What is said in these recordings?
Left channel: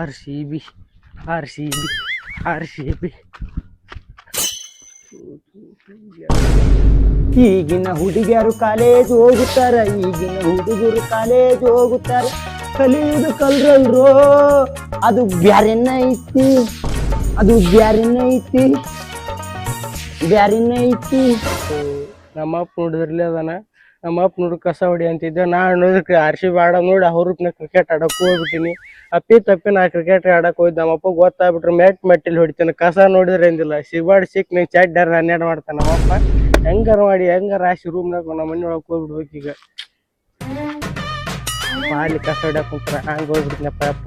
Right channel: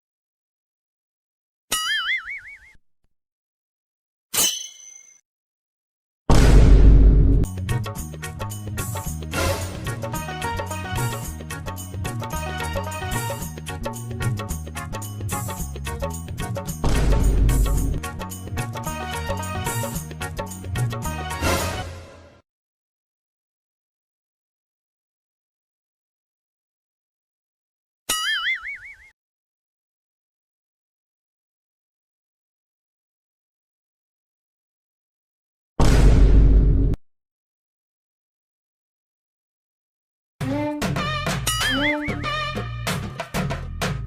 RCB RCB RCB ಈಗಿನ ಹುಡುಗಿಯರು college ಹೋಗುತ್ತಾರ, ಈಗಿನ ಹುಡುಗರು ಕಾಲೇಜ್ ಹೋಗುತ್ತಾರ, ಕಲಿಯುವುದು ಕಲ್ರಲ್ರೋ ಅದು ಬ್ಯಾರೆನ ಐತಿ, ಅದು ಬ್ಯಾರೆನ ಐತಿ, ಬ್ಯಾರೆನ ಐತಿ. ನಮ್ಮಪ್ಪ ನೋಡಿದ್ರಲ್ಲ ಅದಾನ, ನಮ್ಮಪ್ಪ ನೋಡಿ ಕಸ ಹೊಡಿ ಅಂತಿದ್ದೆ, ನಾ ನೋಡಿದ್ರೆ RCB ಆಡ ನೋಡಿ ಅವ್ರನ್ನ ಕ್ರಿಕೆಟ್ ಆಡಕ್ಕೆ ಹೋಗ್ಬಿಟ್ಟಿನಿ. ಅಪ್ಪಿ ತಪ್ಪಿ ನಾ ಕ್ರಿಕೆಟ್ ಆಡಕ್ಕೆ ಹೋಯ್ತು, ನಮ್ಮಪ್ಪ ಗೊತ್ತಾಗ್ಬಿಟ್ರೆ ಮೆಟ್ಟಿಲ್ ಹೊಡಿತಾನೆ. ಕಸ ನೋಡಿದ್ರೆ ಏನಿಲ್ಲ, ಸಿಕ್ಬಾರ್ಡ್ ಸಿಕ್ ನೀವು ಚಡ್ಡಾರ 12 ಮಾಡ್ತಾನೆ ನಮ್ಮಪ್ಪ. ಹೆಂಗಾರ ಮಾಡಿ ಹೆಂಗಾರ ರಾಶಿ ರೂಮ್ನಾಗ ನಮ್ಮ ಮನೆ ಒಳಗೆ ಹೋಗ್ಬಿಡ್ಬೇಕು ಈಗ. ಅಲ್ಲಿ ಕಸ ಹೊಡ್ಯಾಕ ಕುಂತ್ರ ಹಂಗೆ ಹೋಗ್ಬಿಡ್ತೀನಪ್ಪ ಅಪ್ಪ.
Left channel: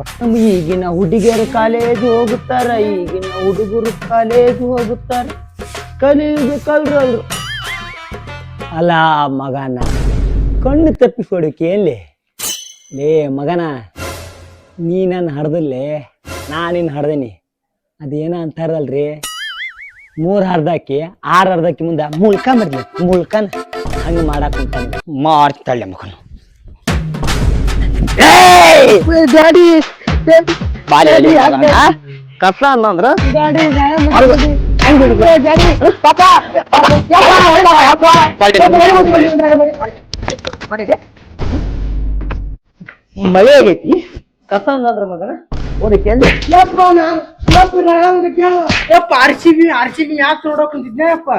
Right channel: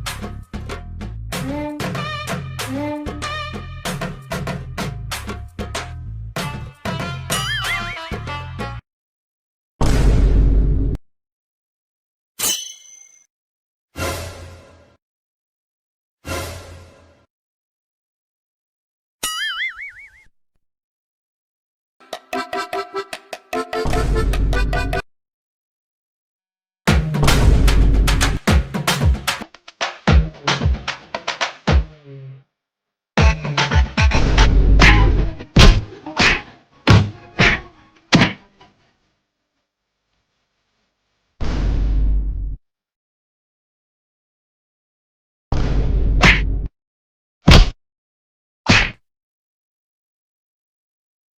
ಈಗಿನ ಹುಡುಗಿಯರು ಕಾಲೇಜ್ ಹೋಗುತ್ತಾರ, ಈಗಿನ ಹುಡುಗರು ಕಾಲೇಜ್ ಹೋಗುತ್ತಾರ, ಕಲಿಯುವುದು ಕಲ್ರಲ್ರು. ಅಲ್ಲ ಮಗನ ಕಣ್ಣು ತಪ್ಪಿಸ್ಕೊಡಕ್ಕೆ ಎಲ್ಲಿ ಲೇ ಮಗನ, ನೀ ನನ್ನ ಹಡ್ದಲ್ಲೇ, ನಾನಿನ್ನು ಹಡ್ದೀನಿ. ಅದೇನ ಅಂತಾರಲ್ರಿ, 3 ಹರ್ದಕ್ಕಿ 6 ಹರ್ದಕ್ಕಿ ಮುಂದೆ ಮುಳ್ಕ ಮಾಡ್ಲಿ, ಮುಳ್ಕನ್ ಹಂಗೆ ಮಾಡಕ್ಕೆ ಮಾಡ್ತಾಳೆ ಮಗನು. ಡ್ಯಾಡಿ ಕಸ ಅನ್ನಂದ್ರ ಮಳೆ ಆಗೈತಿ, ಕಸ ಅನ್ನಂದ್ರ ಮಗನ RCB ಯಾಕೆ ನೋಡಕ್ ಕುಂತಿದ್ದೆ ಅಪ್ಪ.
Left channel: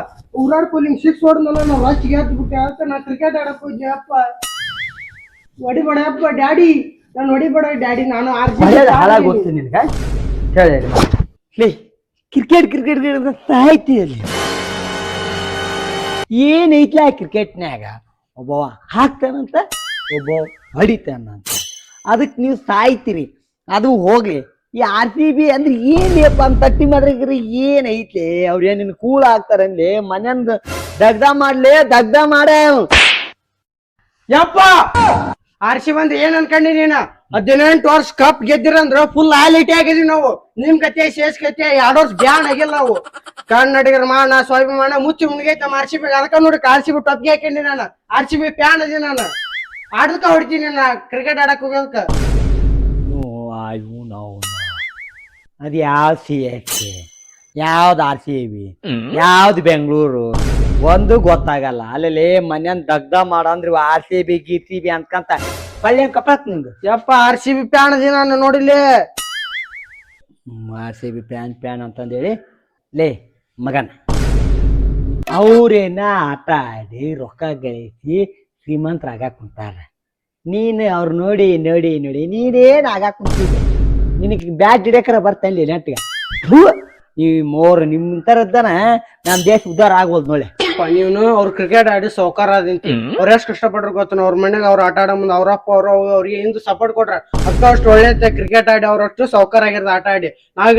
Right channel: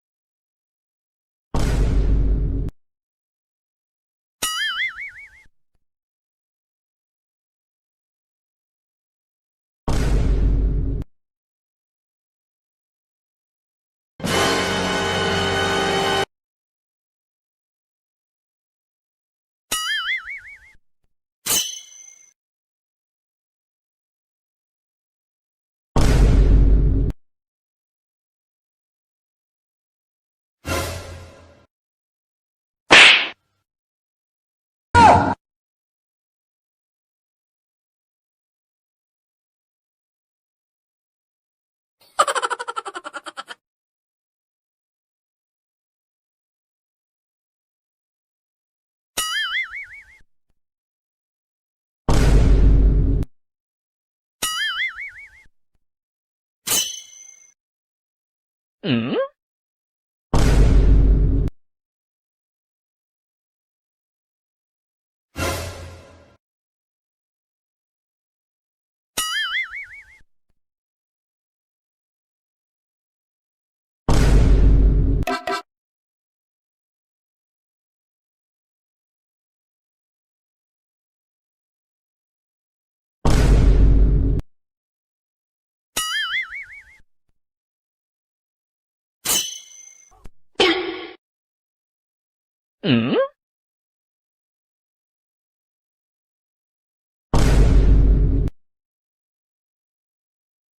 ಊರಾಡ್ಕೊಲಿಂಗ್ 6 ಹೊಡ್ ನಾನು ರಾಚಿಗೆ ಹಾಕ್ಬಿಟ್ಟೆ ಅಂತ ನಾ ಕ್ರಿಕೆಟ್ ಆಡಕ್ ಹೋದ್ದೆ ಅಪ್ಪ. ಹೊಡಿಬೇಡ ಅಪ್ಪ ಡ್ಯಾಡಿ, ನಾನು ಹೊಡಿಬೇಡ ಡ್ಯಾಡಿ, ನಾನು ಹಾಳಾಗಿ ಹೋಗ್ತೀನಿ ನಿನ್ಗ ಹೇಳಿ. ಕ್ರಿಕೆಟ್ ಕ್ರಿಕೆಟ್ ಸಾಯ್ತಿ ಅಲ್ಲಿ ಏನೈತ್ಲ ಕ್ರಿಕೆಟ್ನ್ಯಾಗ, ಒಬ್ಬವ ಹಾಕ್ತಾನಂತ ಒಬ್ಬ ಹೊಡಿತಾನಂತ, ಅದಕ್ಕೆ ನೀವು ಸಾಯ್ತೀರಿ. ಅದು ಹೋಗ್ಲಿ, ಈ RCB ಅಂದ್ರೆ ಏನ್ಯಪ್ಪ ಅಂತ ತಟ್ಟಿ ಮಾಡ್ರಿ ಏನೈತ್ಲಿ, ಅವ್ರು ಏನ್ ಕೂಳ ಆಗ್ತಾರಲ್ಲಿ, ಮನೆಯಂದ ದಗ್ಧ ಮಾಡ್ಲಿ, ದಗ್ಧ ಮಾಡೇ ಯಪ್ಪ. RCB ಅಂದ್ರೆ ಏನ್ ಅನ್ಕೊಂಡಿ ನೀನ? 18 ವರ್ಷ ಕಪ್ ಗೆದ್ದಿರಂದ್ರ ಫುಲ್ ಹೈಲೈಟ್ ಆಗಿದೀವಿ ನಾವು. ನಿಮ್ ಕತೆ ಶೇಷ್ ಕತೆ 2 ವರ್ಷ ಬ್ಯಾನ್ ಆಗಿಲ್ಲ ನಾವು. ಕನ್ನಡಿಗರ ಮಾನ ಸ್ವಾಭಿಮಾನ ಮುಚ್ಚಿ ಮುನ್ಗೈತೆ ನಮ್ಮ RCB. ಅದಕ್ಕ ನೋಡಿ RCB ಟೊಪ್ಗೆ ಹಾಕೊಂಡಿ ನಾನು. RCB ಫ್ಯಾನ್ ಅದೀನಿ ನಾನು, ಆಡದಕ್ಕ ಹೊಡಿತೀನಿ ನಾ ಕ್ರಿಕೆಟ್ ಆಡಕ್ ಹೋಗೋದಕ್ಕ. ಅದು ಯಾವ CSK, ಯಾವ್ದು RCB, ಯಾವ್ದು ಬೆಂಗಳೂರು ಒಂದು ಗೊತ್ತಾಗಲ್ಲ. ಅಲ್ಲಿ ಮನ್ಯನ್ ದಗ್ಧ ಮಾಡಂದ್ರಿ RCB GCB ಅನ್ಕಂತ ಪಳ್ಳಿ ಕಪಾಕ್ ನಿಂದು. ಯಪ್ಪ RCB ಪ್ಯಾನ್ ಅದಿ ನಾನು ನೋಡಿಲಿ. RCB ಪ್ಯಾನ್ ಅಂತಂದೇಳಿ ಲೇ ಮಗನ, ಅವ್ರೇನ ಆಟ ಆಡಿ ರೊಕ್ಕ ಗಳಿಸಿ ಶ್ರೀಮಂತರಾಗಾಕ್ ಕುಂತಾರ. ನೀನು ಅವ್ರು ನೋಡಿ ನೋಡಿ ನೋಡಿ ನೀನೇನ್ ಆಗಾಕ್ ಕುಂತಿದ್ದಿ? ನಿನಗೆ ಬ್ಯಾಟ್ ಹಿಡಿಯಕರ ಬರ್ತಲ್ಲಿ ನೆಟ್ಗೆ. ಈ ನಿಮ್ ತರದ್ದನ ನಮ್ ದೇಶ ಉದ್ದಾರ ಆಗ್ಬೋದು ನೋಡಿ. ನೀನು ಅವ್ರು ಕ್ರಿಕೆಟ್ ಆಡಿ ಸೌಕಾರ ಅದಿಂತ ಅವ್ರ ಎಷ್ಟು ಕಷ್ಟಪಟ್ರ ಗೊತ್ತ. ಅವ್ರ ಮನೆಗೆ ಅವ್ರು ಆಟ ಆಡೋ ಮುಂದೆ ಅವ್ರಪ್ಪ ಅವ್ರಿಗೆ ಹಿಂದ್ ಸಪೋರ್ಟ್ ಕೊಟ್ರ, ಅಷ್ಟು ಒಳ್ಳೆ ಕ್ರಿಕೆಟ್ ಆಡಿ ಅವ್ರಷ್ಟು ಸೌಕಾರ ಆಗಿರ್ದ ಆಟ ಆಡಿ.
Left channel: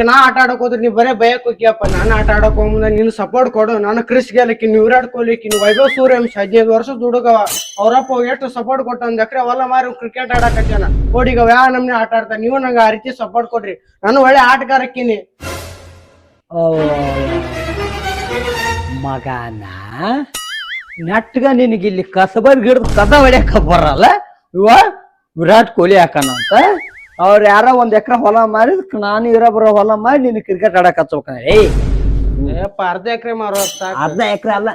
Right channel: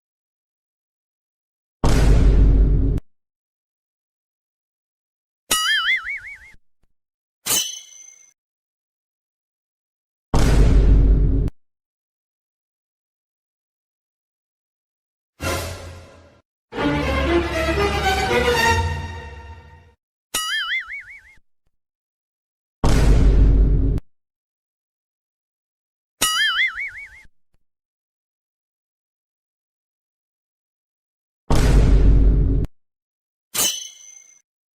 ನಾ ಆಟ ಆಡಕ್ ಹೋದ್ರೆ ನೀವ್ ಬರೇ ಭಯಕ್ ಹೋಗ್ಯಪ್ಪ. ನಾನು ಆಟ ಆಡಕ್ ಹೋಗ್ಮುಂದ ನೀನು ಸಪೋರ್ಟ್ ಕೊಡು. ನಾನು ಕ್ರಿಸ್ ಗೆಲಕ್ಕಿ, ನೀವು ವಿರಾಟ್ ಕೊಹ್ಲಿಕ್ಕಿ, ನೀವು ವೈಭವ್ ಸೂರ್ಯವಂಶಿ 15 ವರ್ಷದ ಹುಡುಗವ. ಅವ್ರಪ್ಪ ಎಷ್ಟು ಸಪೋರ್ಟ್ ಕೊಟ್ಟ, 1 ಎಕರೆ ಹೊಲ ಮಾರಿ ಕ್ರಿಕೆಟ್ ಆಡಕತ್ತಾನ. ಕೋಡಿಗವ ಯಾವ ನಮ್ನೆ ಆಟ ಆಡ್ತಾನೆ. ನೀವು ನಂಗೆ ಆ ರೀತಿ ಸಪೋರ್ಟ್ ಕೊಡ್ರಿ, ನಾನು ಒಳ್ಳೆ ಆಟಗಾರಕ್ಕಿನಿ. ಮಗನ ನೆಟ್ಗ ನಿನಗಿಲ್ಲಿ ಕಸಬರ್ ಗಿಡದ ಕಸ ಹೊಡ್ಯಾಕ ಬರಲ್ಲ. ಇವ ವಿರಾಟ್ ಕೊಹ್ಲಿ ಹಾಕನಂತ ಅವ್ರು ಯಾರ 1 ಎಕರೆ ಹೊಲ ಮಾರಿ, ನಾನು ಇರೋ ಹೊಲ ಮಾಡಿ ನೀನು ಕ್ರಿಕೆಟ್ ಆಡಕ್ ಹಚ್ಬೇಕ. ಅರ್ಧ ಎಕರೆ ಮಾರೋ, ಅರ್ಧ ಎಕರೆ ಅಲ್ಲ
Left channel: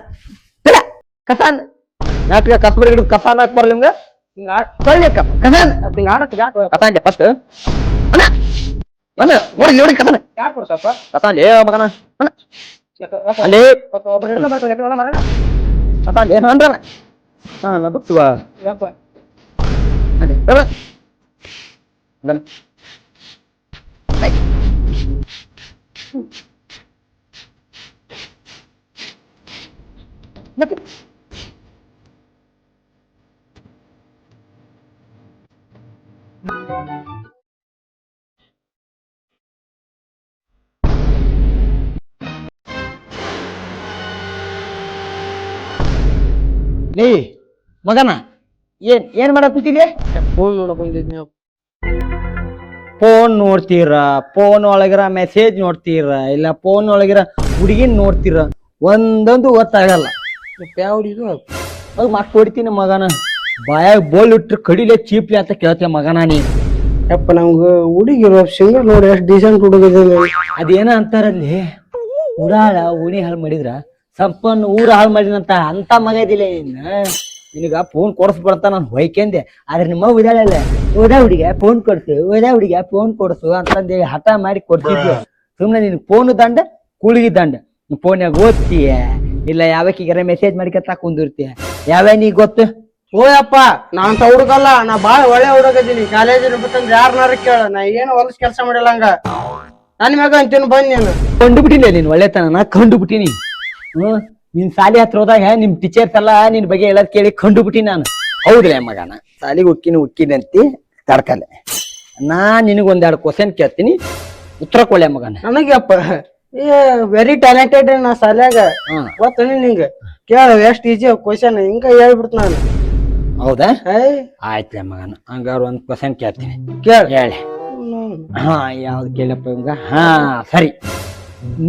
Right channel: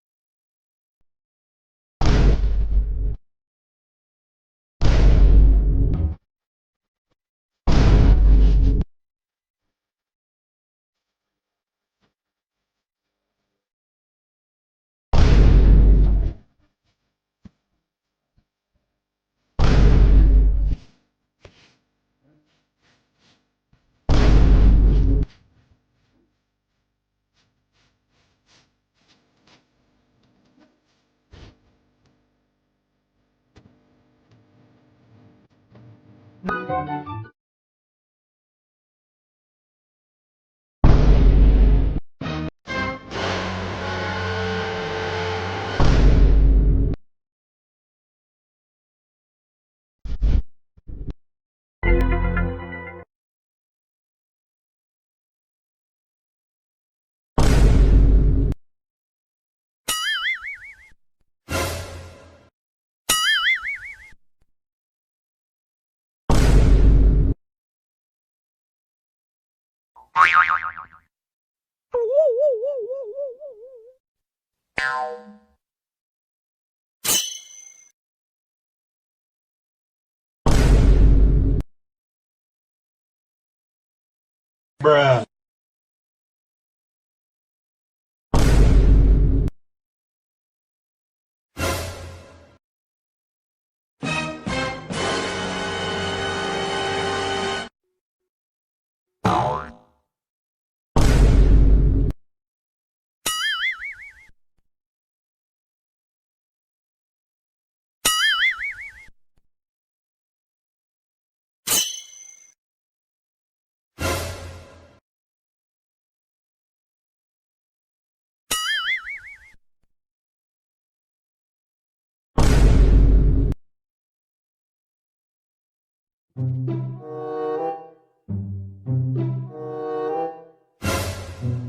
ಕಸಾನ್ ನೆಟ್ಗ ಕಸಬರ್ ಗಿಡದ ಕಸ ಹಾಕ್ ಬರಲ್ಲ ನಿಮ್ಗೆ. ಹಿಂಗ ಆಡಕ್ ಫಸ್ಟ್ ನೋಡಿ ಕಸನ ಯಾಕೆ ಕೊಡ್ತಪ್ಪ ಕಸಾಲೆ ಮಗನ ಅಲ್ಲಿ ಕಸಾಲೆ ಬಿಡ್ತೀವ ಲೇ ಮಗನ ಏನ್ ಮಾಡಕೂತಿಲಿ? ಫೋನ್ ನೋಡಕ್ ಬಂದಿದ್ನಿ. ಫೋನ್ ನೋಡ್ತೀರ, ಫೋನ್ ಒಳಗಿರ ಮೆಸೇಜ್ ನೋಡ್ತೀರ, ಇಲ್ಲ ಫೋನ್ ಒಳಗಿರ ಹುಡುಗಿನ್ ನೋಡ್ತೀರ, ಒಂದೊಂದು ಗೊತ್ತಾಗಲ್ಲ. ಅದು ಮಕ್ ಹೊಡಿತೀನಿ ಮಗನ. ಬಾಯಾಗ ಬೋಲ್ ಇಟ್ರು ಕಡಿಲೆ ಚೀಪ್ಲಿ ಅಂತ ಕೇಳ್ತೇವೆ ಮಗನ ನೀ. ಯಪ್ಪ ನಮ್ಗ ಹುಡುಗಿರು ಸಿಂಗಲ್ ನೋಡಿ ಎಷ್ಟು ಡೀಸೆಂಟ್ ಹುಡುಗಿದ. ಅದೇನ ಅಂತಾರಲ್ಲಿ, ಉಡಾಳ ಉಣಿ ಹಾಳು ಮಾಡಿದ್ರ ಸಂಪನ್ನ ಊರ ಹಾಳು ಮಾಡಿದಂತ ಅಂತ ಮಗ ಇದಿಲ್ಲ ನಿನಗ ಫೋನ್ ಕೊಡಿಸ್ಬಿಡ್ತ ನಾನು ಹೊಯ್ಕೆಂದೆ. ಆದ್ರೆ ನಿಮ್ಮ ಉದಾಳಲ್ಲ, ಓದಾ ಹುಡುಗ ಫೋನ್ ಕೊಡ್ಸು, ಓದಾ ಹುಡುಗ ಫೋನ್ ಕೊಡ್ಸು ಅಂತಂದೇಳಿ ಹಠ ಮಾಡಿ ಕೊಡ್ತಿದ್ವಿ. ಸುಮ್ನೆ ನಿನ್ ಫೋನ್ ದಂಡ ಕುಳಿಗಿ ದಂಡ. ಫೋನ್ಯಾಗ ಓದ್ತೀಯ ಇಲ್ಲ ಯಾವಕ್ಕಿಗಾರ ಮೆಸೇಜ್ ಮಾಡಿಕತ್ತ ಕುಂದಿರ್ತೀಯ, ಯಾವ್ಯಾ ನೀ ಗೊತ್ತು? ಓಯಪ್ಪ ನಾನ್ ಹುಡುಗಲ್ಲ, ನಾ ಬಾಳ ಒಳ್ಳೆ ಹುಡುಗದೀನಿ. ಕಾಲೇಜಿನ ಬಿಟ್ಟಂದ್ರೆ ಯಾರನ್ನಾರ ಕೇಳ, ನಾ ಏನು ಹೊಲಸ್ ಕೆಲಸ ಮಾಡಿಲ್ಲ. ಹಂಗ ನನ್ ಮ್ಯಾಗ ಅಂತೀನಿ ಬಂದ್ ನೀನು. ಕಂಡುಬಿಟ್ಟಿನಿ ನೀನ್ ಒಳ್ಳೆತನ, ನಾ ಕಂಡುಬಿಟ್ಟಿನಿ. ನಿನ್ ಸಾಲಿ ಹತ್ರ ಹೋದಾಗ ನಿಮ್ ಟೀಚರ್ಸ್ ಎಲ್ಲ ನಿನ್ ಬಗ್ಗೆ ಹೇಳದ್ ಕೇಳಿ ಕಂಡುಬಿಟ್ಟಿನಿ ನಾನು. ಹೌದ್ರಿ ಮಗನ, ಸಾಲಿಗೆ ಉಕ್ಕಿನಿ ಅಂತಿ ತಡ್ಕಲ್ಲ. ನಾ ನಿನಗೊಂದೆರಡು ಕ್ವಶನ್ ಕೇಳ್ತೀನಿ, ಉತ್ತರ ಕೊಳೆ ಮಗನ. ನನಗಪ್ಪ ವೆರಿ ಟ್ಯಾಲೆಂಟೆಡ್ ನಾ ಸಾಲ್ಯಾಗ. ಗೊತ್ತ ನಿಂಗ ಕೇಳ ಎಷ್ಟ್ ಈಜಿ ಕ್ವಶನ್ ಹಿಂಗ ಹೇಳ್ಬಿಡ್ತ ನಾನು. ಹೌದಾ? ಆಯ್ತು ಮಗನ, ಹಂಗಾರ ಒಂದ್ ಕ್ವಶನ್ ಕೇಳ್ತೀನಿ, ಹೇಳಿ. ಹಾ ಯಾವ್ದು ಕೇಳಪ್ಪ ಇವಂಗ? ಹಾ ಸರಿ,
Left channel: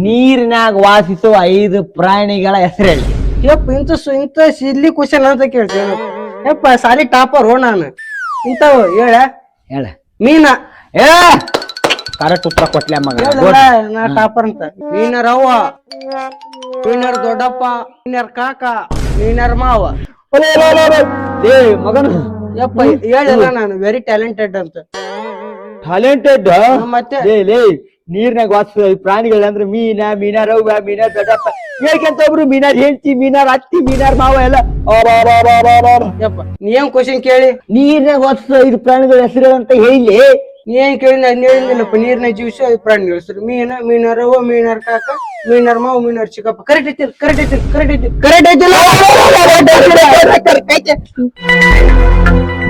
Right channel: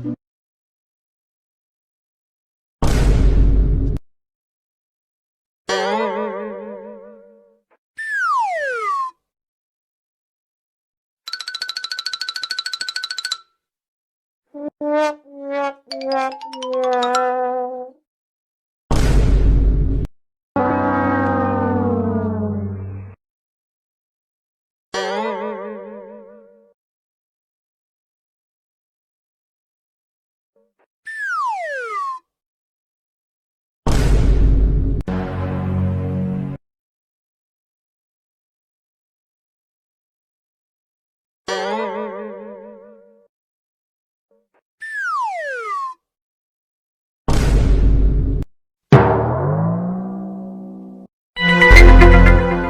ನೀರಿನಾಗ ವಾಸಿಸೋ 5 ಪ್ರಾಣಿಗಳ ಹೆಸರೇಳಿ. ಯಪ್ಪ ಇಂತ ಸಿಲ್ಲಿ ಕ್ವಶನ್ ಅಂತ ಕೇಳ್ತೇನೆ. ಯಪ್ಪ ಸಾಲಿ ಟಾಪರ್ ನಾನು. ಇಂಥವು ಹೇಳ. ಮೀನ. ಕರೆಕ್ಟ್ ಉತ್ತರ ಕೊಟ್ಲೆ ಮಗ. ನಾ ಟಾಪರ್ ಅಂತ. ಮೀನರ್ ಅವ್ವ, ಮೀನರ್ ದೊಡ್ಡಪ್ಪ, ಮೀನರ್ ಕಾಕ, ಮೀನರ್ ಮಾವ. ಮಗನ ಯಪ್ಪ ಹೇಳಿಲ್ಲ ನಾನು ವೆರಿ ಟ್ಯಾಲೆಂಟೆಡ್ ಅಂತ. ಟ್ಯಾಲೆಂಟೆಡ್ ಮತ್ತೆ ನೀರ್ನಾಗ ವಾಸಿಸೋ ಪ್ರಾಣಿಗಳಂದ್ರೆ ಮೀನಾರ್ ಅವ್ವ, ಮೀನಾರ್ ದೊಡ್ಡಪ್ಪ, ಹೇಳ್ಕಂತ ಒಬ್ರು ಮೀನಾರ್ ಹೆಂಡತಿ, ಮೀನಾರ್ ಅತ್ತಿ, ಮೀನಾರ್ ಮಾವ ಎಲ್ಲ. ಯಪ್ಪ ನೀ ಏನ್ ಕ್ವಶನ್ ಕೇಳಿ? ನೀರ್ನಾಗ ವಾಸಿಸೋ 5 ಪ್ರಾಣಿಗಳ ಹೆಸರು ಅಂತ ಹೇಳಿ. ನೀ ಏನ್ ಕೇಳಿ? ನಾನು ಹೇಳಿಲ್ಲಪ್ಪ ನೀರ್ನ ಜೀವಿಸಿ 5 ಪ್ರಾಣಿಗಳ ಹೆಸರು. ಮೀನರ್ ಅವ್ವ, ಮೀನರ್ ಕಾಕ, ಮೀನರ್ ಮಾವ, ಮೀನರ್ ಚಿಕ್ಕಪ್ಪ. ಕರೆಕ್ಟ್ ಐತಿ.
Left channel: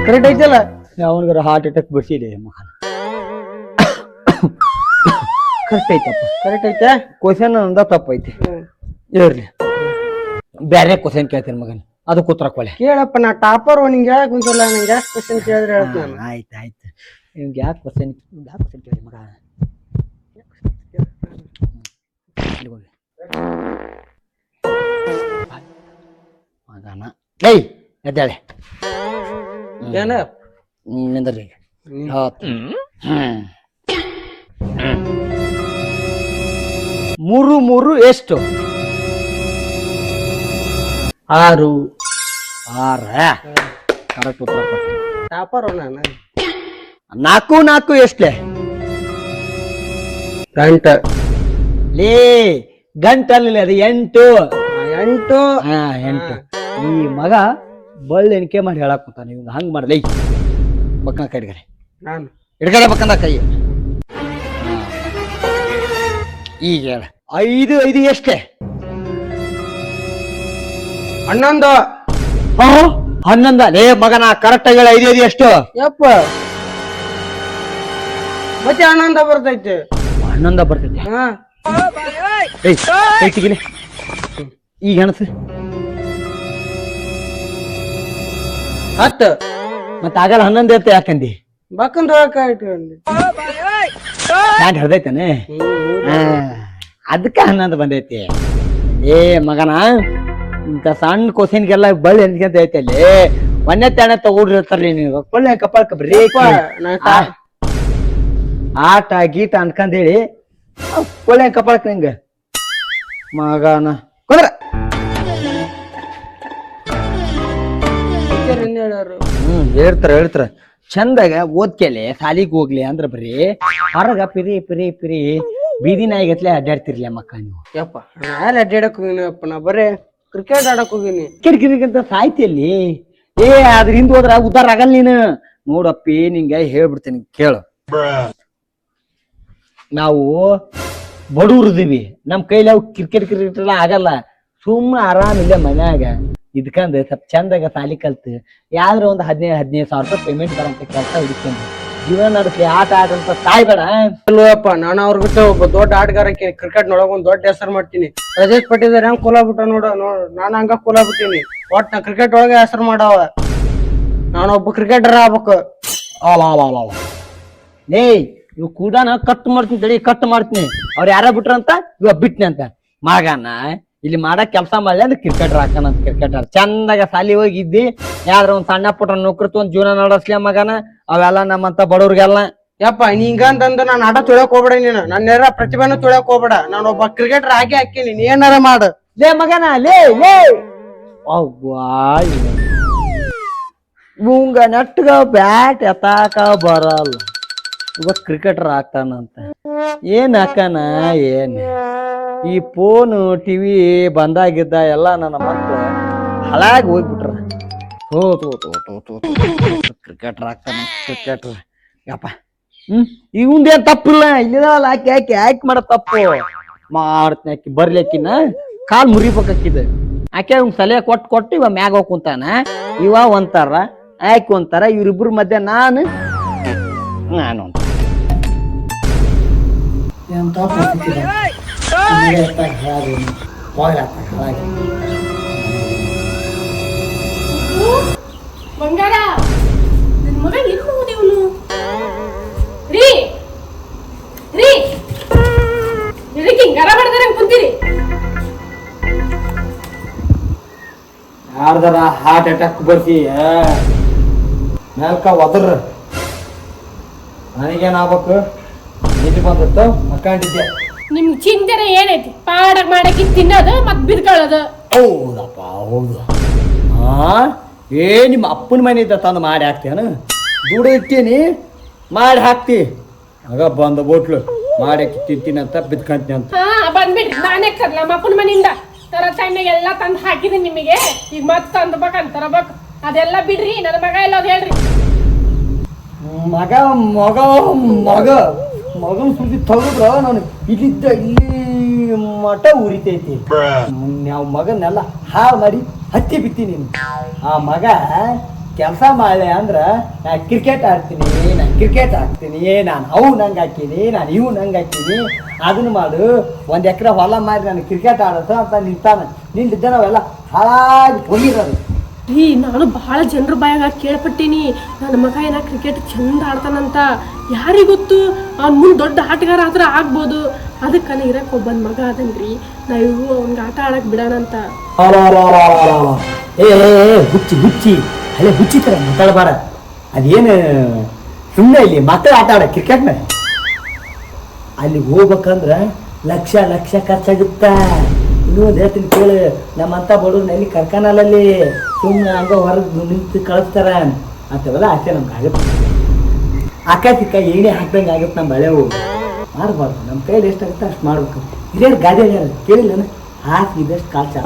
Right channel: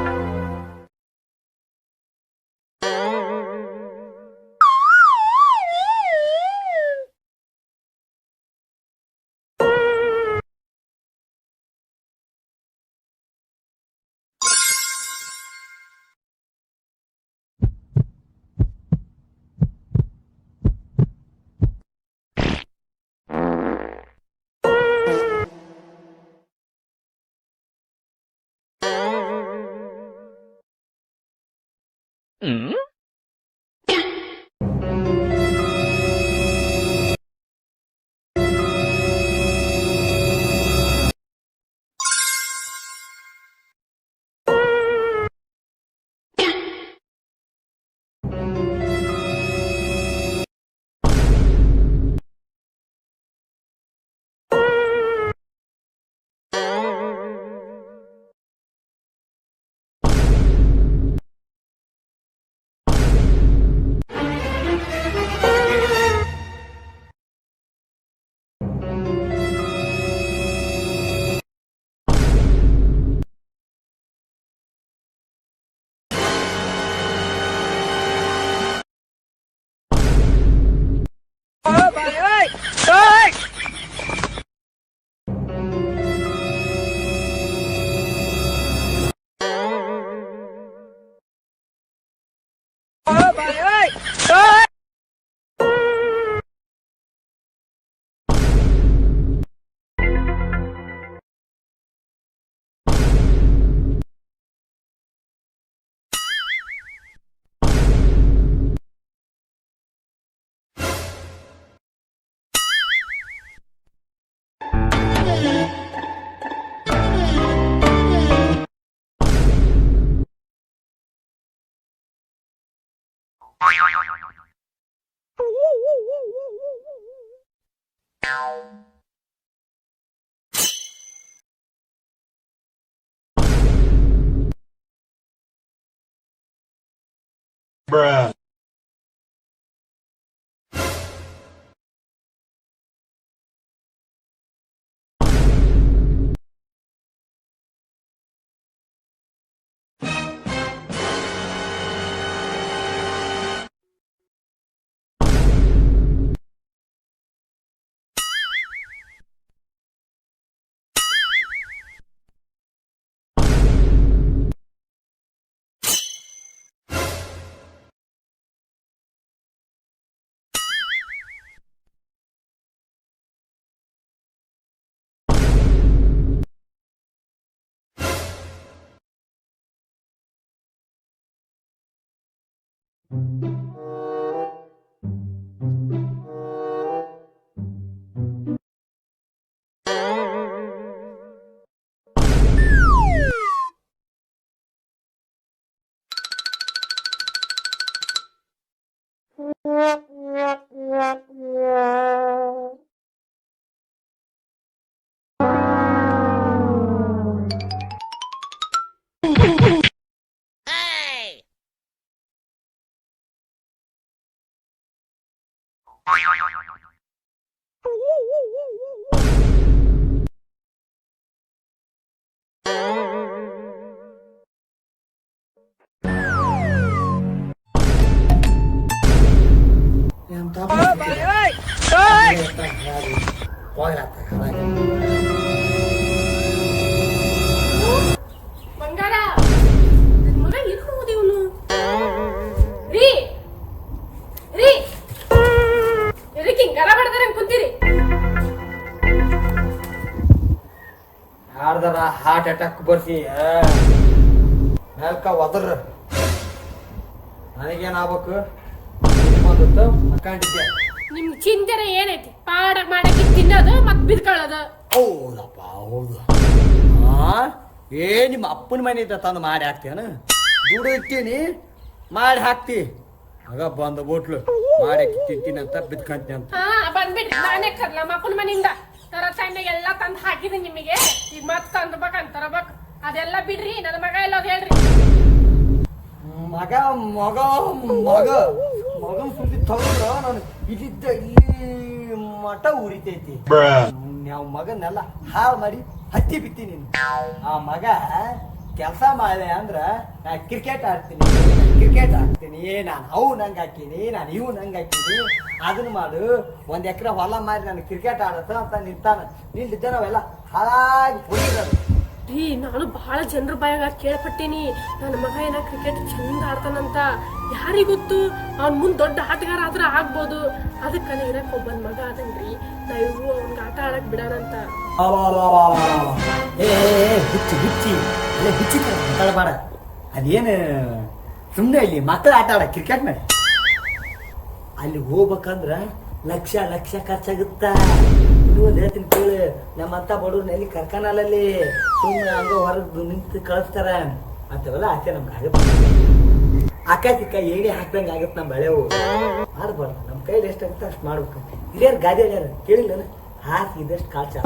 ಕರೆಕ್ಟ್ ಐತಿಲ್ಲ? ಅವನಿಗಾರ ಹಾರ್ಟ್ ಅಟ್ಯಾಕ್ ಬಿಡ್ಸಿದೆ ಮಗ. ಕರೆಕ್ಟ್ ಐತೆ. ಕ್ವಶನ್ ಅಂದ ತಪ್ಪೈತಿ. ಇರ್ಲಿ, ಬೇರೆ ಕ್ವಶನ್ ಕೇಳ್ತೇನೆ ಮಗನ, ಅದಕ್ಕೆ ಉತ್ತರ ಕೊಳೆ. ಕೇಳಪ್ಪ, ನಾ ಟಾಪರ್. ನಿಂಗೆ ಹೇಳಕ್ ಕುಂತಲ್ಲ, ನಂಗೆ ಯಾಕೆ ಕ್ವಶನ್ ಕೇಳಿದ್ರೆ ಹೇಳ್ತೀನಿ. ಆಯ್ತು ನಿಮ್ಗೆ ಯಾಕೆ ಕ್ವಶನ್ ಕೇಳಿ ಮಗ. ಮಗನ ಎದ್ದಾಳೆ ಏನ ನಿಂದ್ರಿ. 3 ಎಷ್ಟು? 6. ಕರೆಕ್ಟ್ ಉತ್ತರ. ಟಾಪರ್ ನಾನು. 4 ಎಷ್ಟೇ? ಗಂಟಲ್ಲಿ ಅದು 8. ಈ ಮಗ ಬಳ್ಳಿ ಎಣಿಕೆ ಮಾಡಿ ಹೇಳಕ್ ಕೂತಾನ. ನೀವು ಹಂಗ್ ಮಾಡ್ಲಿ ಬಕ್ಕನ ಕೈ ಹಿಡ್ಗಡೆ, ನಾನು ಹಿಡ್ಗಡೆ ಬಕ್ಕನ ಕೈ. ಈಗ ಹೇಳ. 5 ಎಷ್ಟೇ? 11. 11 ಲೇ ಮಗನ, ಕರೆಕ್ಟ್ ಆಗಿ 5 ಎಷ್ಟು? ಯಪ್ಪ ಮತ್ತೆ 11 ಬರ್ತೈತೆ. 11 ಬರ್ತೈತೆ. ಈಗ ಅಣಸು 10. ಮತ್ತ ಆಗಲ್ಲ 11 ಅಂತ ಯಾಕಂದಿ? ಬಕ್ಕಂದ ಹರ್ದೈತಾನೆ, ಅದಕ್ಕ 11 ಬಂದೈತಿ. ಏ ಮಗನ, ಇಂತ ಸಣ್ಣ ಕ್ವಶನ್ಗೆಲ್ಲ ಬಳ್ಳಿ ಎನ್ಸ್ಕೊಂತ ಐತಿ. ಅಲ್ಲಿ ಮೊನ್ನೆ ತಾಣ ತಗೊಂಡಿರ್ತಾರಲಿ ನೀವು ಕೊಳ್ಳೆ ಕಪಾಳ ಬ್ರೇಕ್ ಆಟ ಗೀಟ ಅನ್ಕಂದೇಳಿ ಕೊಳ್ಳೆ ಕಪಾಳಕ್ ನಿಂಗ ಮಗನ ಕುಂದ್ರ. ಹೇಳ್ತಾರ ಚಂದಾಗ ಓದ್ಕೆಲೆ ಸಾಲಿಗೆ ಹೋಗ್ಲಿ ಅಂದ್ರ ಬರೀ ಹೊರಗ ಪಿರಿ ಬೀದಿ ನಾಯಿಗತ್ಲೆ ಅಡ್ಡಾಡ್ತಿರ್ಲಿ ಮಕ್ಕ ನೀವು. ಯಪ್ಪ ನಾನು ಅಡ್ಡಾಡಕ್ ಹೋಗಿನಪ್ಪ, ನಾ ಬರೇ ಕ್ರಿಕೆಟ್ ಆಡಕ್ ಹೋಗಿನಿ. ಕಿರಿಕಿರಿಗಂತ ಸಾಯ್ತಿಯಲ್ಲಿ. ಅದ್ರ ಹಿಂದ್ ಹೋದ್ರ ಉದ್ದಾರ ಆಗಲ್ಲ ನೀನು. ನೋಡಪ್ಪಿ ನಿಂಗೆ ಹೇಳ್ಬಿಡ್ತೀನಿ ಕೇಳು. ನಾವು ಬಡವ್ರದಿವಿ, ನಮ್ ಕೈಲಿ ಅವು ಕ್ರಿಕೆಟ್ ಎಲ್ಲ ಆಗಲ್ಲ. ಸುಮ್ಮ ಆರಾಮಿಲ್ಲ ಮನ್ಯಾಗ ಇದ್ಕಂದ್ ಸ್ವಲ್ಪ ಚಂದಾಗ ಸಾಲಿ ಕಲ್ತು ಯಾವ್ದ್ರ ಒಂದು 15,000 ಸಾವಿರ ರೂಪಾಯಿ ಪೇಮೆಂಟ್ ಬರಂತ ಕೆಲಸ ಹಿಡ್ಕೊಂಡು ಜೀವನ ನಡೆಸಿ ಆಟ ಆಡಂತ ತಾಯ್ಬೇಡ. ಅಲ್ವಪ್ಪ ನಾನು ಅವ್ರಿಗೆ ಒಬ್ಬ ದೊಡ್ಡ ಆಟಗಾರ ಕ್ರಿಕೆಟ್ ನೊಳಗ ಒಂದ್ ದೊಡ್ಡ ಹೆಸರು ಮಾಡ್ತೀನಿ. ರಜೇಶ್ ಪಟ್ಟಿದಾರೆ ಹೆಂಗ್ ಕೋಲಾಬಿಟ್ಟ ನೋಡು ನಾನು ಹಂಗ ಕೋಲಾಬಿಟ್ಟಿನಿ. ಒಟ್ ನಾ ಕ್ರಿಕೆಟ್ ಒಳಗೆ ಹೆಸರು ಮಾಡವ, ನಾನೊಬ್ಬ ಕ್ರಿಕೆಟರ್ ಆಗ್ಬೇಕು. ಏಯ್ ಇವ್ ಕೂಡಾನ ಕಟ್ ಮಾಡ್ತೀನಿ ತಡಿ, ಕಟ್ ಮಾಡ್ತೀನಿ. ಅವ್ರು ಯಾರ ಬಿಟ್ರಂತ ಇವಾಗ ಬಿಟ್ನಿ ಅಂತ ಮಗನ ಇಲ್ಲಿ ಮಾಡಕ್ ಕೆಲಸ ಮಾಡ್ಲಿ ಅಂದ್ರೆ ಕ್ರಿಕೆಟರ್ ಹಾಕನಂತ. ಕ್ರಿಕೆಟರ್ ಚಂದಾಗ ಸಾಲಿ ಹೋಗಿದ್ದಿ, ಯಾವ್ದ್ರ ಒಂದ್ ಸಣ್ಣ ಪುಟ್ಟ ನೌಕರಿ ಒಂದ್ ಜೀವನ ನಡೆಸ್ಲಿ ಮಗನ. ಅವೆಲ್ಲ ನಮ್ಮಂತ ಬಡವ್ರಿಗೆಲ್ಲ ಯಪ್ಪ ಹಿಂಗಂತಂದು ನಾನು ಆಟ ತುಳಿಯಕ್ ಹೋಗ್ಬೇಡ, ನೀನು ನನ್ನ ಪ್ರತಿಭೆನೂ ತುಳಿಯಕ್ ಹೋಗ್ಬೇಡ. ನಾನು ಒಬ್ಬ ಕ್ರಿಕೆಟರ್ ಹಾಕಿ ಹಾಕಿನಿ, ನೀ ಏನಾರ ಮಾಡು. ಲೇ ಮಗನ ಲೇ ಲೇ ಇವಂಗ ನೆಟ್ಗ ಬ್ಯಾಟ್ ಎತ್ತಾಕ ಬರಲ್ಲ, ಇವತ್ ಕ್ರಿಕೆಟರ್ ಆಗ್ತಾನಂತ. ಏನ್ ಹಾಕನ ಏನ್ ಈ ಫೋನು ಟಿವಿ ಬಂದಾಗಿದ್ದ ಎಲ್ಲ ನನ್ನ ಮಕ್ಕಳು ಹಾಳಾಗಿ ಹೋಗ್ಬಿಟ್ರ. ಕ್ರಿಕೆಟರ್ ಆಗ್ತಾನ ಕ್ರಿಕೆಟರ್ ಯಪ್ಪ. ಇವಂದೇನ್ ತಪ್ಪಿಲ್ಲ, ಇಲ್ಲಿದಲ್ಲ ಹಾಕಿ ಹಾಕಿ ಹಾಕಿ ಮಾಡ ತಪ್ಪು ಮಾಡ್ತೀನಿ. ಹಾಕಿ ಬರ್ಲಿಕ್ಕಿನ ಕಾಲ್ ಮುರಿಬೇಕಾಕಿದ ಆಕೆ ಅವ್ನ ಸಲಹೆ ಕೊಟ್ಟು ಇವ ಮ್ಯಾಗ ಹೋಗ್ ಕುಂತಾನ. ಇವ ಒಂತಾರ ಆಯ್ಕೆ ಒಂತಾರ, ಇವ್ರಿಬ್ರ ಮಧ್ಯೆ ನಾನು ಬಂಗಾರ ನನ್ ಮಗ ಎಲ್ಲಿ ಹೋದಿವನು? ರೀ ರೀ ಇದಕ್ಕೆ ಗರ ಬಡದಾರ ಕುಂತೀರಿ? ಯಾರ್ದಾರ ಹಾರ್ಟ್ ಅಟ್ಯಾಕ್ ಬರ್ಸಿ ಮೇಲ್ಕ ಒದ್ರ ನನಗೇನಾಗ್ಬೇಕು? ನಿದ್ದೆ ಬಂದತ್ತು ಮಕ್ಕಂಡಿದ್ದೆ. ನಿಮ್ ಚಿಂತನೆ ಏನೈತಿ? ಪಾಡಕ್ ಮಾಡಕ್ಕೆ ತಿನ್ನೋದು ಮತ್ ಬಿದ್ಕೊಳ್ಳೋದು. ಹೌದಪ್ಪ ಹೌದು. ನಿಮ್ಮ ಅಪ್ಪನ ಮನೆಯಿಂದ ತಂದು ಮಾಡಿ ಹಾಕ್ತೇನು? ದುಡ್ಡು ಇಟ್ಟೀನಿ ಮಾಡಿ ಹಾಕ್ತಿ, ಆಗ ಬಂದ ಬೋಟ್ಲು ಮಾಡಿ ತಿಂತೀನಿ ಅಂತ ಬಿದ್ಕಂತೀನಿ ಅಂತ. ಬಂದ್ಬಿಡ್ರಿ, ನಾನೇ ಕರ್ಲ ನಮ್ಮ ಅಪ್ಪನ ಮನೆಯಿಂದ ತರ ಸಣ್ಣ ಎಲ್ಲ ತಂದು ಹಾಕಿದೀನಿ ನಿಮಗೆ. ಈಗ ಮತ್ ತಂದ್ಬೇಕಂತಾರಬೇಕು, ಅದೆಲ್ಲ ಬಿಡ್ರಿ. ನನ್ನ ಮಗ ಎಲ್ಲೋದ್ ಹೇಳ್ರಿ? ಮಗ ಮಗ ಮಗ ಮಗನ ಸುದ್ದಿ ತಗದ್ರ ನಾನು ಇಲ್ಲಿದ್ದ ಇಲ್ಲಿ ಮಠ ಉರಿತೈತಿ. ನಾವು ಮಗನ್ನೆಲ್ಲ ಹಾಳು ಮಾಡಿ ಹತ್ತಿ ಬಿತ್ತಿ ನೀನು. ಆ ಮಗ ಕೆಲಸ ಮಾಡ್ಲೆ ಅಂದ್ರ ನಾ ಕ್ರಿಕೆಟ್ ಆಡ್ತೀನಿ, ನಾನು ಕ್ರಿಕೆಟ್ ಹಾಕ್ತೀನಿ, ನಾನು ಅವು ನಂಗೆ ಹಾಕೀನಿ, ನಾನು ಇವು ನಂಗೆ ಹಾಕೀನಿ, ಅದನ್ನ ಮಾಡು, 1 ಎಕರೆ ಹೊಲ ಮಾರಿ ನಾನು ಕ್ರಿಕೆಟ್ ಆಡತ್ತ ಅಂತ ನಿಂತಾನ. ನಿಂತಿದ್ದ ನಾವೆಲ್ಲ ಹಾಳಾಗಿ ಹೋಗಿರೋದು. ರೀ ನಾನು ಬಹಳ ಜನರ ಬಾಯಾಗ ಕೇಳ್ಪಟ್ಟೀನಿ, ನನ್ನ ಮಗ ಏನ ಕ್ರಿಕೆಟ್ ಚಂದ ಆಡ್ತಾನಂತ. ಯಾರಿಗೊತ್ತು ಅವ್ನ ಮುಂದೆ ದೊಡ್ಡ ಆಟಗಾರ ಆದ್ರೆ ಆಗ್ಬೋದು. ಅದಕ್ಕನ ಇರಕ್ಕೆ ಒಬ್ಬನ ಮಗ ಅದನ್ರಿ, ನಾವು ಅವ್ನಿಗೆ ಆಟ ಆಡಕ್ ಬಿಡೋಣಂತ. ಏ ಹುಚ್ಚಿ ಹುಚ್ಚಿ ಅಲ್ಲೇ ಹುಚ್ಚಿ ತರ ಮಾತಾಡಬಾರ. ಅದೇನು ಸುಮ್ಮನೆ ಇಲ್ಲಿ ಮಕ್ಕಳು ಆಟ ಆಡ ಕ್ರಿಕೆಟ್ನ ಅಲ್ಲಿ ಹೋಗ್ಬೇಕಂದ್ರ ಲಕ್ಷ ಲಕ್ಷ ಖರ್ಚಾಗುತ್ತ. ಇನ್ನೊಂದು ಹೇಳ್ತೀನಿ ಕೇಳು, ನಮ್ಮಂತ ಬಡವ್ರನಲ್ಲಿ ಕರ್ಕನಲ್ಲಲ್ಲಿ ಸುಮ್ಮನೆ ಹಂಗ ಹೊರಗೆ ನಿಂತು ಕಳಿಸ್ತಾರ ಅಂತವೆಲ್ಲ ಆಸೆ ನಮ್ಗೆ ಆಗುತ್ತೆ. ಅಕ್ಕ ಚಿಕ್ಕ ಏನೇ ಹಾಕ್ದಂಗೆ ಆಗುತ್ತೆ. ನಮ್ಮ ಬಳೆವು ಮಾಡಬಾರ್ದು, ನಮ್ಮ ಕೈಲಿ ಎಷ್ಟಾಗುತ್ತೆ ಅಷ್ಟು ಮಾಡ್ಬೇಕು. ಹಿರಿಯರು ಗಾದಿ ಹೇಳ್ಯಾರ ಕೇಳಿಲ್ಲ, ಹಾಕಿದಷ್ಟು ಕಾಲು ಚಾಲ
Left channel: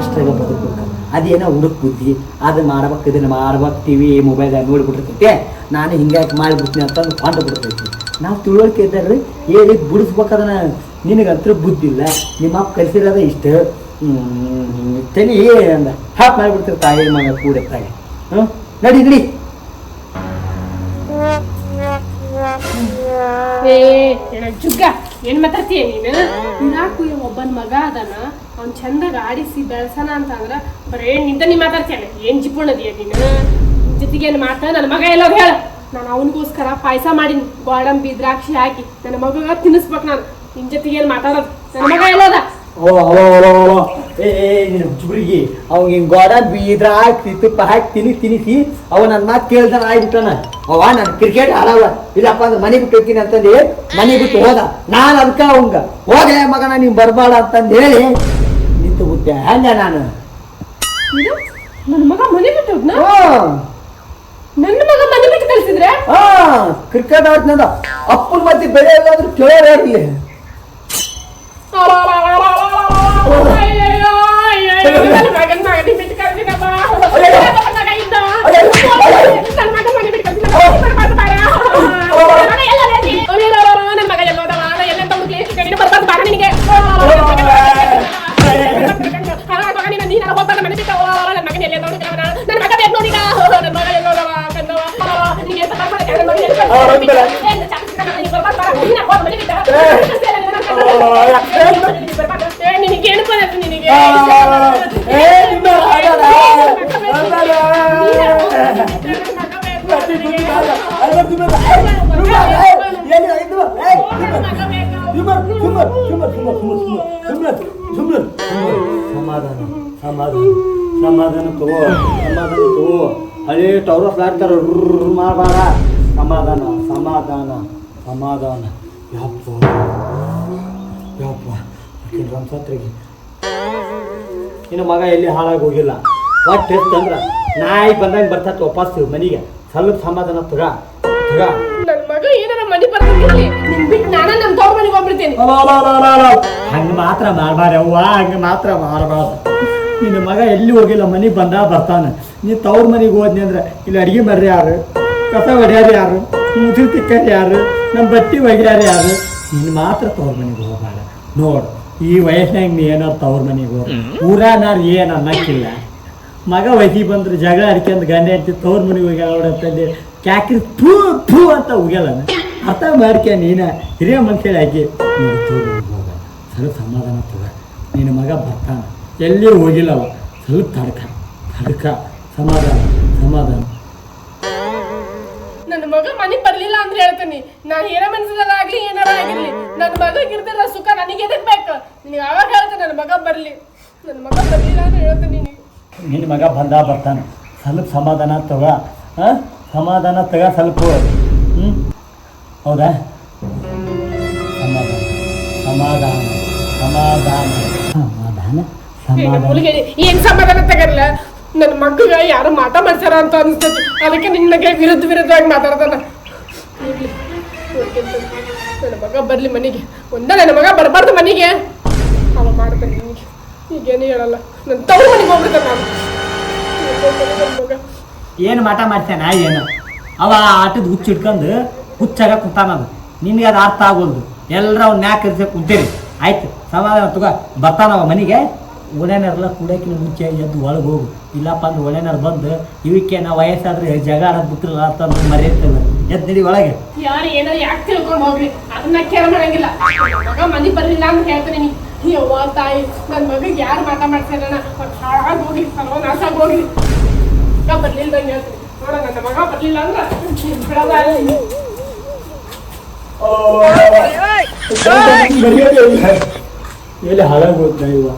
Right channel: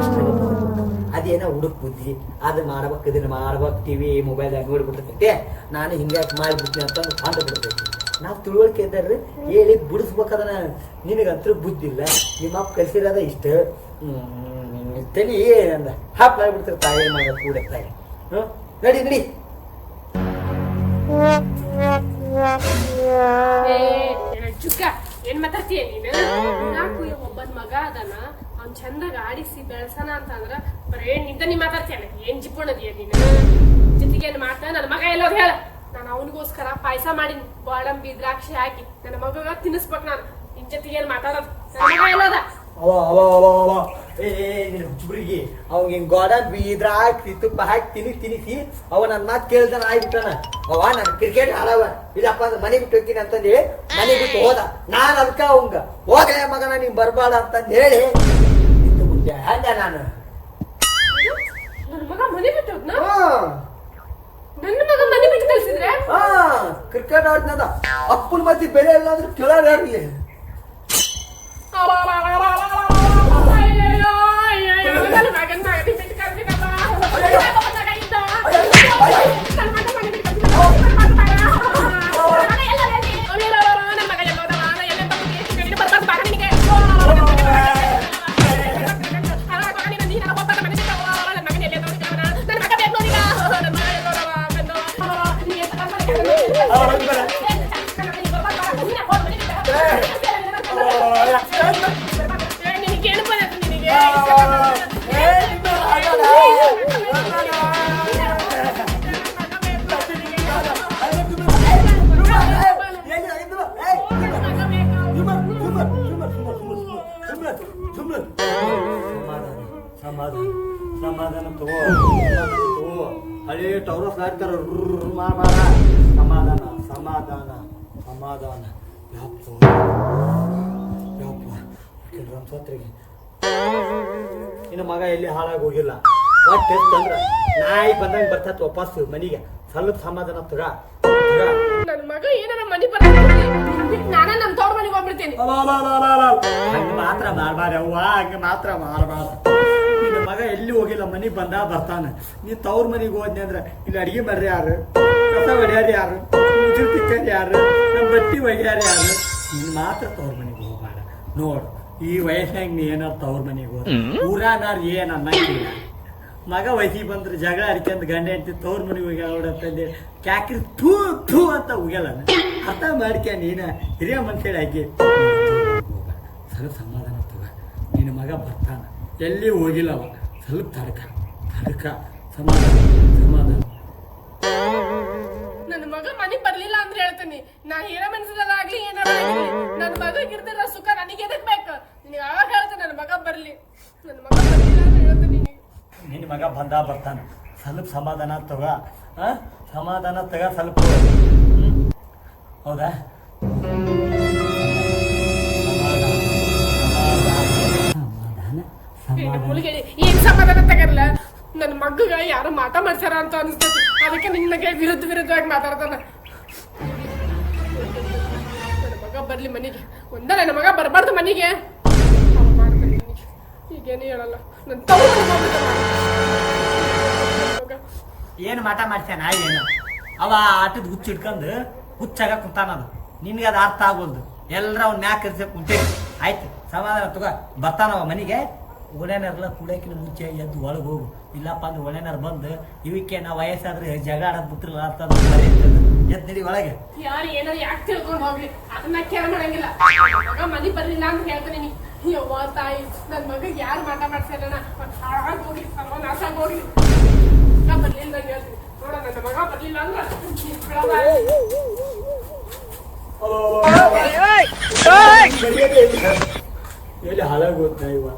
ಅಷ್ಟಾಗ ಬದುಕ್ಬೇಕು. ಅದೇನೋ ಹುಡುಕ್ ಬುದ್ಧಿ, ಅದನ್ನ ಮಾಡ್ಬೇಕು ಇದನ್ನ ಮಾಡ್ಬೇಕು. ಟಿವಿ ಮೊಬೈಲ್ದಾಗ ನೋಡಿಬಿಟ್ಟಿರ್ತೈತೆ, ನಾನು ಹಿಂಗಾಗಿ ಮಾಡಿಬಿಡ್ತೀನಿ ಅಂತಂದು ಕೊಂಡು ಬಿಡ್ತೈತಿ. ನಾವು ತಿಳುವಳಿಕೆ ಇದ್ದಾರ್ರಿ ಹೇಳಿ ಬಿಡಿಸ್ಬೇಕದನ್ನ. ನಿನಗಂತೂ ಬುದ್ಧಿ ಇಲ್ಲ, ನಿಮ್ಮ ಅಪ್ಪ ಕಲಿಸಿರೋದ ಇಷ್ಟ ತಲೆ ಅಂದ ಹಾಪ್ ಮಾಡಿಬಿಡ್ತಾರೆ ತಾಯಿ ಮಗ ಕೂಡ ತಾಯಿ. ನಡಿ ನಡಿ. ಜುಗ್ಗ ಏನ್ ಮಾತಾಡ್ತೀಯ ನೀನು? ಇರಾಕು ಒಬ್ಬನ ಮಗ ಅದನ, ಅವ್ನ್ ಚಂದಾಗ ಆಡಿಸಿ ಬೆಳ್ಸನ ಅಂತ ಅಂದ್ರ ಬರೇ ನಿಂತ ಮಾತಾಡ್ತೀಯ. ಏನ್ ಜಿಪ್ಪುಣದಿಯ ನೀನು? ಜೊತೆಗೆ ಏನ್ ಮಾತ ನನ್ನ ಮಗ ಎಲ್ಲ ಹೇಳ. ನಾನು ಅವನಿಗೋಸ್ಕರ ಪಾಯಸ ಮಾಡೀನಿ, ಗೋಡಂಬಿ ದ್ರಾಕ್ಷಿ ಹಾಕಿ ನನ್ನ ಮಗ ತಿನ್ನಿಸ್ಬೇಕು. ನಾನು ನಿನ್ ಜೊತೆಗೆ ಏನ್ ಮಾತಾಡೋದು? ನನ್ನ ಮಗ ಎಲ್ಲೋದ? ಹುಡುಗಿ ಅವ್ ಹಿಂಗ್ ಗೋಡಂಬಿ ದ್ರಾಕ್ಷಿ ತುಪ್ಪ ಹಾಕಿ ತಿನ್ನಿಸಿ ಅವ ನನ್ನ ಮಾತು ಕೇಳ್ದಾನ ಆಗ್ಬಿಟ್ಟಾನ. ಅವ ನಾನು ಕ್ರಿಕೆಟ್ ಆಡವ ಇಲ್ಲಪ್ಪ ಅಂದ್ರೆ ಮನೆ ಬಿಟ್ಟು ಹೋಗ್ತೀನಿ ಅಂತಂದು ಮನೆ ಬಿಟ್ಟು ಹೋದ. ನಾನು ಅದಕ್ಕ ಅವಂಗ ಹೋಗಲೇ ಮಗನ ನೀವ್ ಬರ್ಬಾಡ ಅಂತಂದು ಹೇಳಿ ನಿಂತು ಬಿಟ್ಟೆ. ಹಂಗ ನಾನು ನನ್ನ ಮಗ ಮನೆ ಬಿಟ್ಟು ಹೋದ್ನ? ನನ್ನ ಮಗ ಮನೆ ಬಿಟ್ಟು ಕಳ್ಸಿದ್ರೆ ಕ್ರಿಕೆಟ್ ಆಡ್ತಂದ ಅಪ್ಪನ ಮಧ್ಯೆ ಬೆಳೆ ಇಲ್ಲ ಅಂದ್ರೆ ಕೇಳೋರು ಯಾರಿಲ್ಲ. ಮನೆ ಬಿಟ್ಟು ನನ್ನ ಮಗನ ಎಲ್ಲಿ ನೋಡಿ ನನ್ನ ಮಗ ಬೇಕು ನೋಡಿ ನನ್ನ ಮಗ ಎಲ್ಲ ನೋಡವ ಕಂದವ ನಿನಗೆ ಎಂತ ನಿನಗೇನು ಬಂದದ್ದು ನಿನಗೆ ಸಮಾಧಾನ ತಗೋ ಹಳೇ ಟವರ್ ಫ್ಲಾಟ್ತಾರ ಮಾಡಬಾರ ಸಮಾಧಾನ ಸಮಾಧಾನ ಸಮಾಧಾನ ಯಪ್ಪ ಯಪ್ಪ ರಂಸತ್ರಿಗೆ ಇನ್ನು ಮಗ ಎಲ್ಲಿ ಹಾಳಾಗಿ ಹೋಗಿಲ್ಲ ಒಟ್ಟು ಎಷ್ಟಂದ್ರ ನಾಯಿ ಬಂದಂಗೆ ಬರ್ತೈತೆ ವಾಪಸ್ ಮನೆಗೆ ಸ್ವಲ್ಪ ಸಮಾಧಾನ ತಗ ನನ್ನ ಮಗ ಏನಾರ ಮನೆ ಬರ್ತಿರ್ಲಿ ನಿನ್ ಬಿಟ್ಟು ನಾನು ನಮ್ಮ ತವ್ರ ಮನೆಗೆ ಹೋಗ್ಬಿಡ್ತೇನೆ ಹಂಗೆ ಮಾತ್ರ ಮಾಡಬಾರ ಅವ್ವ ಹಂಗೆ ಮಾತ್ರ ಮಾಡಬಾರ್ದು ನಿನ್ನ ಮಗ ಎಲ್ಲಿ ಹೋಗಿಲ್ಲ ಮನೆಗೆ ಬರ್ತಾನೆ ನೀ ತವ್ರ ಮನೆಗೆ ಹೋದ್ನಿ ಅಂದ್ರೆ ಇಲ್ಲಿ ಅಡುಗೆ ಮಾಡ್ರಿ ಯಾರು ಕಸ ಹೊಡ್ಯಾರ ಯಾರು ಮುದುರು ತಿಕ್ಕಾರ ಯಾರು ನಮ್ಮ ಬಟ್ಟಿ ಒಗ್ಯಾರ ಯಾರು ನೀನು ಮಾತ್ರ ತವ್ರ ಮನೆಗೆ ಹೋಗಬೇಡ ನೋಡು ಈ ವಯಸ್ಸಿನಾಗ ನೀ ಏನಾರು ತವ್ರ ಮನೆಗೆ ಹೋಗ ಊರಾನಾರು ಏನು ಅನ್ನಕ್ಕಿಲ್ಲ ಮಗ ವಯಸ್ಸಿಗೆ ಬಂದ್ರೆ ಜಗಳ ಅಡ್ಕೊಂಡು ಗಂಡ ಹೆಂಡತಿ ತವ್ರ ಮನೆಗೆ ಹೋಗ್ಯಾಳಂತಂದು ಕ್ಯಾಕ್ರಿ ಥೂ ಥೂ ಅಂತ ಹೋಗ್ಯಾಳ ಅರ್ಥ ಮಾಡ್ಕ್ಯ ನೀನು ಹಿರಿಯ ಮನುಷ್ಯ ಹಾಕಿ ಹೋಗ ಸ್ವಲ್ಪ ಸಮಾಧಾನ ತಗ ನಿನ್ನ ಮಗ ಬರ್ತಾನೆ ಎಲ್ಲಿ ಹೋಗಿಲ್ಲವ ಸ್ವಲ್ಪ ತಡ್ಕ ಸಮಾಧಾನ ಸಮಾಧಾನ ನನ್ನ ಮಗ ಮನೆಗೆ ಬರ್ಲಿಲ್ಲ ಅಂದ್ರೆ ಹೇಳ್ತೀನಿ ನಾನು ಏನ ಮನ್ಸದಾಗ್ಲಿ ಏನಾರ ಆಗಿರ್ಲಿ ನನ್ನ ಮಗಗೆ ಇರ್ದಿರ ಸುಖ ನನಗೆ ಎದಕ್ ಬೇಕು ನಿನಗೆ ಅವಾಗ ಹೇಳ್ತೇನೆ ನನ್ನ ಮಗ ಬರ್ಲಿ ನನ್ನ ಮಗ ಬರ್ಲಿಲ್ಲ ಅಂತ ಹೇಳ್ತೀನಿ ನಿನ್ನ ಮಗ ಬರ್ತಾನೆ ಸ್ವಲ್ಪ ಸಮಾಧಾನ ತಗ ಸಮಾಧಾನ ತಗ ಸ್ವಲ್ಪ ಹೌದಾ ಸಮಾಧಾನ ಸಮಾಧಾನ ಸಮಾಧಾನ ಸಮಾಧಾನ ಏನ್ ಸಮಾಧಾನ ತಗಲ್ಲ ನನ್ನ ಮಗಗ ಯಾರು ಮಾಟ ಮಾಡ್ತಾರ ಅಂತ ಅನ್ಸ್ತೈತಿ ಅದಕ್ಕೆ ನಿನ್ನಗೆ ವಿರುದ್ಧವಾಗಿ ಮಾತಾಡ್ತಾನ ನನ್ನ ಮಗ ಬರ್ಲಿ ಮನೆಗೆ ನನ್ನ ಮಗ ಬರಬಾರ್ದು ಮನೆಗೆ ಅವ ಮಾಡ್ತಾನೆ ನಿನಗೆ ಈಗೇನು ಹೇಳಲ್ಲ ನನ್ನ ತವ್ರ ಮನೆಗೆ ಹೋಗ್ಬಿಡ್ತಾನೆ ನಾನು ಏನು ಮಾಟ ಮಾಡ್ತಾನ ಏನು ಅವ ಆಟದ ಹುಚ್ಚ ಹಿಡ್ಕೊಂಡು ಹುಚ್ಚಾಗ ಕುಂತಾನದು ನಿನಗೆ ಅದು ಅರ್ಥ ಆಗೋದು ಎಲ್ಲರ ಅವ್ನ ಮ್ಯಾಕ್ ಇರ್ಸ ಕುಂತೀರಿ ಆಯ್ತು ಸಮಾಧಾನ ತಗ ಬರ್ತಾನವ ಮನೆಗೆ ಒಳ್ಳೆನಾರೆಲ್ಲ ಕುಡಿಯೋಕಿನ ಮುಂಚೆ ಎದ್ದು ಒಳಗೆ ಹೋಗು ಇಲ್ಲಪ್ಪ ಅಂದ್ರೆ ಒಳ್ಳೆನಾರು ಬಂದು ಇವಕ್ಕೆ ನಾವು ವಯಸ್ಸಾದ್ರೆ ಜಗ ಆಡೋದು ಬಿಟ್ಟಿರಲ್ಲ ಅಂತ ಮರೆಯುತ್ತಿಲ್ಲ ಎದ್ದು ನಡಿ ಒಳಗೆ ಯಾರು ಏನಾರು ಯಾಕೆ ತಿಳ್ಕೊಂಡು ಹೋಗ್ಲಿ ಅದನ್ನ ಕೇಳ ಮಾಡಂಗಿಲ್ಲ ಮಗ ಮನೆ ಬರ್ಲಿಲ್ಲ ಅಂತ ಹೇಳ್ತೀನಿ ಯವ್ವ ತಾಯಿ ನನ್ನ ಮಗಗೆ ಯಾರು ಮಾಟ ಮಾಡ್ತಾರಣ್ಣ ಹಾಳಾಗಿ ಹೋಗಿ ಸರ್ವನಾಶಾಗಿ ಹೋಗ್ಲಿ ಮಗ ಬರ್ಲಿಲ್ದಂಗೆ ಹೇಳ್ತೀನಿ ನೋಡ ನನ್ನ ಮಗ ಬರ್ಲಿಲ್ಲ ಅಂದ್ರೆ ಬಿಡಲ್ಲ ಎಲ್ಲಿ ಹಾಳಾಗೋದ್ ಇವ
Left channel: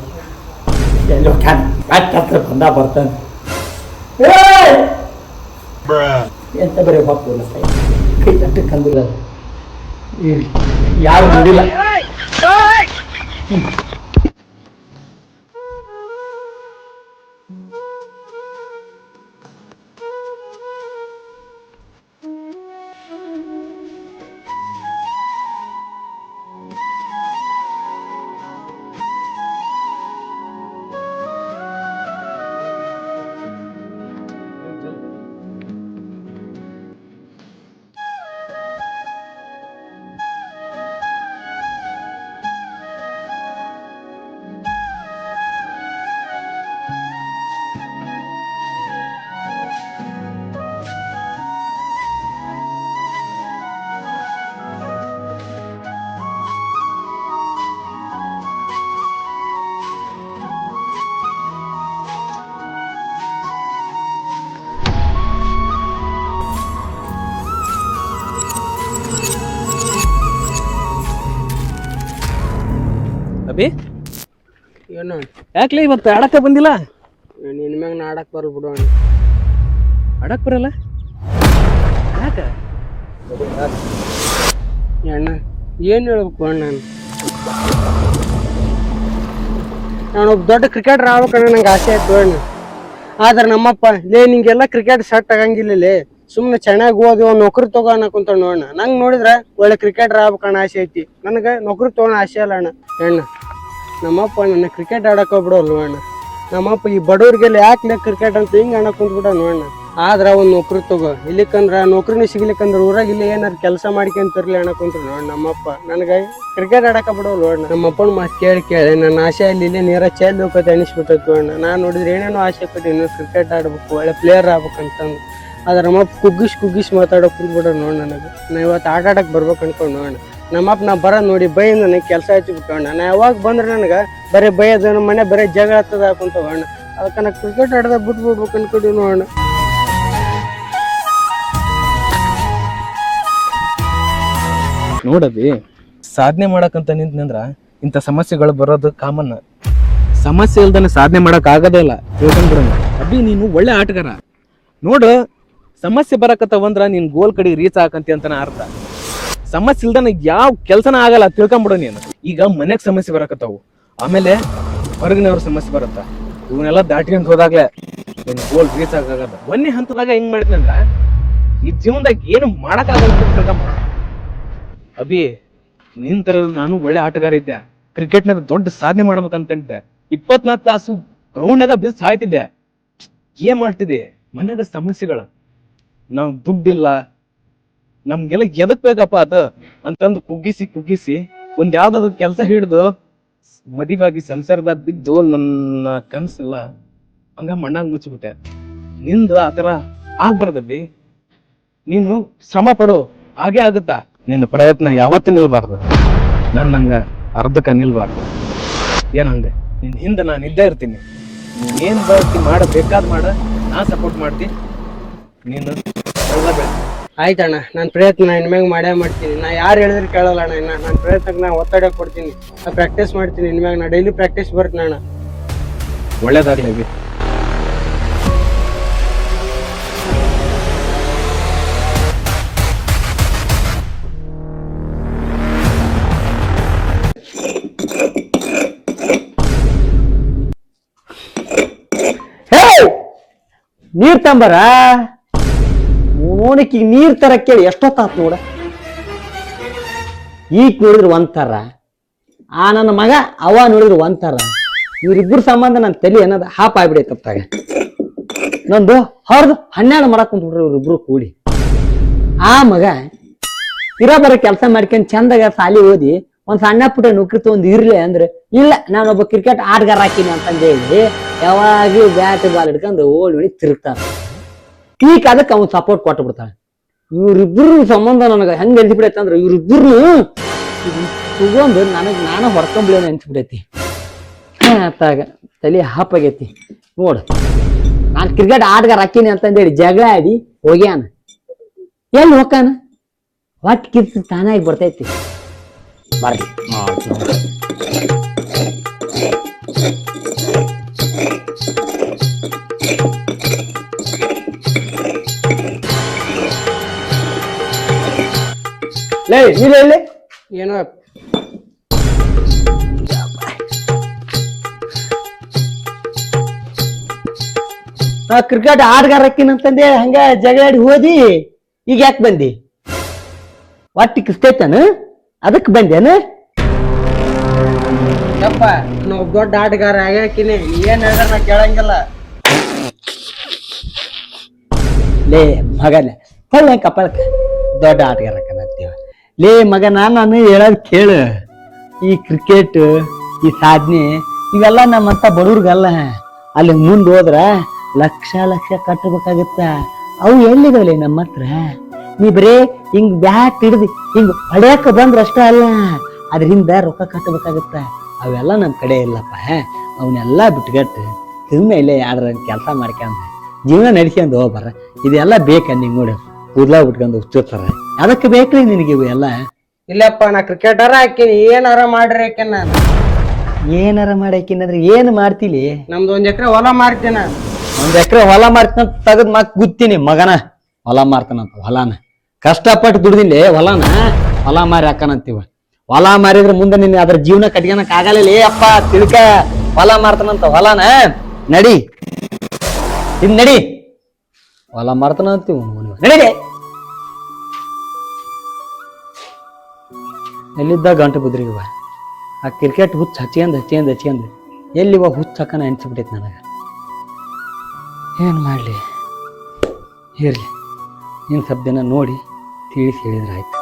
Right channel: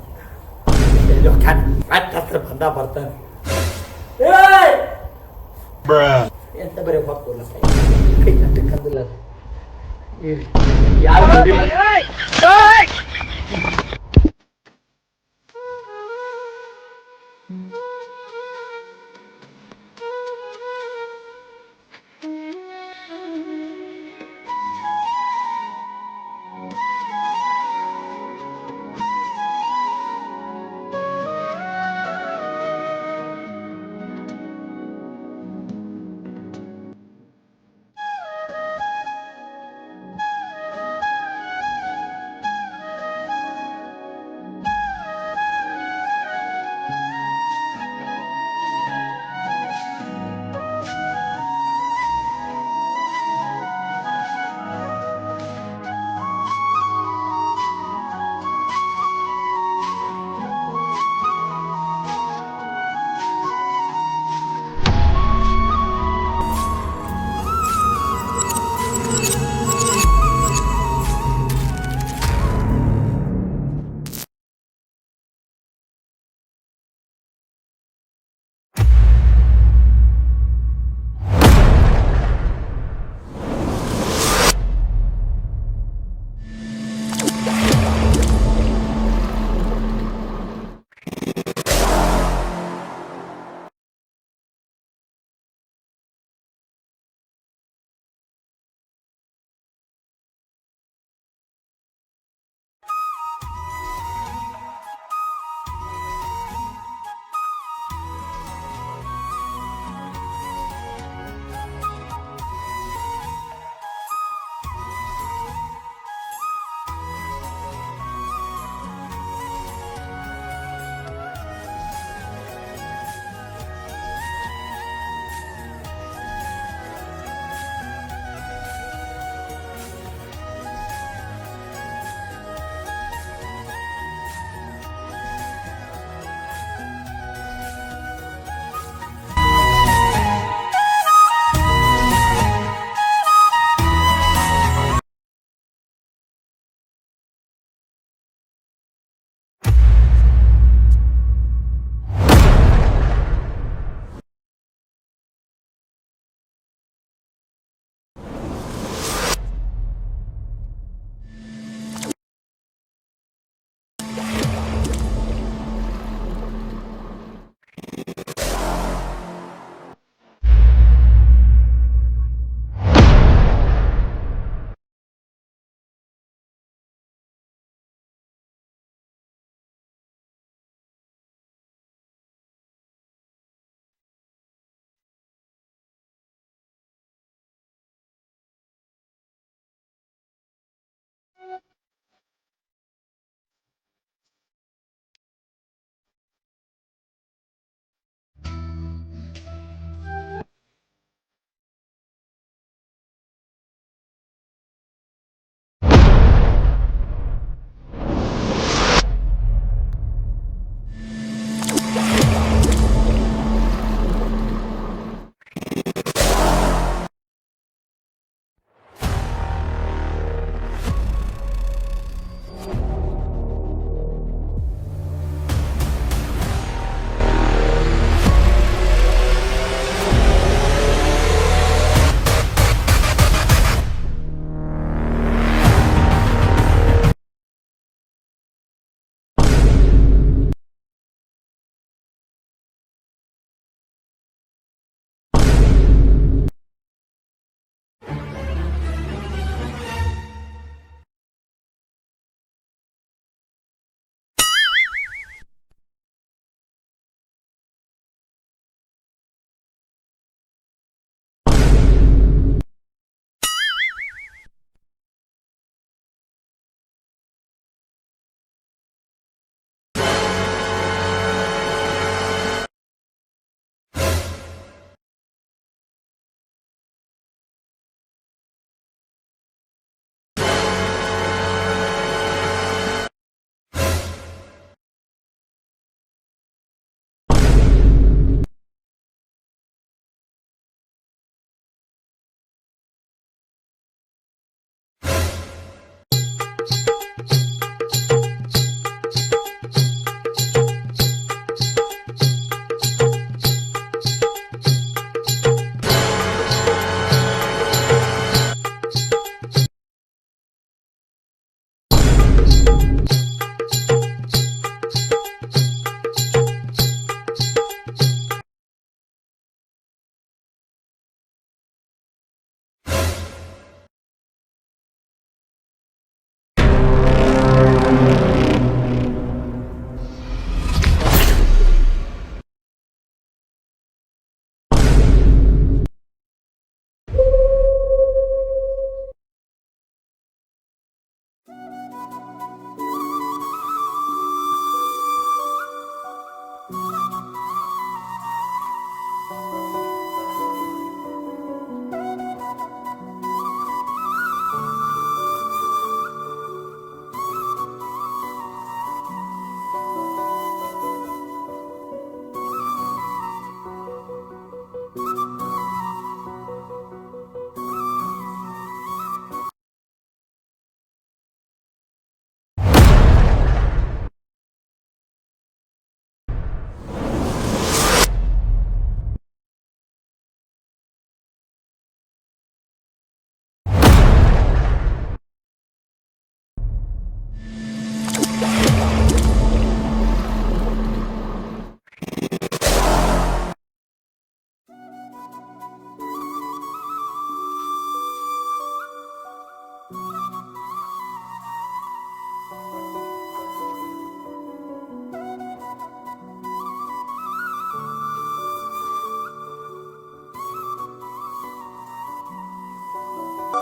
ಹತ್ರ ಬರ್ತಾನೆ ಎಂತ ಬರೀ ಪಾಪಲ್ಲ ಕೈ ತಟ್ಟು ಕಂದಿಲ್ಲ ಯಾರು ನೋಡಿಲ್ಲ ಅಭಿ ಏನು ಯಾಕ್ಲೆ ಇವತ್ತು ಆಡಕ್ಕೆ ಬಂದಿಲ್ಲ? ನಿನ್ನ ಮ್ಯಾಗ ನಾ ಆಡಕ್ಕೆ ಬರಲ್ಲ ಬಿಡು ಆಡಕ್ಕೆ ಬರಲ್ಲ ಯಾಕೆ? ಅಣ್ಣ ಏನು ಹೇಳ್ಬೇಕು ಅಣ್ಣ ನಾನೊಬ್ಬ ದೊಡ್ಡ ಕ್ರಿಕೆಟರ್ ಆಗ್ಬೇಕಣ್ಣ ನಂಗೆ ಆಸೆ ಆಯ್ತು ಅಣ್ಣ. ಆದ್ರೆ ನಮ್ಮಪ್ಪ ನಿಂಗೆಲ್ಲ ಕ್ರಿಕೆಟ್ ಸೆಟ್ ಆಗಂಗಿಲ್ಲ ಸುಮ್ಮನೆ ಚೆನ್ನಾಗಿ ಓದಿ ಒಂದು ನೌಕರಿ ತಗೋ ಅನ್ನಕುಂತ ನೋಡಣ್ಣ. ನಂಗೆ ನೋಡಿದ್ರೆ ಒಳ್ಳೆ ಕ್ರಿಕೆಟರ್ ಆಗ್ಬೇಕಣ್ಣ ಆಸೆ ಐತಿ. ನನಗೆ ನೌಕರಿ ತೊಗೊಳ ಆಸೆ ಅಲ್ಲ ಅಣ್ಣ. ನಮ್ಮಪ್ಪ ನನ್ನ ಕ್ರಿಕೆಟ್ ಆಡಕ್ಕೆ ಹೋಗ್ಬಿಡೋಲ್ವ ಅಣ್ಣ. ನಮ್ಮಪ್ಪ ಈ ಬಡವ್ರಿಗೆಲ್ಲ ಯಾಕೆ ಕ್ರಿಕೆಟ್ ಅಂತ ಹಿಂಗೆ ಅಣ್ಣ ಕುಂತ್ಬಿಟ್ಟ ನೋಡಣ್ಣ. ಆದ್ರ ಒಂದ್ ನೌಕರಿ ತಗೋ. ಇಲ್ಲಿಕಂದ್ರ ನೌಕರಿನೇ ಸಿಗ್ಲಿಕ್ಕಂದ್ರ ಊರಾಗ ಇಲ್ಲಿ ಏನಾರ ಕೆಲಸ ಮಾಡ್ಕೊಂತರ್ಲಿ ಅನ್ನಕುಂತ್ರ ನೋಡ್ ನಮ್ಮಪ್ಪ ನನಗ ಕ್ರಿಕೆಟ್ ಆಡಕ ಬಿಡೋಲ್ಲ ನೋಡ್. ನಮ್ಮಪ್ಪನ ಮಾತು ಕೇಳಿ ನನ್ನ ಆಸೆ ಅಲ್ಲಿ ಇಲ್ಲೇ ನೀರ ಚೆಲ್ಲಿ ಹೋಗತ್ತೆ ಅನಿಸ್ಬಿಟ್ಟೈತಿ ನೋಡ್. ನಾನು ನೋಡಿದ್ರೆ ಏನೇನೋ ಆಸೆ ಪಟ್ಟಿನಿ ಕ್ರಿಕೆಟ್ ಆಡ್ಬೇಕು, ಒಳ್ಳೆ ಪ್ಲೇಯರ್ ಆಗ್ಬೇಕಂತಂದು. ಆದ್ರೆ ನಮ್ಮಪ್ಪ ಕುಗ್ಗಿಸ್ ಮಾತಾಡೋಕೆ ಕುಂದ್ಬಿಡ ನೋಡ್ ನನಗೆ. ನಾ ಇವತ್ತು ಆಡಕ್ಕೆ ಬರ್ಬೇಕು ಅನ್ಕೊಂಡು ನೋಡ. ನಮ್ಮಪ್ಪ ನಾ ಬರೋದು ನೋಡಿ ಬೈ ನನಗೆ ಕೆಲಸ ಹಚ್ಚಿಬಿಟ್ಟೋಣ. ನಾ ಯಾವಾಗ ಬಂದ್ರೆ ನನಗೆ ಬರೀ ಬೈಯೋದು, ನಮ್ಮ ಮನೆ ಬರೀ ಜಗಳ ಹತ್ತದ ಹಾಕೊಂತವಣ್ಣ. ಅದಕ್ಕೆ ನಾ ಕ್ರಿಕೆಟ್ ಆಡ್ದ ಬಿಟ್ಬಿಡ್ಬೇಕು ಅನ್ಕೊಂಡಿವಿ ನೋಡೋಣ. ನೋಡಬಿ, ಸಾಧನೆ ಮಾಡಕಂತ ನಿಂತಂದ್ರ ಇಂಥ ಸಮಸ್ಯೆಗಳು ಬರೋದು ಕಾಮನ್. ಸಮಸ್ಯೆ ಇಲ್ದಾನೆ ಸಾಧನೆ ಮಾಡಕ್ ಆಗೋದೇ ಇಲ್ಲ. ಅಭಿ ನೀನು ಒಳ್ಳೆ ಆಟಗಾರ ನೋಡು. ಸಮಸ್ಯೆ ಬರಕತ್ತವಂದ್ರ ನೀನ್ ಗೋಲ್ ಕಡೆ ರೀಚ್ ಆಕಂತಿ ಅಂತಾನ ಅರ್ಥ. ಸಮಸ್ಯೆ ಇಲ್ದಾನೆ ಯಾವ ಕೆಲ್ಸನ ಆಗಲ್ಲ, ತಿಳ್ಕೊಂಬಿಡು ನೀನು. ಈಗ ಮನೆಗ್ ಸಮಸ್ಯೆ ಬರಕತ್ತಾವು, ಆಮೇಲೆ ಹೊರಗಿನವ್ರ ಸಮಸ್ಯೆ ಬರುತ್ತ. ಇವನ್ನೆಲ್ಲ ದಾಟ್ಕೊಂಡ್ ಹೋದಾಗ್ಲೇ ಗೋಲ್ ರೀಚ್ ಆಗದ. ಒಂದೇ ಹಂತದಾಗ ಹೆಂಗ್ ಮಾಡಿದ್ನಂದ್ರ ಈ ಜೀವನದಾಗ ಏನು ಮಾಡಕ್ಕಾಗಲ್ಲ. ಅಭಿ ನಿಂತರ ನಾನು ಒಳ್ಳೆ ಆಟಗಾರ ಇದ್ದೆ. ಕ್ರಿಕೆಟ್ನಾಗ ದೊಡ್ಡ ಸಾಧನೆ ಮಾಡ್ಬೇಕಂತಿದ್ದೆ. 24 ತಾಸು ಗ್ರೌಂಡ್ನಾಗ ಬಿದ್ದು ಸಾಯ್ತಿದ್ದೆ. ಏನ್ ಮಾಡ್ತಿದ್ದೆ? ಮನ್ಯಾಗ ಸಮಸ್ಯೆಗಳು, ನಾವ್ ದುಡ್ಡಿಲ್ಲ, ನಮ್ಗೆಲ್ಲ ಎದಕ್ ಬೇಕಪ್ಪ ಅದ ಅಂತಂದು ಕುಗ್ಗಿಸಿ ಒಂದ್ ಯಾವ್ದಾದ್ರು ಕೆಲ್ಸ ಹಿಡಿದು ಮದುವಾಗಿ ಸಂಸಾರದಾಗ ಬಿದ್ದು ನನ್ನ ಕನ್ಸಿಲ್ಲ ಹಂಗ ಮಣ್ಣಾಗ ಮುಚ್ಚಿಬಿಟ್ಟೆ. ನಿಂದು ಆತರ ಆಗ್ಬಾರ್ದಬ್ಬಿ. ನೀನು ಶ್ರಮ ಪಡು, ಹಾಗೆ ಆಗುತ್ತಾ. ನಿನ್ನ ಪ್ರಯತ್ನ ಯಾವತ್ತೂ ನಿಲ್ಬಾರ್ದು. ನನ್ನಂಗ ಅರ್ಧಕ್ಕ ನಿಲ್ಬಾರ್ದು. ಏನಂದೆ, ನಿನ್ ಹಿಂದೆ ನಾನು ಇದ್ದೇ ಇರ್ತೀನಿ. ಏನ್ ಬೇಕಾದ್ ಮಾಡ, ನಾ ಸಪೋರ್ಟ್ ಮಾಡ್ತೀನಿ. ನೀನು ಆಯ್ತಣ್ಣ, ನನ್ನ ಪ್ರಯತ್ನ ಇನ್ಮ್ಯಾಗ ಮಾಡೇ ಮಾಡ್ತೀನಿ. ನಾ ಯಾರು ಹೇಳಿದ್ರೆ ಕೇಳಲ್ಲ ಅಣ್ಣ. ಇನ್ನ ನನ್ನ ಪ್ರಯತ್ನಕ್ಕೆ ನಾ ಒತ್ತಡ ಕೊಡ್ತೀನಿ. ನಾ ಪ್ರಾಕ್ಟೀಸ್ ಮಾಡ್ತೀನಿ. ಇನ್ಮ್ಯಾಗ ನಾ ಡೈಲಿ ಪ್ರಾಕ್ಟೀಸ್ ಬರ್ತೀನಿ ಅಣ್ಣ. ಒಳ್ಳೇದಾಗ್ಲಿ. ನೀರ್ ತಂಬರ ಓಣಕಿ ನೀರ್ ತರ ಕೇಳಿ ಎಷ್ಟೊತ್ತಾತ್ ನೋಡ. ಈಗ ನೋಡಿದ್ರು ಒಂಥರ, ಆ ನನ್ನ ಮಗ ಅವ ನೋಡಿದ್ರು ಒಂಥರ. ಇವ್ರಿಬ್ರು ಸಂಬಂಧ ನನ್ನ ತಲೆ ಅನ್ನೋದು ಹಾಪ್ ಆಗ್ಬಿಡೈತಪ್ಪಾಗ. ನಂದು ಹೊರದು 12 ಮಾಡಕ್ ಕುಂತ್ಬಿಟ್ರು ಇವ್ರಿಬ್ರು ಕೂಡಿ. ಆ ಮಗ ಬರೋ ಕೆಲಸ ಮಾಡ್ಕೊಂಡ್ ಚಂದಾಗ ಸಾಲಿ ಓದಿ ಒಂದ್ ಸಣ್ಣ ಪುಟ್ಟ ನೌಕರಿ ತಗೊಂಡ್ ಇರ್ಲಿ ಅಂದ್ರೆ ಇಲ್ಲ, ನಾನೊಬ್ಬ ಕ್ರಿಕೆಟ್ ಆಟಗಾರ ಹಾಕಿನಿ ಅಂತಂದು ಹೇಳಿ ಯಾವಾಗ್ಲೂ ಬ್ಯಾಟ್ ಬಾಲ್ ಹಿಡ್ಕೊಂಡು ಓಡಿ ತಿರುಗ್ತಾನ. ಈಗ ಅದಕ್ಕೆ ಅವ್ನು ಸಪೋರ್ಟ್ ಕೊಟ್ಟು ಬಿಡ್ತಾನೆ. ಇವ್ರಿಬ್ರು ಸಂಬಂಧ ನನಗೆ ಹೆಂಗ್ ಅನ್ಸಿಬಿಡೈತೆ ಅಂದ್ರೆ ಇವ್ರಿಬ್ರು ತಗೊಂಡು ನಾನು ಹೊಡ್ಕೊಂಡ್ಲೇನು ಅನ್ಸಿಬಿಡೈತಿ. ಅತ್ತಾಗ ತಲೆ ಹಾಪಾಗೈತಿ ನೋಡು. ನಾನು ಕ್ರಿಕೆಟ್ ಆಟಗಾರ ಹಾಕಿನಿ ಅಂತಂದೇಳಿ ಜಗಳ ಆಡಿ ಹೋಗ್ಯಾನ. ಎಲ್ಲಿ ಹೋಗಾನ ಒಟ್ಟು ಕಿತ್ತು ತಾನಾಗಿ ಬರ್ತೈತಿ. ಬರ್ರಿ ಲೇ ಇಲ್ಲ ಏನೋ ಕ್ರಿಕೆಟ್ ಆಟಗಾರ ಹಾಕಿನಂತಂದೆ ಹಂಗ ಜಗಳಾಡಿ ಹೋದಿ. ಈಗ ಯಾಕೆ ಬಂದಿ? ಒಟ್ಟಿ ಕಿಸ್ತೈತಾನ ಅದಕ್ಕೆ ಬಂದೇನ? ನಾವು ದೊಡ್ಡ ಆಟಗಾರ ಆಗ್ಯಾಕಿನಿ, ಏನ್ ನಾ ಕೇಳಂಗಿಲ್ಲ. ಲೇ ಮಗನೇ ಹೊಳ್ಳೆ ಕಪ್ಪಳಕ ದೊಡ್ಡ ಆಟಗಾರ ಹಾಕಂತೀವ. ಲೇ ಮಗ ನಾನು ಹೇಳೋದ್ ಕೇಳು. ಈ ಕ್ರಿಕೆಟ್, ಈ ಸಾಧನೆ ಇವೆಲ್ಲ ನಮ್ಮಂತ ಬಡವ್ರಿಗಲ್ಲ. ಅಲ್ಲಿ ಮುಂದೆ ಹೋದ್ರ ಲಕ್ಷ ಕಟ್ಟಬೇಕಾಗತ್ತ. ಅವು ಎಲ್ಲಿದಾವಲೆ ನಮ್ಮ ಹತ್ರ? ನೀ ಬರೇ ಹಿಂಗ್ ಬ್ಯಾಟ್ ಹಿಡ್ದು ಹಿಂಗ್ ಹೊಡ್ಯಾಕ ಬಂದ್ರ ಅಷ್ಟ ಅಲ್ಲ, ಅದ್ರಿಂದ ರೊಕ್ಕ ಕಟ್ಟಬೇಕಾಗತ್ತ. ಅವೆಲ್ಲ ನಮ್ ಕಡೆ ಇಲ್ಲಪ್ಪ. ಅವನ್ನೆಲ್ಲಾ ಬಿಟ್ಗಟ್ಟು ಸುಮ್ಮನೆ ಯಾರ ಕೆಲಸ ಮಾಡ್ಕೊಂಡ್ ಜೀವನ ನಡ್ಸ್ಕೊಂಡ್ ಹೋಗ್ಬಾರ. ಇದೆಲ್ಲ ಬೇಕ ನಿಂಗ್ ನೋಡಿ ಕೂದ್ಲಾ ಬಿಟ್ಕೊಂಡು ಹುಚ್ಚಿರ್ತಾರ. ಅದಕ್ಕೆ ಬೇಕ್ರಿ ನಿನಗೆ ಇವು ಎಲ್ಲ? ಇಲ್ಲಪ್ಪ, ನಾ ಕ್ರಿಕೆಟರ ಹಾಕಿನಿ, ಏನಾರ ಮಾಡ್ರಿ ಯಾಕೆನ. ಏನಾರ ಮಾಡಾಕಿನಂದ್ರೆ ಏನ್ ಮಾಡ್ತೀಲಿ? ನಮ್ದು 1 ಎಕರೆ ಹೊಲ ಮಾರ್ತೀನ. 1 ಎಕರೆ ಹೊಲ ಮಾರ್ತಾನಂತ ತಗದ್ ಮಾತ್ ಗುತ್ತೀನಿ ಮಗನ. ಹೊಲ ಮಾರ್ತಾನಂತ ಹೊಲಾನ ಕಷ್ಟಪಟ್ಟು ದುಡ್ದಿಲ್ಲ. ಹೊಲ ಮಾರಿ ಹಾಕನಂತೀವ. ಹೊಲ ಮಾರಿದ್ರೆ ಮುಂದೆ ನಿನ್ ಅದ್ರ ಜೀವನ ಕಟ್ಕೊಳಕ್ ಆಗಲ್ಲ ಅಪ್ಪ. ತಿಳ್ಕ, ಹೊಲ ಮಾರ್ತಾನಂತ ಹೊಲಾನ. ನಡಿ ಇದ್ ನಡಿ, ಹೊಲ ಮಾರ್ತಾನಂತೀವ ನಡಿ. ಎಲ್ಲಿದ್ದ ಗಂಟು ಬುದ್ರಿಗಿವ ಆ ಕ್ರಿಕೆಟ್ ಹುಚ್ಚ ಹಚ್ಕೊಂಡ್ ಎಲ್ಲಿವ ಹುಚ್ಚ ಹಾಕನ ಅನ್ಸಿಬಿಟ್ಟೈತಿ ನನಗ. ಏನ್ ಮಾಡ್ಲಿ? ಇರಲಿ, ನೀನು ಸ್ವಲ್ಪ ದಿನ ನೋಡಿ ತಿಳಿಸಿ ಹೇಳಿದ್ರೆ ಆಯ್ತು.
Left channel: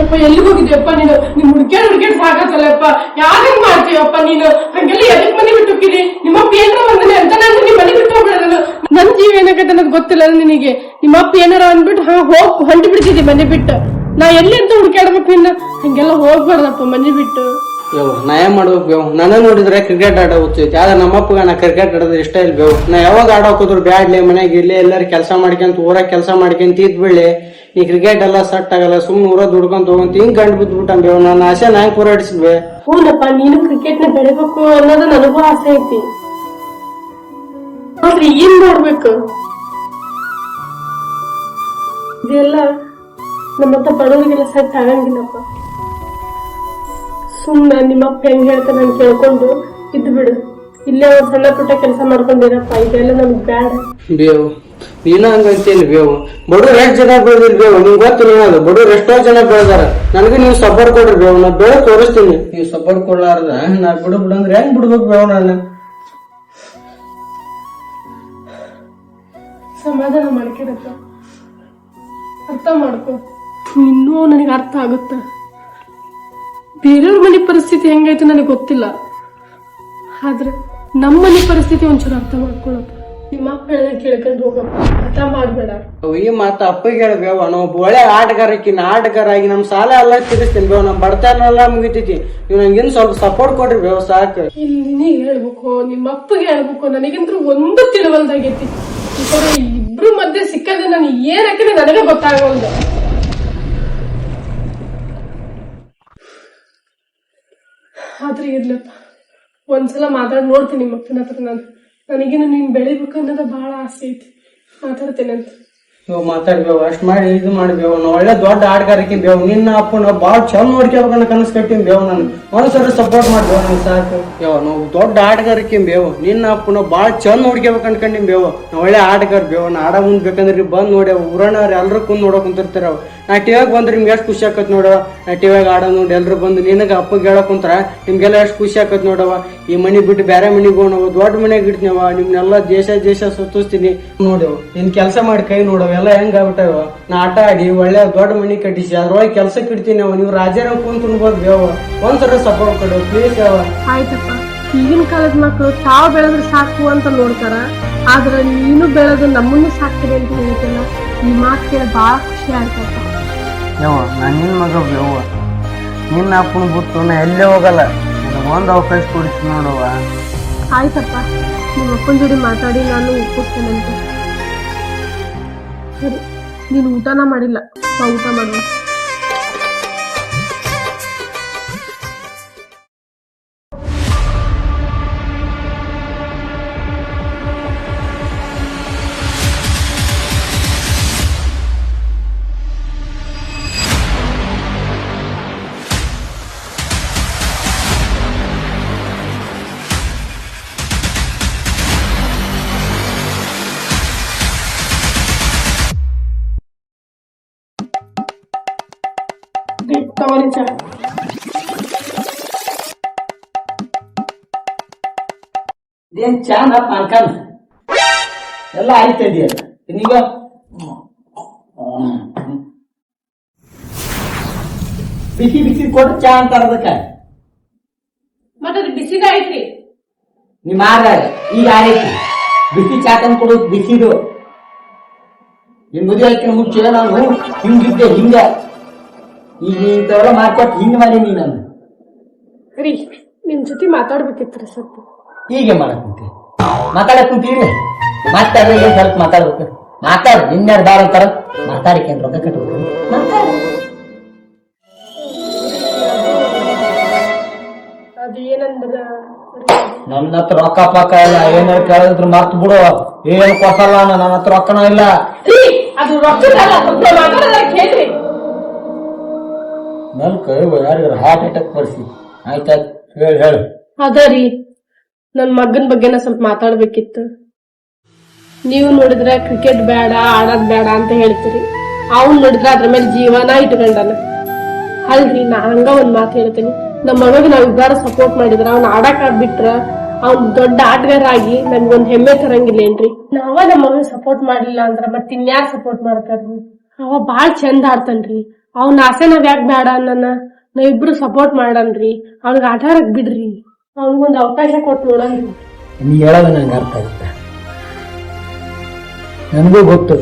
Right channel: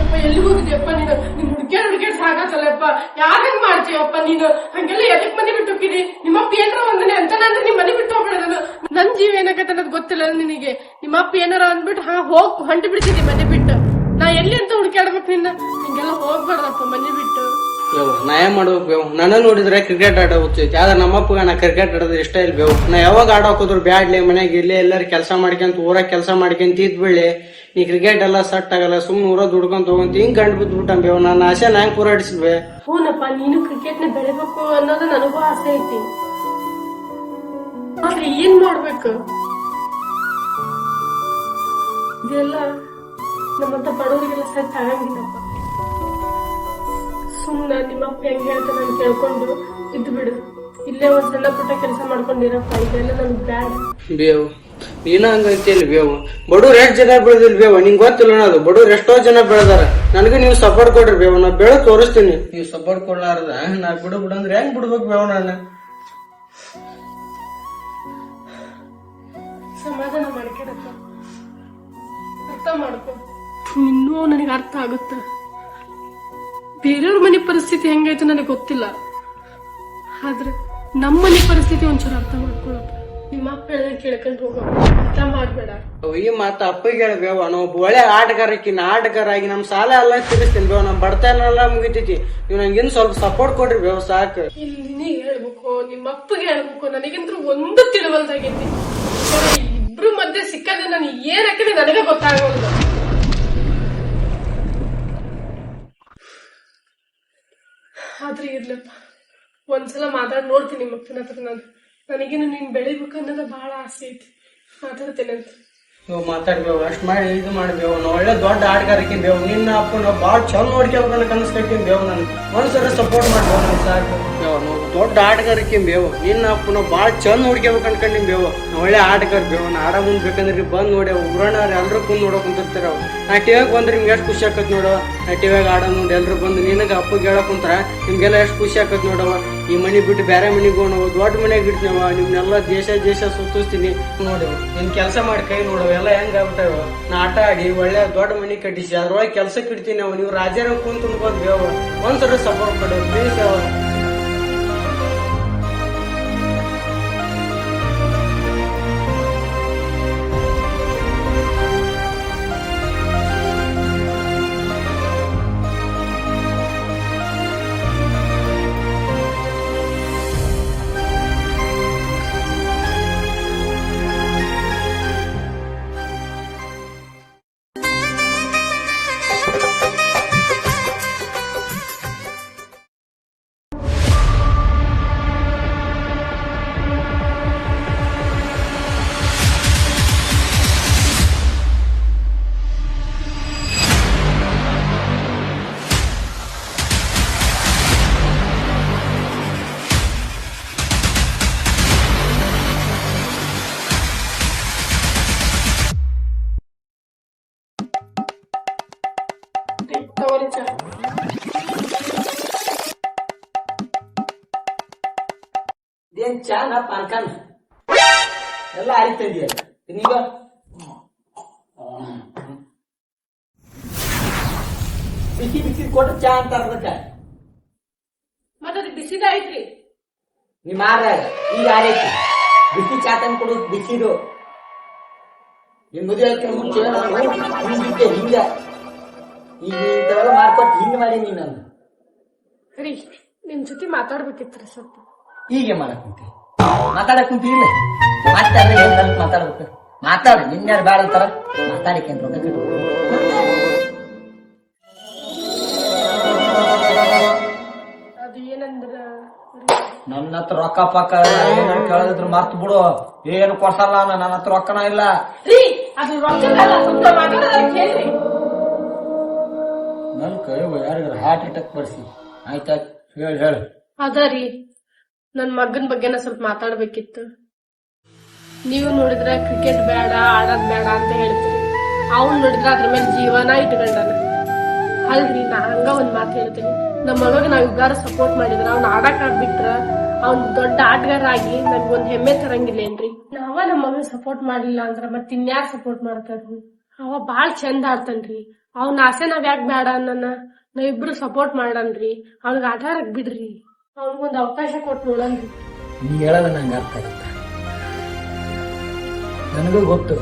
ಯಪ್ಪ ಎಲ್ಲಿಗೆ ಹೋಗಿದ್ಯಪ್ಪ ನೀನು? ನಿಮ್ ಹುಡ್ಕ್ಯಾಡ್ ಸಾಕತ್ತಲ್ಲಪ್ಪ. ಯಾರಂಗ್ ಮಾಡ್ತೀಯಪ್ಪ ನೀನು? ಹಂಗೆಲ್ಲ ಎದಕ್ ಮನೆ ಬಿಟ್ಟು ಹೋಗಿದಿ? ನಿಮ್ಮಪ್ಪ ಏನಾರ ಒಂದನೆ ಅಂತ ನಾನು ನಿಮ್ ಮನೆ ಬಿಟ್ಟು ಹೋಗ್ಬಿಡ. ನನ್ ಜೀವ ಏನಾಗತ್ತೆ ಅನ್ನೋದು ಗೊತ್ತಿಲ್ಲ ನಿನಗೆ. ನಿಮ್ಮಪ್ಪ ಏನಾರ ಅಂದ್ಬಿಟ್ಟು ಹೋಗ್ ಹೊಂಟಿ ಬಿಡ್ತಿದ್ದಿ ಮನೆ ಬಿಟ್ಟು. ನಾ ಎಲ್ಲಿ ಅಂತ ಹುಡ್ಕ್ಯಾಡ್ಬೇಕು ನಿನ್ನ? ಹಂಗೆಲ್ಲ ಹೋಗ್ಬಾರ್ದಪ್ಪ ಮನೆ ಬಿಟ್ಟು. ನಾ ಏನ್ ಮಾಡ್ಬೇಕು ಬೇವು? ನನ್ನ ನೋಡಿದ್ರೆ ಕ್ರಿಕೆಟ್ ಆಡ ಹೋಗ್ತೈತಿ, ಆದ್ರೆ ನಮ್ಮಪ್ಪಗ ನಾ ಕ್ರಿಕೆಟ್ ಆಡೋದು ಇಷ್ಟ ಇಲ್ಲ ಬೇವು. ನಾ ಯಾವಾಗ ಆಡೋಕೋದ್ರು ಬ್ಯಾಡ್ಲಿ, ಮನ್ಯಾಗ ಇಲ್ಲೇ ಎಲ್ಲಾರು ಕೆಲಸ ಮಾಡ್ಕೊಂತ ಊರಾಗ ಕೆಲಸ ಮಾಡ್ಕೊಂತ ಇದ್ ಬಿಡ್ಲಿ, ಈ ಕ್ರಿಕೆಟ್ ಎಲ್ಲ ಸಟ್ ಆಗಲ್ಲ, ಸುಮ್ನೆ ಊರ ದುಡ್ಕೊಂತ ಹೋಗಂತ ಹಿಂಗ್ ಗಂಡ್ ಬಿದ್ಬಿಟ್ಟ ಬೇವು. ನನ್ನ ಆಸೆ ನಾ ಹೆಂಗ್ ಪೂರೈಸಿದ್ವಿ? ಹೂನಪ್ಪ, ನೀನು ಕ್ರಿಕೆಟ್ ನ ಬೆಳಿಬೇಕು ಅನ್ನೋದು ನನಗೂ ಆಸೆ ಐತಿ. ಆದ್ರೆ ಏನ್ ಮಾಡ್ಬೇಕು? ಇದೆಲ್ಲ ನಮ್ಮಂತ ಬಡವರಿಗೆಲ್ಲ ಸೆಟ್ ಆಗಂಗಿಲ್ಲಪ್ಪ. ಸುಮ್ನ ನಿಮ್ಮಪ್ಪ ಹೆಂಗ್ ಹೇಳ್ತಾನೆ ನಾನು ಕೇಳ್ಕೊಂಡು ಇದ್ದು ಬಿಡು. ಇಲ್ಲೇ ಒಂದ್ ಸಣ್ಣ ಪುಟ್ಟ ಕೆಲಸ ಮಾಡ್ಕೊಂಡಿರಪ್ಪ. ಇದೆಲ್ಲ ನಮ್ಗ್ ಬ್ಯಾಡ ಬೇವು. ನೀನ ಹಂಗಂತೇಳಿ ಬೇವು. ಬಡವ್ರು ಎಷ್ಟ್ ಜನ ಬೆಳೆದಿಲ್ ಬೇವು, ನಿಂಗ್ ಗೊತ್ತಿಲ್ಲ ಅದು. ಬಡವ್ರು ಎಷ್ಟೋ ಜನ ಬೆಳೆದಾರ. ನನಗೂ ನೀವು ಸಪೋರ್ಟ್ ಕೊಡ್ರಿ ಬೇವು, ನಾ ಬೆಳೆದ್ ತೋರಿಸ್ತೀನಿ. ನೀವು ಸಪೋರ್ಟ್ ಕೊಡ್ಲಾರ್ದ ನಾ ಬಿಡಂದ್ರೆ ಹೆಂಗ್ ಬಿಡ್ಬೇಕು ಬೇವು? ನಾನು ಸಮಾಧಾನ ಮಾಡ್ಕೊಡಪ್ಪ, ಅರ್ಥ ಮಾಡ್ಕೊ. ಇನ್ನೂ ನನಗೆ ಅರ್ಥ ಆಗುತ್ತ. ಬೇರೆಯವ್ರ ಮನೆ ಪರಿಸ್ಥಿತಿ ಹೆಂಗಾಯ್ತು ನನಗೆ ಗೊತ್ತಿಲ್ಲ, ಆದ್ರೆ ನಮ್ಮ ಮನೆ ಪರಿಸ್ಥಿತಿ ಒಂಚೂರು ಅರ್ಥ ಮಾಡ್ಕೊಳಪ್ಪ. ನಿಮ್ಮ ಅಪ್ಪ ಹೇಳ್ದಂಗೆ ಕೇಳ್ಕೊಂಡು ಹೋಗಪ್ಪ, ಅರ್ಥ ಮಾಡ್ಬೇಡ. ಈ ಮಾತ ಅಪ್ಪಗೆ ಹೇಳ್ಬೇವ. ನಾವು ಒಬ್ಬ ಒಳ್ಳೆ ಆಟಗಾರ ಆಗಿ ನಮ್ ಸಾಲ ಎಲ್ಲ ತೀರಿಸ್ತೀನಿ ಬೇವು. ನಮ್ ಬಡತನ ಎಲ್ಲ ಮುಗಿತೈತಿ. ನೀವು ನಂಗಿನ್ ಸ್ವಲ್ಪ ಸಪೋರ್ಟ್ ಕೊಡ್ರಿ ಬೇವು, ಸಾಕು. ಇಲ್ಲಿ ಹೇಳ್ಬೇಕು, ನಿಮ್ಮ ಅಪ್ಪಗೆ ಹೇಳ್ಬೇಕು. ನನಗಂತೂ ಒಂದು ತಿಳುವಲ್ದಾಗೈತಿ. ಇಬ್ರು ಮಧ್ಯೆ ಸಿಕ್ಕದೆ ನಾನು ಏನ್ ಹಾಕಿದ್ರೆ ನನಗೆ ಗೊತ್ತಾಗಲ್ದು. ಆದ್ರೆ ಇರ್ಲಪ್ಪ, ಒಂದ್ಸಲ ಮಾತಾಡಿ ನೋಡ್ತೀನಿ ನಿಮ್ಮ ಅಪ್ಪನ ಹತ್ರ. ನನಗೇನು ನೀನ್ ಬೆಳಿಬೇಕು ಅನ್ನೋದು ಬಹಳ ಆಸೆ ಐತಿ. ಮಾತಾಡ್ತೇನೆ ಅಂತ ಇವ್ ಮಾತಾಡ್ಬೇವು. ಅಷ್ಟ್ ಮಾಡಿ ಇದು ಮಾಡ್ಬೇವು. ನಾವು ಒಳ್ಳೆ ದೊಡ್ಡ ಆಟಗಾರಕ್ಕೆ ಬೇವು. ನಿನ್ನ ಅಪ್ಪನ ಬಾಳ ಚಂದ ನೋಡ್ಕೋಬೇಕನ್ನ ಕನಸು ಕಟ್ಟಿನ್ ಬೇವು. ನನ್ ಒಂದ್ಸರಿ ಸಪೋರ್ಟ್ ಮಾಡ್ಬೇವು, ನನ್ ಸಾಕು. ನಾವು ದೊಡ್ಡ ಆಟಗಾರಕ್ಕೆ ಬೇವು. ನಿನ್ನ ಅಪ್ಪನ ಬಾಳ ಚಂದ ನೋಡ್ಕೋಬೇಕು ಅನ್ಕೊಂಡಿನ್ ಬೇವು. ನಾವ್ ಒಳ್ಳೆ ಆಟಗಾರ ಬೇವು. ನಾ ಆಡ ಮುಂದ್ ಬೇಕಂದ್ರೆ ಬಂದ್ ನೋಡಿ ಊರಣ್ಣವ್ರು ಎಲ್ರು ಕುಂದ್ ನೋಡಕ್ ಕುಂತಿರ್ತಾರ. ನಾ ಟಿವಿಯಾಗ ಬಂದ್ರೆ ನಿಮ್ಗೆ ಎಷ್ಟು ಖುಷಿ ಆಕತ್ ನೋಡವ. ನಾ ಟಿವಿಯಾಗ ಆಡ ನೋಡಿ ಎಲ್ರು ಬಂದು ನಿನಗ ಅಪ್ಪಗೆ ಹೇಳಕ್ ಕುಂತಾರ ನಿಮ್ಗೆಲ್ಲ ಎಷ್ಟು ಖುಷಿ ಆಕತ್ ನೋಡವ. ಈ ಮನಿ ಬಿಟ್ಟು ಬೇರೆ ಮನಿಗೆ ಹೋಣವ, ದೊಡ್ಡ ಮನೆಯಾಗ ಇಡ್ತೀನವ. ನಿಮ್ನೆಲ್ಲ ದೇಶ ಸುತ್ತಿಸ್ತೀನಿ ನೋಡವ. ನಿನ್ ಕೆಲಸ ಮಾಡಿ ಕೈ ನೋಡವ. ಎಲ್ಲ ಹೆಂಗ್ ಆಗ್ಬಿಟ್ಟವ. ನಾ ಆಟ ಆಡಿ ಒಳ್ಳೆ ದೊಡ್ಡ ಮನಿ ಕಟ್ಟಿಸಿ ಅದ್ರೊಳಗೆ ಕೆಲ್ಸಕ್ಕೆ ಇಡ್ತೀನಿ. ನೀವು ರಾಜ್ಯರ ಕುಂತ ಉಣ್ಬೋದು ಬೇವ. ಒಂದ್ಸರಿ ಸಪೋರ್ಟ್ ಕೊಡು ಪ್ಲೀಸ್ ಅವ. ಆಯ್ತಪ್ಪ, ಈಗಿನ ಕಾಲದ ಮಕ್ಕಳು ತಾವು ಬೆಳೆದ್ರೆ ಸಾಕು ಅಂತ ನೋಡ್ತಾರ, ಆದ್ರೆ ನೀನು ಬೆಳೆದು ನಮ್ಮನ್ನು ಸಾಕ್ತದೆ ಅಂತ ಹೇಳ್ತಲ್ಲ. ಈ ಮಾತು ಕೇಳಿ ಬಹಳ ಖುಷಿ ಆಗ್ತದೆ. ನಾನು ನಿನ್ ಮಗ ಬೇವ. ನಿನ್ನ ಅಪ್ಪನ ಬಿಟ್ಟು ನಾ ಎಲ್ಲೇ ಹೋಗಲ್ಲ. ಒಂದ್ ಅವಕಾಶ ಕೊಡಿಸಿ ನೋಡವ್ವ. ಆಯ್ತಪ್ಪ, ನಿಮ್ಮ ಅಪ್ಪನ ಜೋಡಿ ಮಾತಾಡಿ ನಾನು ಒಪ್ಪಿಸ್ತೇನೆ ಅಂತ. ಸರಿ, ನೀನು ಊಟನ ಮಾಡಿಲ್ಲ, ನಾ ಊಟ ಮಾಡಿಲ್ಲ. ತಗೋರಿ ಚಾ. ಇದೇನ್ ಚಾನ ಪಾನ್ಕಾನ ಎಲ್ಲ ಆಯ್ತದೀಯ ನೀಗ ಬಿಸಿ ಕೊಟ್ಟು ಚಾ ಅಂತಾರ ಅದಕ್ಕ. ಮತ್ತದು ಬಿಸಿದ ಐತ್ರಿ. ನಿಮ್ಮ ಈಗ ಆರೈತಿ ಬಿಸಿ ಚಾ ತಂದು ಕೊಡೋದು ಬಿಸಿದು. ನಿಮ್ ಮದುವೆ ಆಯ್ತು ಮುಂಚೆ ನಾನು ಹಿಂಗಿದ್ದೆ. ಹಿಂಗ ಈಗ ಇಂಥವೆಲ್ಲ ಮಾಡ್ಕೊಟ್ಟು ಹಿಂಗ ಮಾಡೀನಿ ನಾನು. ರೀ, ನಿಮ್ ಜೊತೆ ಮಾತಾಡ್ಬೇಕಿತ್ರಿ ಸ್ವಲ್ಪ. ಹೀಗೆ ಮಾಡಕ್ ಕುಂತಿ ಮಾತಾಡಕ್ ಕುಂತೀವಿ. ಮತ್ತೆ ಅದ್ರ ಏನ್ ಸ್ವಲ್ಪ ಮಾತಾಡ್ಬೇಕು. ಮಾತಾಡ ನಿನ್ಯಾರು ಬಾರ ಅಂತಾರ. ಮಾತಾಡಿಕೆ ರೊಕ್ಕ ಕಟ್ಬೇಕು. ಅದು ಏನಂದ್ರ ನನ್ನ ಹತ್ರ ರೊಕ್ಕ ಪಕ್ಕ ಇಲ್ಲ. ಏನಾರು ಕೇಳಿದ್ರು ಮರ್ತು ಬಿಡು. ಏನು ಕೊಟ್ಟಲ್ಲ, ನನ್ನ ಹತ್ರ ರೊಕ್ಕನ ಇಲ್ಲ. ಅದು ರೊಕ್ಕದಲ್ಲ, ಸ್ವಲ್ಪ ಮಾತಾಡೋದಕ್ಕೆ ಹೇಳ್ರಿ. ಯಾರಿಗಾರ ಹಾರ್ಟ್ ಅಟ್ಯಾಕ್ ಬರ್ಸಿ ಆಯ್ತಾಯ್ತು ಹೇಳು ಅದ ರೀ ನನ್ ಮಗನ್ ಬಗ್ಗೆನ ಸ್ವಲ್ಪ ಮಾತಾಡ್ಬೇಕಿತ್ತು. ನೀವು ನೋಡಿದ್ರೆ ಕ್ರಿಕೆಟ್ ಬೇಡ ಆಡೋದ್ ಬೇಡ ಅಂತ ಹೇಳ್ತೀರಿ, ಅವ್ನ್ ನೋಡಿದ್ರೆ ಅದ್ರ ಮೇಲೆ ಜೀವನ ಇಟ್ಕೊಂಡನ. ಅಲ್ರಿ ನಾ ಹಂಗ ಒಂದ್ ಮಾತು ಹೇಳ್ತೀನಿ, ನಮ್ಮ ಮಗಗ್ ನಾವ್ ಇಬ್ಬಾರ ಸಪೋರ್ಟ್ ಮಾಡಿದ್ರ ಅವ್ನ ಆಡಕ್ ಆಗ್ಬಿಟ್ರ ಅವ್ನ್ ದೊಡ್ಡ ಆಟಗಾರ ಆಗಿ ನನ್ಗೊಂದ್ ಹೆಮ್ಮೆ ತರಂಗಿಲ್ಲೇನ್ರಿ. ನಾವ ನಮ್ಮ ಮಗನ್ ಸಪೋರ್ಟ್ ಮಾಡ್ಲಿಲ್ಲ ಅಂದ್ರ ಮತ್ ಇನ್ಯಾರ್ ಸಪೋರ್ಟ್ ಮಾಡ್ತಾರ್ರಿ. ಅವ ಬಾಳ್ ಚಂದ ಆಡ್ತಾನ್ರಿ, ಅವ್ನ ಆಸೆ ನಾವ್ ಯಾಕೆ ಬೇಡ ಅನ್ನನ, ನಾವಿಬ್ರು ಸಪೋರ್ಟ್ ಮಾಡನ್ರಿ. ಅವ್ನಿಗೆ ಆಟ ಆಡಕ್ ಬಿಡ್ರಿ, ಅವ್ನಿಗೊಂದ್ ಅವಕಾಶ ಕೊಟ್ಟು ನೋಡನ್ರಿ. ನೀ ಹೇಳೋದು ನಂಗೆ ಅರ್ಥ ಆಗುತ್ತೆ, ನನಗೂ ಗೊತ್ತು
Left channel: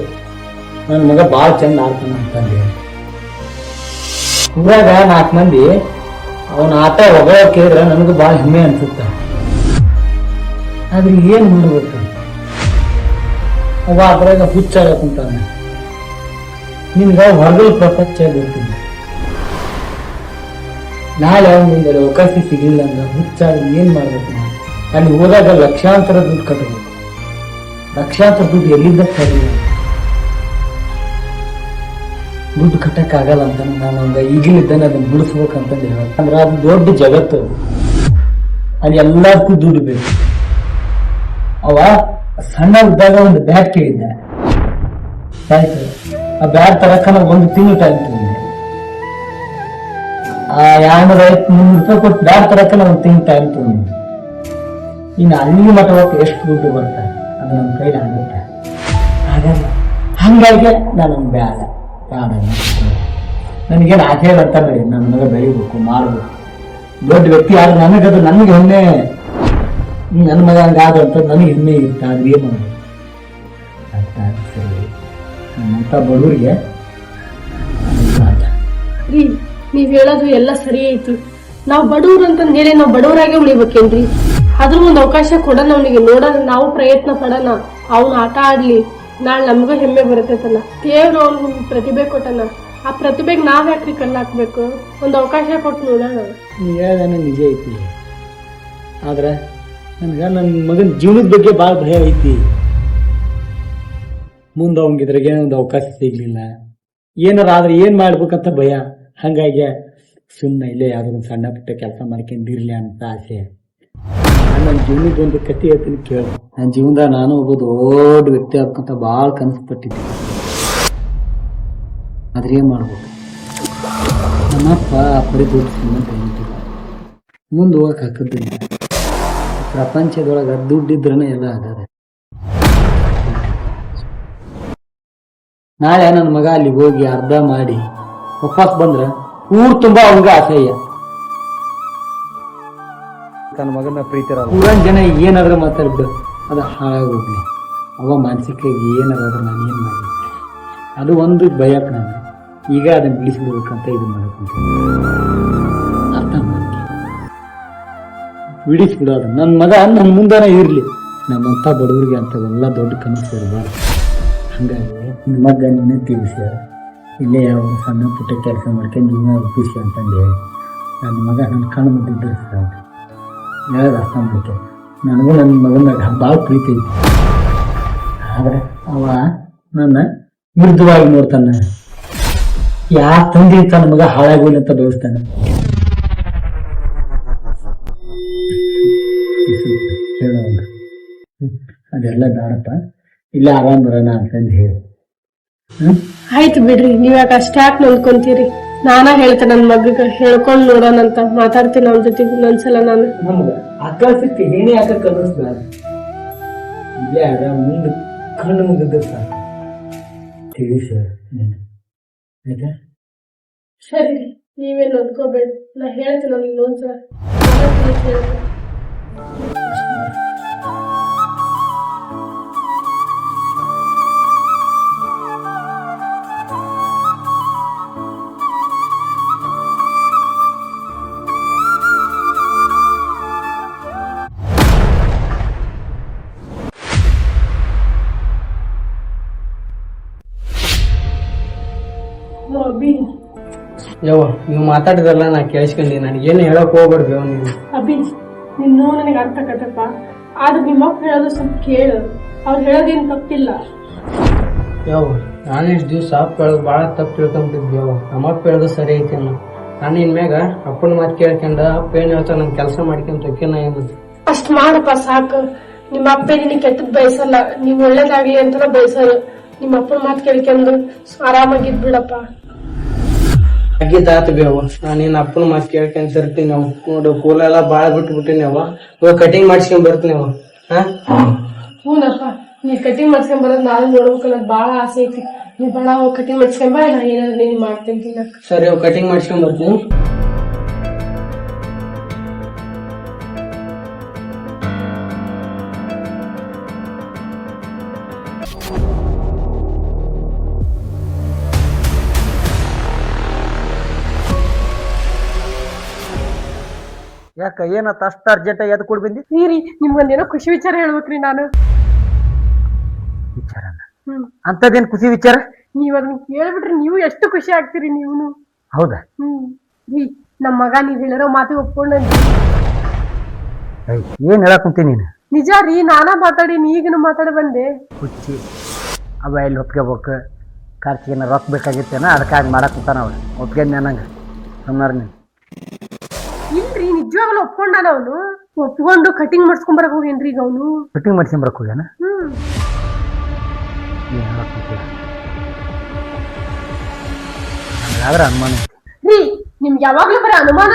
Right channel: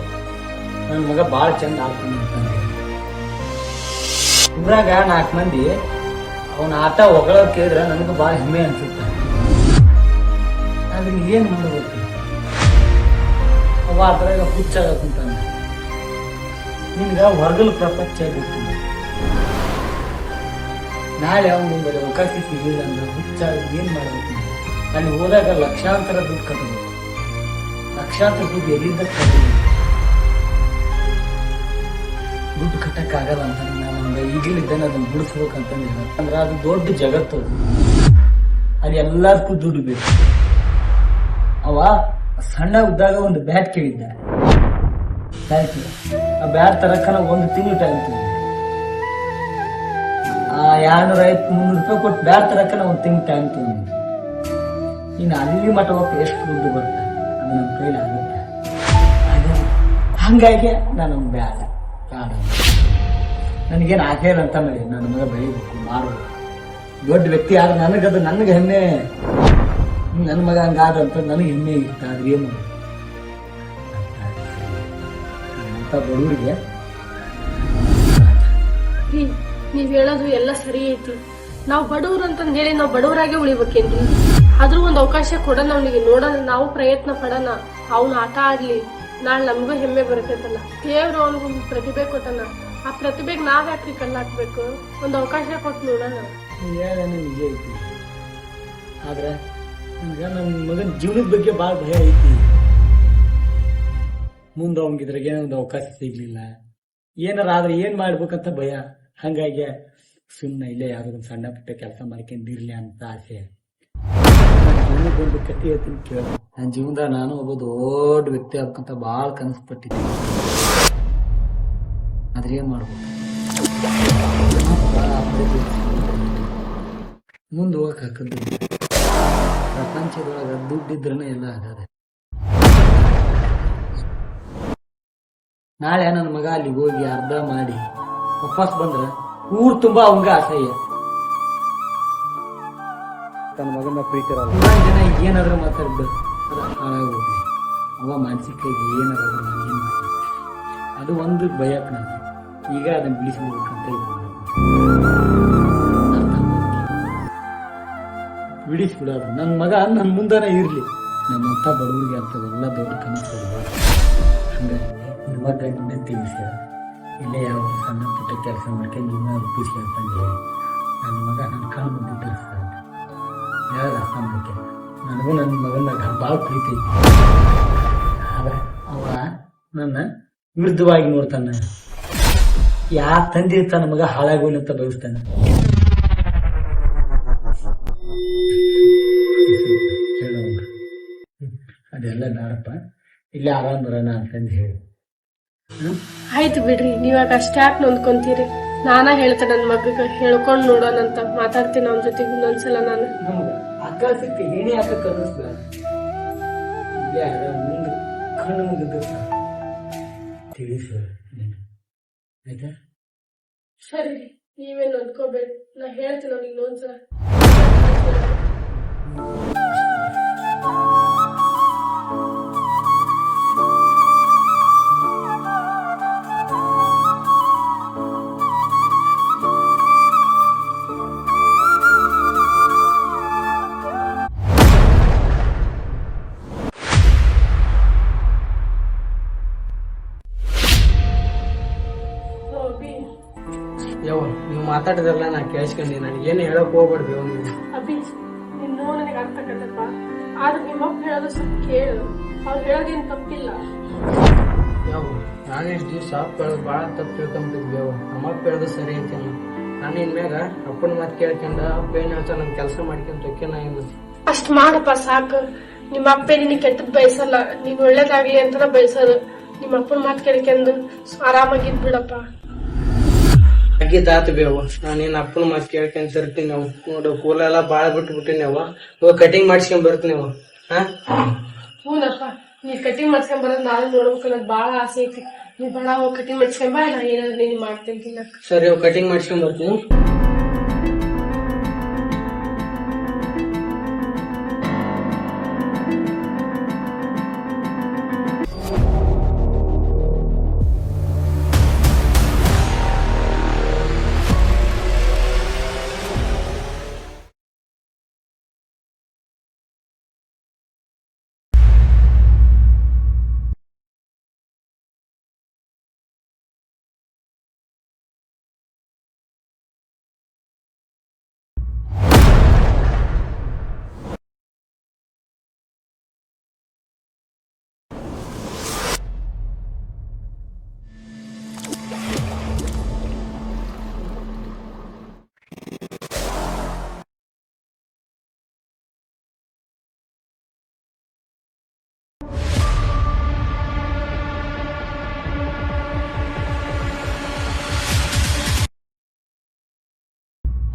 ನನ್ನ ಮಗ ಭಾಳ ಚಂದ ಆಡ್ತಾನ ಅಂತಂದು. ಊರಾಗ 4 ಮಂದಿ ಅವನ ಆಟ ಹೊಗಳ ಕೇಳಿದ್ರೆ ನನಗೂ ಭಾಳ ಹೆಮ್ಮೆ ಅನ್ಸುತ್ತೆ. ಆದ್ರೆ ಏನ್ ಮಾಡ್ಬೇಕು, ಅವ ಅದ್ರಾಗ ಹುಚ್ಚಾಗ ಕುಂತಾನೆ. ನಿನ್ಗ ಹೊರಗಲ ಪ್ರಪಂಚ ಗೊತ್ತಿಲ್ಲ, ನಾಳೆ ಅವನ ಮುಂದೆ ಅವಕಾಶ ಸಿಗಲಿಲ್ಲ ಅಂದ್ರೆ ಹುಚ್ಚಾಗ ಏನ್ ಮಾಡ್ಬೇಕು. ಅಲ್ಲಿ ಹೋದಾಗ ಲಕ್ಷಾಂತರ ದುಡ್ಡು ಕಟ್ಟಬೇಕು, ಲಕ್ಷಾಂತರ ದುಡ್ಡು ಎಲ್ಲಿಂದ ಸರಿ ದುಡ್ಡು ಕಟ್ಟಕ್ ಆಗಲ್ಲ ಅಂತ ನಾನು ಅವಂಗ ಈಗಿನಿದ್ದಾನೆ ಅದನ್ನ ಬಿಡಿಸ್ಬೇಕಂತಂದು ಹೇಳ. ಅಂದ್ರೆ ಅದು ದೊಡ್ಡ ಜಗತ್ತು, ಅಲ್ಲಿ ಎಲ್ಲದಕ್ಕೂ ದುಡ್ಡು ಬೇಕು. ಅವ ಸಣ್ಣ ಇದ್ದಾಗ ಒಂದು ಬ್ಯಾಟ್ ಕೇಳಿದ್ದ, ಆಯ್ತು ಆ ಬ್ಯಾಟ್ ತರಕನ 1 ತಿಂಗಳು ಟೈಮ್ ತಗೊಂಡೆ. ಆ 250-300 ರೂಪಾಯಿ ಕೊಟ್ಟು ಬ್ಯಾಟ್ ತರಕನ 1 ತಿಂಗಳು ಟೈಮ್ ತಗೊಂಡೆ. ಇನ್ನು ಅಲ್ಲಿ ಮಠ ಎಷ್ಟು ದುಡ್ಡು ಬರ್ತಾರೆ ಅದು ನಮ್ಮ ಕೈಲಿ ಆಗುತ್ತೆ ಆಗಲ್ಲ. ಹಂಗಾಗಿ ನಾನು ಅವ್ನು ಬೇಡ ನನಗೇನು ಆಸೆ ಇಲ್ಲ ಅಂತ ಬೇಡಿ, ನನ್ನ ಮಗ ಬೆಳಿಬೇಕು ಮಾಡಬೇಕು ದೊಡ್ಡ ವ್ಯಕ್ತಿ ಆದ್ರೆ ನನಗದು ನನಗೆ ಹೆಮ್ಮೆ. ನನ್ನ ಮಗ ಹಂಗಾದ ಅಂತ ನನಗೆ ಹೆಮ್ಮೆ ಇರುತ್ತೆ. ಆದ್ರೆ ಏನು ಸರಿ ನಮ್ಮಂತ ಬಡವರಿಗೆ ರೀ ನೀವ್ ಹೇಳೋದು ಎಲ್ಲ ಸರಿ ಐತಿ. ನಾವ್ ಬಡವ್ರು ಅಂತಂದ್ ಹೇಳಿ ನಾವ್ ಬಡವರಾಗೆ ಉಳಿಬೇಕೇನ್ರಿ? ಅದ್ರ ಒಂದ್ ಅವಕಾಶ ಕೊಡೋಣ ಅವನಿಗೆ, ನೋಡೋಣ ನಾವು ಪ್ರಯತ್ನ ಪಡೋಣ, ಅವ್ನ ಆಟ ಆಡ್ಲಿ, ನಾಳೆ ನಮಗೂ ಹೆಮ್ಮೆ ಬರ್ತೈತಲ್ಲ. ದೇವ್ರು ಅವ್ನಿಗೊಂದು ಪ್ರತಿಭೆ ಕೊಟ್ಟನ, ಆ ಪ್ರತಿಭೆಗೆ ನಾವ್ ಯಾಕ್ರಿ ಕಲ್ಲು ಹಾಕ್ಬೇಕು? ಒಂದ್ ಅವಕಾಶ ಕೊಟ್ಟು ನೋಡೋಣ. ನೀ ಹೇಳ್ದಾನೆ ನಿಜ ಐತಿ, ಆದ್ರೆ ನನ್ಗ ನನ್ನ ಮಗನ ಜೀವನದ ಬಗ್ಗೆ ಭಾಳ ಭಯ ಐತಿ. ಮುಂದೆ ಅವಂಗಿದ್ರಾಗೆ ಒಂದು ಅವಕಾಶ ಸಿಗ್ಲಿಲ್ಲ, ಏನಾರ ಆದ್ರೆ ಏನ್ ಮಾಡ್ಬೇಕಂತ ಭಯ. ಹಂಗಾಗಿ ಸುಮ್ಮನೆ ಇಲ್ಲೇ ಯಾವ್ದೋ ಒಂದು ಸಣ್ಣ ಪುಟ್ಟ ಕೆಲಸ ಮಾಡ್ಕೊಂಡಿರ್ಲಿ ಅಂತ ಆಸೆ. ನನ್ನ ಜೀವನದೊಂದು ಕಥೆ ಹೇಳ್ತೀನಿ ಕೇಳ. ನನ್ನ ಜೀವನದಾಗ ನಾನು ಒಬ್ಬ ದೊಡ್ಡ ವ್ಯಕ್ತಿ ಆಗ್ಬೇಕಂತ ಭಾಳ ಕನಸು ಪಟ್ಟಿದ್ದೆ. ಆದ್ರೆ ಏನ್ ಮಾಡ್ಬೇಕು, ನಮ್ಮಪ್ಪ ಮುಂದೆ ಹೋಗಕ್ ಹಾಕದ್ದಿಲ್ಲ. ಪ್ರಪಂಚದೊಳಗ ದುಡ್ಡಿದ್ರನೇ ಎಲ್ಲ ಆಗದೆ. ನಾಳೆ ನನ್ನ ಮಗ ಅಲ್ಲಿ ಹೋಗಿ ಅರ್ಧ ಮಾಡಿ ವಾಪಸ್ ಬಂದ್ರ ಊರ್ ತುಂಬಾ ಅವಂಗ ಅಸಹ್ಯ. ತನ್ನ ಮಗನ ಪ್ರೀತಿ ಊರನ್ ಜನ ಏನಾದ್ರೂ ಮಾತಾಡ್ಬಿಡು, ಅದು ಹಾಳಾಗಿ ಹೋಗ್ಲಿ. ಅವ ಮಾನಸಿಕವಾಗಿ ಏನಾರಾದ್ರೂ ನಾನು ಏನ್ ಮಾಡಿ, ಅದು ಒಂದು ಭಯಕ್ ನಾನು ಈಗ ಅದನ್ನ ಬಿಡಿಸ್ಬಿಡ್ಬೇಕಂತ ಇದು ಮಾಡಕ್ ಅರ್ಥ ಮಾಡ್ತೀನಿ. ಬಿಡಿಸ್ಬಿಡೋದು ನನ್ನ ಮಗ ನನ್ನ ಮುಂದನ ಇರ್ಲಿ. ನಮ್ಮಂತ ಬಡವರಿಗೆ ಅಂತವೆಲ್ಲ ದೊಡ್ಡ ಕನಸು ಇರಬಾರ್ದು. ಹಂಗಾಗಿ ನಿಮ್ಮ ಮಗ ನೀನೇ ತಿಳಿಸಿ, ಇಲ್ಲೇ ಯಾವ ಸಣ್ಣ ಪುಟ್ಟ ಕೆಲಸ ಮಾಡ್ಕೊಂಡು ನೀವೇ ಒಪ್ಪಿಸಿ ಅಂತಂದು ಹೇಳಿ ನನ್ನ ಮಗ ನನ್ನ ಕಣ್ಣು ಮುಂದಿದ್ದರೆ ಸಾಕು. ಹೇಳೋದು ಅರ್ಥ ಮಾಡ್ಕೆ. ನನಗೂ ನನ್ನ ಮಗನಾಗ ಭಾಳ ಪ್ರೀತಿ ಐತಿ, ಆದ್ರೆ ಅವ ನನ್ನ ವಿರುದ್ಧವಾಗಿ ನೋಡ್ತಾನೆ. ಯಾ ತಂದೆ ತನ್ನ ಮಗ ಹಾಳಾಗೋಲಿ ಅಂತ ಬಯಸ್ತಾನೆ. ಹೇಳೋಂಗ ಅದೆಲ್ಲ ಬೇಡಪ್ಪ, ಇಲ್ಲೇ ಆರಾಮ್ ಬರೋಣ ಅಂತಂದು ಹೇಳಿ. ಆಯ್ತು ಬಿಡ್ರಿ, ನೀವ್ ಯಾಕೆ ಅಷ್ಟಾಕ್ ನೊಂದ್ಕೊಂತೀರಿ? ನಾನ ಹೇಳ್ತೇನೆ ನನ್ ಮಗಗ ಹೇಳ್ಕೊಂಡ್ ನೋಡೋಣಂತ ಮಾತಾಡ್ತೀನಿ ಅವ್ನ ಜೊತೆಗೆ ಇನ್ನೊಂದ್ಸಲ. ನಾನು ನಮ್ಗ ಆಕಾಶಕ್ಕೆ ಏನೇ ಹಾಕಕ್ ಅನ್ನಿಸ್ಬೇಡ, ಇಲ್ಲೇ ಆರಾಮ್ ಮುಂದೆ ಕಣ್ಣು ಮುಗಿದ ಸಾಕು ತಿಳಿಸ. ಆಯ್ತಾ? ಸರಿ, ನೀವೇನ್ ನೊಂದ್ಕೋಬೇಡಿ, ನಾ ಹೇಳ್ತೀನಿ ಅವ್ನಿಗೆ ಇನ್ನೊಂದ್ಸಲ. ಯವ್ವ ನೀವು ಮಾತಾಡಿದ್ರಲ್ಲ ನಾ ಕೇಳಿಸ್ಕೊಂಡಿ, ನನಗೇನು ಹೇಳಕ್ ಹೋಗ್ಬೇಡ್ರಿ ಯವ್ವ ನೀವು. ಅಭಿ ನಿನ್ನೂ ನನಗೆ ಅರ್ಥ ಆಗತ್ತಪ್ಪ, ಆದ್ರೆ ನಿಮ್ಮಪ್ಪ ಹೇಳೋದು ಸ್ವಲ್ಪ ಕೇಳು, ಅವ್ರು ಹೇಳೋದೇನು ತಪ್ಪಿಲ್ಲ. ಯವ್ವ ನಾನು ಇಷ್ಟು ದಿವಸ ಅಪ್ಪ ಹೇಳೋದು ಭಾಳ ತಪ್ಪು ತಿಳ್ಕೊಂಬಿಟ್ಟಿದ್ವಿ ಯವ್ವ. ನಮ್ಮಪ್ಪ ಹೇಳೋದು ಸರಿ ಐತಿ ಅನ್ನ. ನಾನು ಇನ್ಮ್ಯಾಗ ಅಪ್ಪನ ಮಾತು ಕೇಳ್ಕೊಂಡ ಅಪ್ಪ ಏನ್ ಹೇಳ್ತಾನ ನನ್ ಕೆಲಸ ಮಾಡ್ಕೊಂತ ನಾ ಏನು ಅಷ್ಟ್ ಮಾಡಪ್ಪ ಸಾಕು. ನಿಮ್ಮ ಅಪ್ಪ ನಿನಗೆ ಕೆಟ್ಟದ್ ಬಯಸಲ್ಲ, ನೀನ್ ಒಳ್ಳೇದಾಗ್ಲಿ ಅಂತನ ಬಯಸೋದು. ನಿಮ್ಮ ಅಪ್ಪನ ಮಾತು ಕೇಳ್ಕೊಂಡು ಆರಾಮಾಗಿದ್ ಬಿಡಪ್ಪ. ಆಗಿದ್ದಾತ ಬೇವ, ನಾನೇನ್ ಅಪ್ಪನ ಮಾತು ಕೇಳ್ಕೊಂತ ಇರ್ತೀನಿ. ನಾವು ನೋಡು ಕೂಲೆಲ್ಲ ಬಾಳ ಬಿಟ್ಬಿಟ್ಟಿನಿ ಅವ. ಇವಾಗ ಕಟಿಂಗ್ ಮಾಡ್ಸ್ಕೊಂಡ್ ಬರ್ತೀನಿ ಅವ. ಹಾ ಹೂನಪ್ಪ, ನೀ ಕಟಿಂಗ್ ಮಾಡ್ಸ್ಕೊಂಡ್ ಬರೋದ್ ನಾನು ನೋಡ್ಬೇಕಲ್ಲ, ಬಾಳ ಆಸೆ ಐತಿ. ನೀ ಬಡ ಹೋಗಿ ಕಟಿಂಗ್ ಮಾಡ್ಸ್ಕೊಂಡ್ ಬಾ, ನಾ ಏನಾದ್ರು ನೀನ್ ಮಾಡ್ತೀನಿ ತಿನ್ನಕ್. ಸರಿ, ಅವ್ ಕಟಿಂಗ್ ಮಾಡ್ಸ್ಕೊಂಡ್ ಬರ್ತೀನಿ. ಯಾಕ ಏನತ್ತ ಅಷ್ಟ ಅರ್ಜೆಂಟ್ ಎದ್ ಕೊಡ್ ಬಂದಿ? ರೀ ನಿಮ್ಗೊಂದೇನೋ ಖುಷಿ ವಿಚಾರ ಹೇಳ್ಬೇಕ್ರಿ ನಾನು. ವಿಚಾರನ ಅಂತದೇನ್ ಖುಷಿ ವಿಚಾರ? ನೀವ್ ಅದನ್ನ ಕೇಳ್ಬಿಟ್ರಿ ನೀವು ಎಷ್ಟು ಖುಷಿ ಆಗ್ತೀರಿ ನೀವುನು. ಹೌದಾ? ರೀ ನಮ್ ಮಗ ನೀವ್ ಹೇಳಿರೋ ಮಾತಿಗೆ ಒಪ್ಕೊಂಡ. ಏನ್ ಹೇಳಕ್ ಕುಂತಿ ನೀನು? ನಿಜ ರೀ, ನಾನಾ ಮಾತಾಡೀನಿ, ಈಗನು ಮಾತಾಡಿ ಬಂದೆ. ಹುಚ್ಚಿ ಅವ ಎಲ್ಲಿ ಒಪ್ಕೋಬೇಕು, ಖರ್ಚಿಗೆ ರೊಕ್ಕ ಬೇಕಾಗಿತ್ತೇನ, ಅದಕ್ಕಾಗಿ ಮಾಡಕ್ ಕುಂತಾನ ಅವ್ರು. ಒಪ್ಕೊಂಡ್ ನಂಗೆ ಸುಮ್ನಾರ ನೀನು. ಇಲ್ರಿ, ನಿಜವಾಗ್ಲೂ ಒಪ್ಕೊಂಡಾನ ಅವನು. ಒಪ್ಕೊಂಡು ಕಟಿಂಗ್ ಮಾಡ್ಸ್ಕೊಂಡ್ ಬರಕ್ ಹೋಗೇನ್ರಿ ಈಗ ಅವನು. ಕಟಿಂಗ್ ಮಾಡ್ಸ್ಕೊಂಬರಕ್ ಹೋಗ್ಯಾನ? ಆದ್ರೆ ಅನುಮಾನ ರೀ, ನಿಮ್ಗೆ ಯಾವಾಗ್ಲೂ ಬರೀ ಅನುಮಾನ.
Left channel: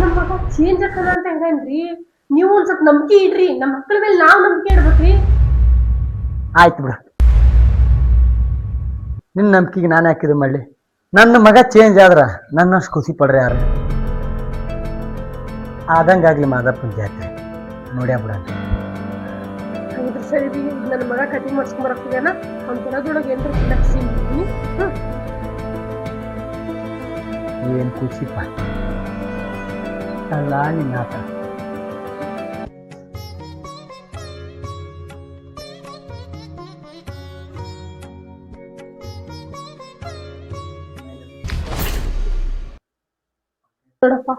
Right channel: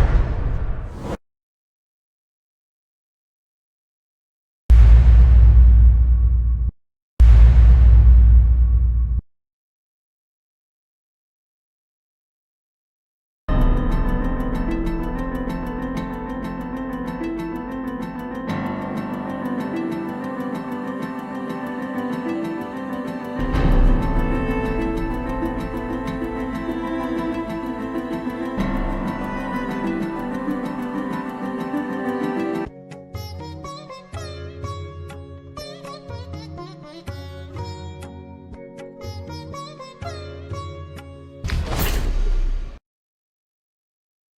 ನಮ್ಮ ಮಗ ಚೇಂಜ್ ಆಗ್ತಾನ ಅಂತ ಹೆಂಗನ್ರಿ? ನೀವು ಒಂದ್ ಸ್ವಲ್ಪ ನಂಬಿಕೆ ಇಡ್ರಿ, ನಮ್ಮ ಮಕ್ಕಳ ಮೇಲೆ ನಾವ್ ನಂಬಿಕೆ ಇಡ್ಬೇಕ್ರಿ. ಆಯ್ತು ಬಿಡು, ನಿನ್ನ ನಂಬಿಕೆಗೆ ನಾನು ಹಾಕಿದ್ದು ಮಾಡ್ಲಿ. ನನ್ನ ಮಗ ಚೇಂಜ್ ಆದ್ರ ನನ್ನಷ್ಟು ಖುಷಿ ಪಡ್ರಿ ಯಾರು? ಆದಂಗಾಗ್ಲಿ ಮಾದಪ್ಪನ ಜಾತಿ ನೋಡ್ಯಾ ಬಿಡ. ಸರಿ ರೀ, ನನ್ನ ಮಗ ಕಟಿಂಗ್ ಮಾಡ್ಸ್ಕೊಂಡ್ ಬರಕ್ ಹೋಗ್ಯಾನ. ಅವ್ನ ದಿನದೊಳಗೆ ಏನ್ ಖುಷಿ ಅಲ್ಲ ನಿನ್ನ ಆಟ. ನೋಡಪ್ಪ,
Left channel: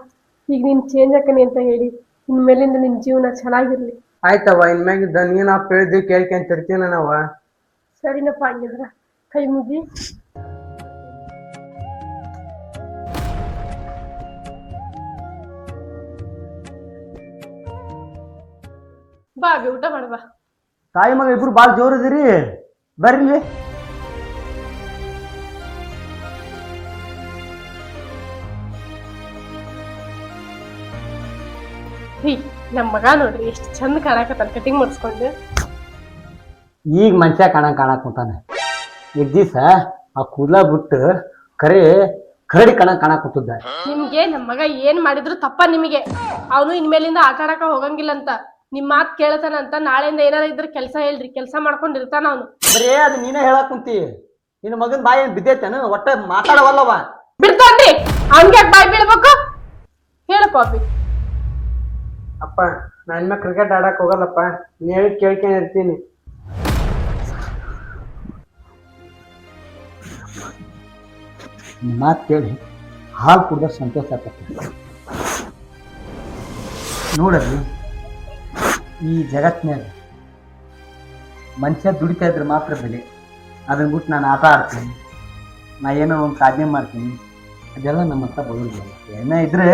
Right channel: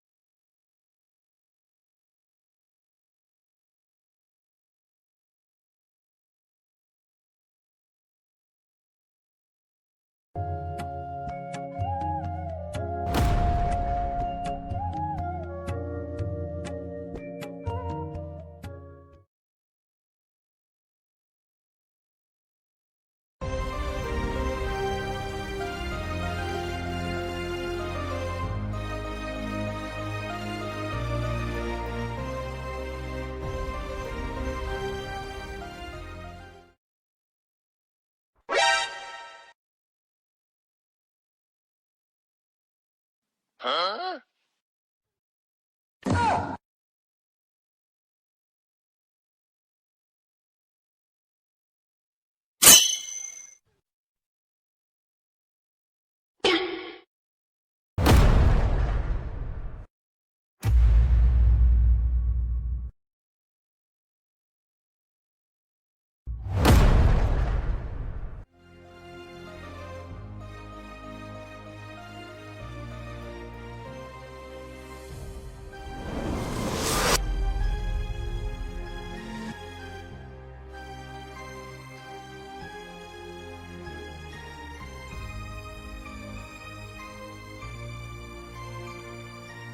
ಈಗ ನೀನ್ ಚೇಂಜ್ ಆಕನಿ ಅಂತ ಹೇಳಿ ಇನ್ಮೇಲಿಂದ ನಿನ್ ಜೀವನ ಚೆನ್ನಾಗಿರ್ಲಿ. ಆಯ್ತವ, ಇನ್ಮ್ಯಾಗಿದ್ದ ನೀನ್ ಅಪ್ಪ ಹೇಳಿದ್ವಿ ಕೇಳ್ಕೊಂತ ಇರ್ತೀನ ನಾವ. ಸರಿನಪ್ಪ, ಹಂಗಿದ್ರ ಕೈ ಮುಗಿ. ಬಾ ಅಭಿ, ಊಟ ಮಾಡುವ. ತಾಯಿ ಮಗ ಇಬ್ರು ಬಾಳ ಜೋರ್ ಇದೀರಿ, ಬರ್ರಿ. ನಮ್ ಮಗ ನೋಡ್ರಿ ಎಷ್ಟು ಚಂದ ಕಾಣಕತ್ತಾನ ಕಟಿಂಗ್ ಮಾಡಿಸ್ಕೊಂಡು. ಈಗ ಮನುಷ್ಯ ಕಾಣಕ್ ಕುಂತಾನೆ. ಈಗ ದಿವಸ ಆ ಕೂದಲ ಬಿಟ್ಟು ಕರೆ ಕರಡಿ ಕಾಣಕ್ ಕುಂತಿದ್ದ. ನಿಮ್ಗೆ ನಮ್ ಮಗ ಏನ್ ಮಾಡಿದ್ರು ತಪ್ಪ ನಿಮಗೆ. ಅವನು ಇನ್ಮೇಲಿಂದ ಆಟ ಆಡಕ ಹೋಗಂಗಿಲ್ಲ ಅಂತ ನಿಮ್ ಮಾತ್ ಕೇಳ್ತಾನ ಅಂತ ನಾಳೆಯಿಂದ ಏನಾರ ಇದ್ರ ಕೆಲ್ಸ ಹೇಳ್ರಿ, ಕೆಲ್ಸ ಮಾಡ್ಕೊಂಡ್ ಇರ್ತಾನ ಅವನು. ಬರೇ ಅದು ನೀನೇ ಹೇಳಕ್ ಕುಂತಿ. ನಿನ್ನ ಮಗನ್ ಬಾಯಿ ಏನ್ ಬಿದ್ದೈತೇನು? ಒಟ್ಟ ಮಾತಾಡವಲ್ಲವ. ಬಿಡ್ತಾನ್ರಿ, ಹಂಗೆ ಬಾಯ್ ಬೀಳ್ಬೇಕು. ಹೇಳಪ್ಪ ಅಭಿ. ಅಪ್ಪ, ನಾ ಇನ್ಮ್ಯಾಗ ಕ್ರಿಕೆಟ್ ಆಡಕ್ ಹೋಗಲ್ಲಪ್ಪ, ನೀ ಹೇಳಿ ಕೇಳ್ಕೊಂಡ್ ಇರ್ತೀನಿ. ಮಾತು ಕೇಳಿ ಹಾಲು ಕುಡ್ದ ಸಂತೋಷ ಆಗ್ತದೆ. ನೋಡ್ರಿ, ಈ ಜಗತ್ತಿನಾಗ ಮನುಷ್ಯ ದುಡಿತಾ ಇದ್ರೆ ಮಾತ್ರ ಬೆಲೆ. ಅದನ್ನ ಬಿಟ್ಟು ನಾನು ಆಟ ಆಡ್ತೀನಿ, ನಾ ಏನೋ ಒಂದು ಸಾಧನೆ ಮಾಡ್ತೀನಿ, ಅದೆಲ್ಲ ನಮ್ಮ ಹತ್ರ ಬರೋದಿಲ್ಲ. ಏನೋ ಇದ್ರೆ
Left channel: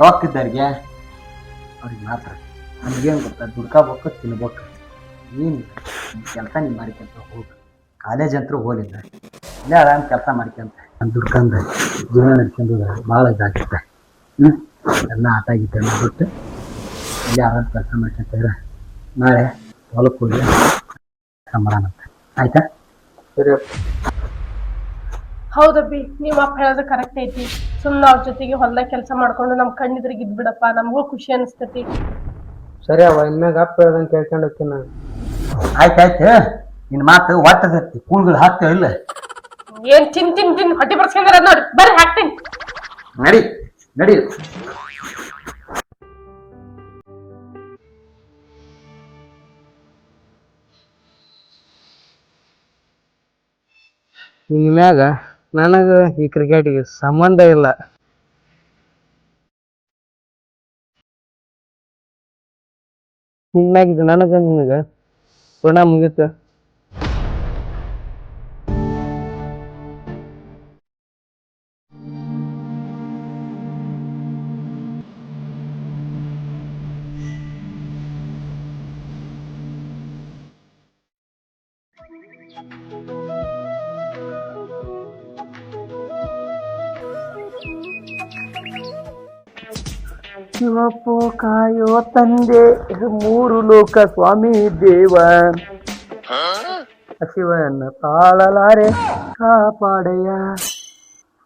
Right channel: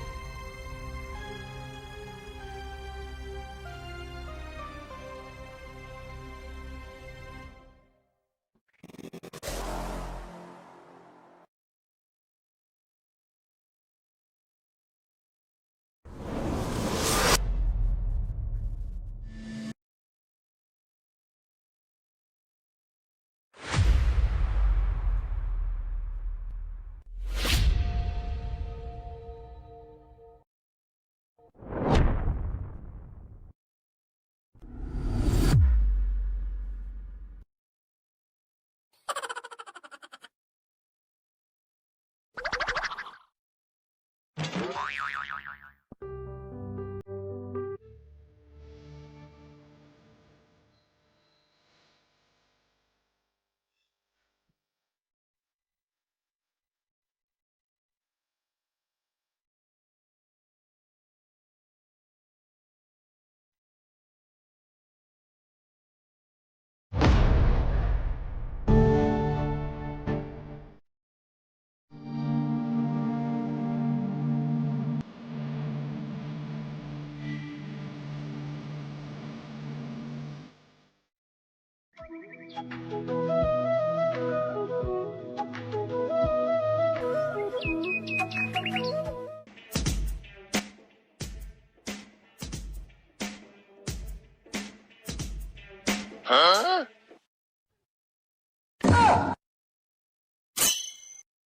ರೊಕ್ಕಿದ್ದವ್ರಿಗೆ ಅವ್ರಿಗೆ ಮಾತ್ರ. ನಮಗೇನು ಗೊತ್ತಾ, ದುಡ್ಕೋಬೇಕು, ತಿನ್ಬೇಕು. ನೀನು ಕೆಲಸ ನೀನು ಮಾಡ್ಕೊಂತ ಹೋಗು. ಕಾಲೇಜ್ ಅಂತೂ ಹೋಲಿಲ್ಲ, ಇಲ್ಲೇ ಆರಾಮ್ ಕೆಲಸ ಮಾಡ್ಕೊಂತ ದುಡ್ಕಂದ್ರೆ ಜೀವನ ನಡ್ಕೊಂಡು ಭಾಳ ಇದಾಗುತ್ತೆ. ಎಲ್ಲ ಆಟ ಗೀಟ ಬಿಟ್ಟು ಇಲ್ಲೇ ಆರಾಮ್ ಕೆಲಸ ಮಾಡ್ಕೊಂತ ನಾಳೆ ಹೊಲಕ್ಕೆ ಹೋಗಿ ಕೆಲಸ ಮಾಡೋಣಂತ. ಆಯ್ತಾ? ಸರಿ. ಹೌದಬ್ಬಿ, ನೀವ್ ಅಪ್ಪ ಹೇಳೋದು ಕರೆಕ್ಟ್ ಐತಿ. ಸುಮ್ನ ಅವ್ರ ಜೊತೆಗೆ ಹೊಲ್ದಾಗ ಕೆಲಸ ಮಾಡ್ಕೊಂಡು ನಮ್ ಕಣ್ಣಿದ್ರಿಗೆ ಇದ್ಬಿಡಪ್ಪ, ನಮಗೂ ಖುಷಿ ಅನಿಸ್ತೈತಿ. ಸರಿ ಅವ, ಇನ್ಮ್ಯಾಗ ಅಪ್ಪ ಹೇಳ್ದಂಗೆ ಕೇಳ್ಕೊಂಡು ಹೋಗ್ತೀನಿ ನಾನು. ಆಯ್ತಾಯ್ತು, ನಿನ್ನ ಮಾತು ಒಟ್ಟದತ್ತಿ ಕೂಳ್ಗಳು ಹಾಕ್ತೇವೆ ಇಲ್ಲ? ಏನ್ ತಿನ್ ಹೊಟ್ಟೆ ಬರ್ಸ್ಕೊಂಡ್ರ ನೋಡಿ, ಬರ್ರಿ ಹಾಕ್ತೀನಿ. ನಡಿ ನಡಿ. ಇನ್ಮ್ಯಾಗ ನನಗ ಈ ಕ್ರಿಕೆಟ್ಗೆ ಸಂಬಂಧ ಇಲ್ಲ. ಇನ್ಮ್ಯಾಗ ನನಗ ನಿನಗ ಋಣ ಮುಗೀತು. ಶಿವಪ್ಪು ಕಾಯೋ ತಂದೆ ಮೂರು ಲೋಕ ಸ್ವಾಮಿ ದೇವ ಶಿವನ ತಾಳಲಾರೆ ಕಾಪಾಡಯ್ಯ.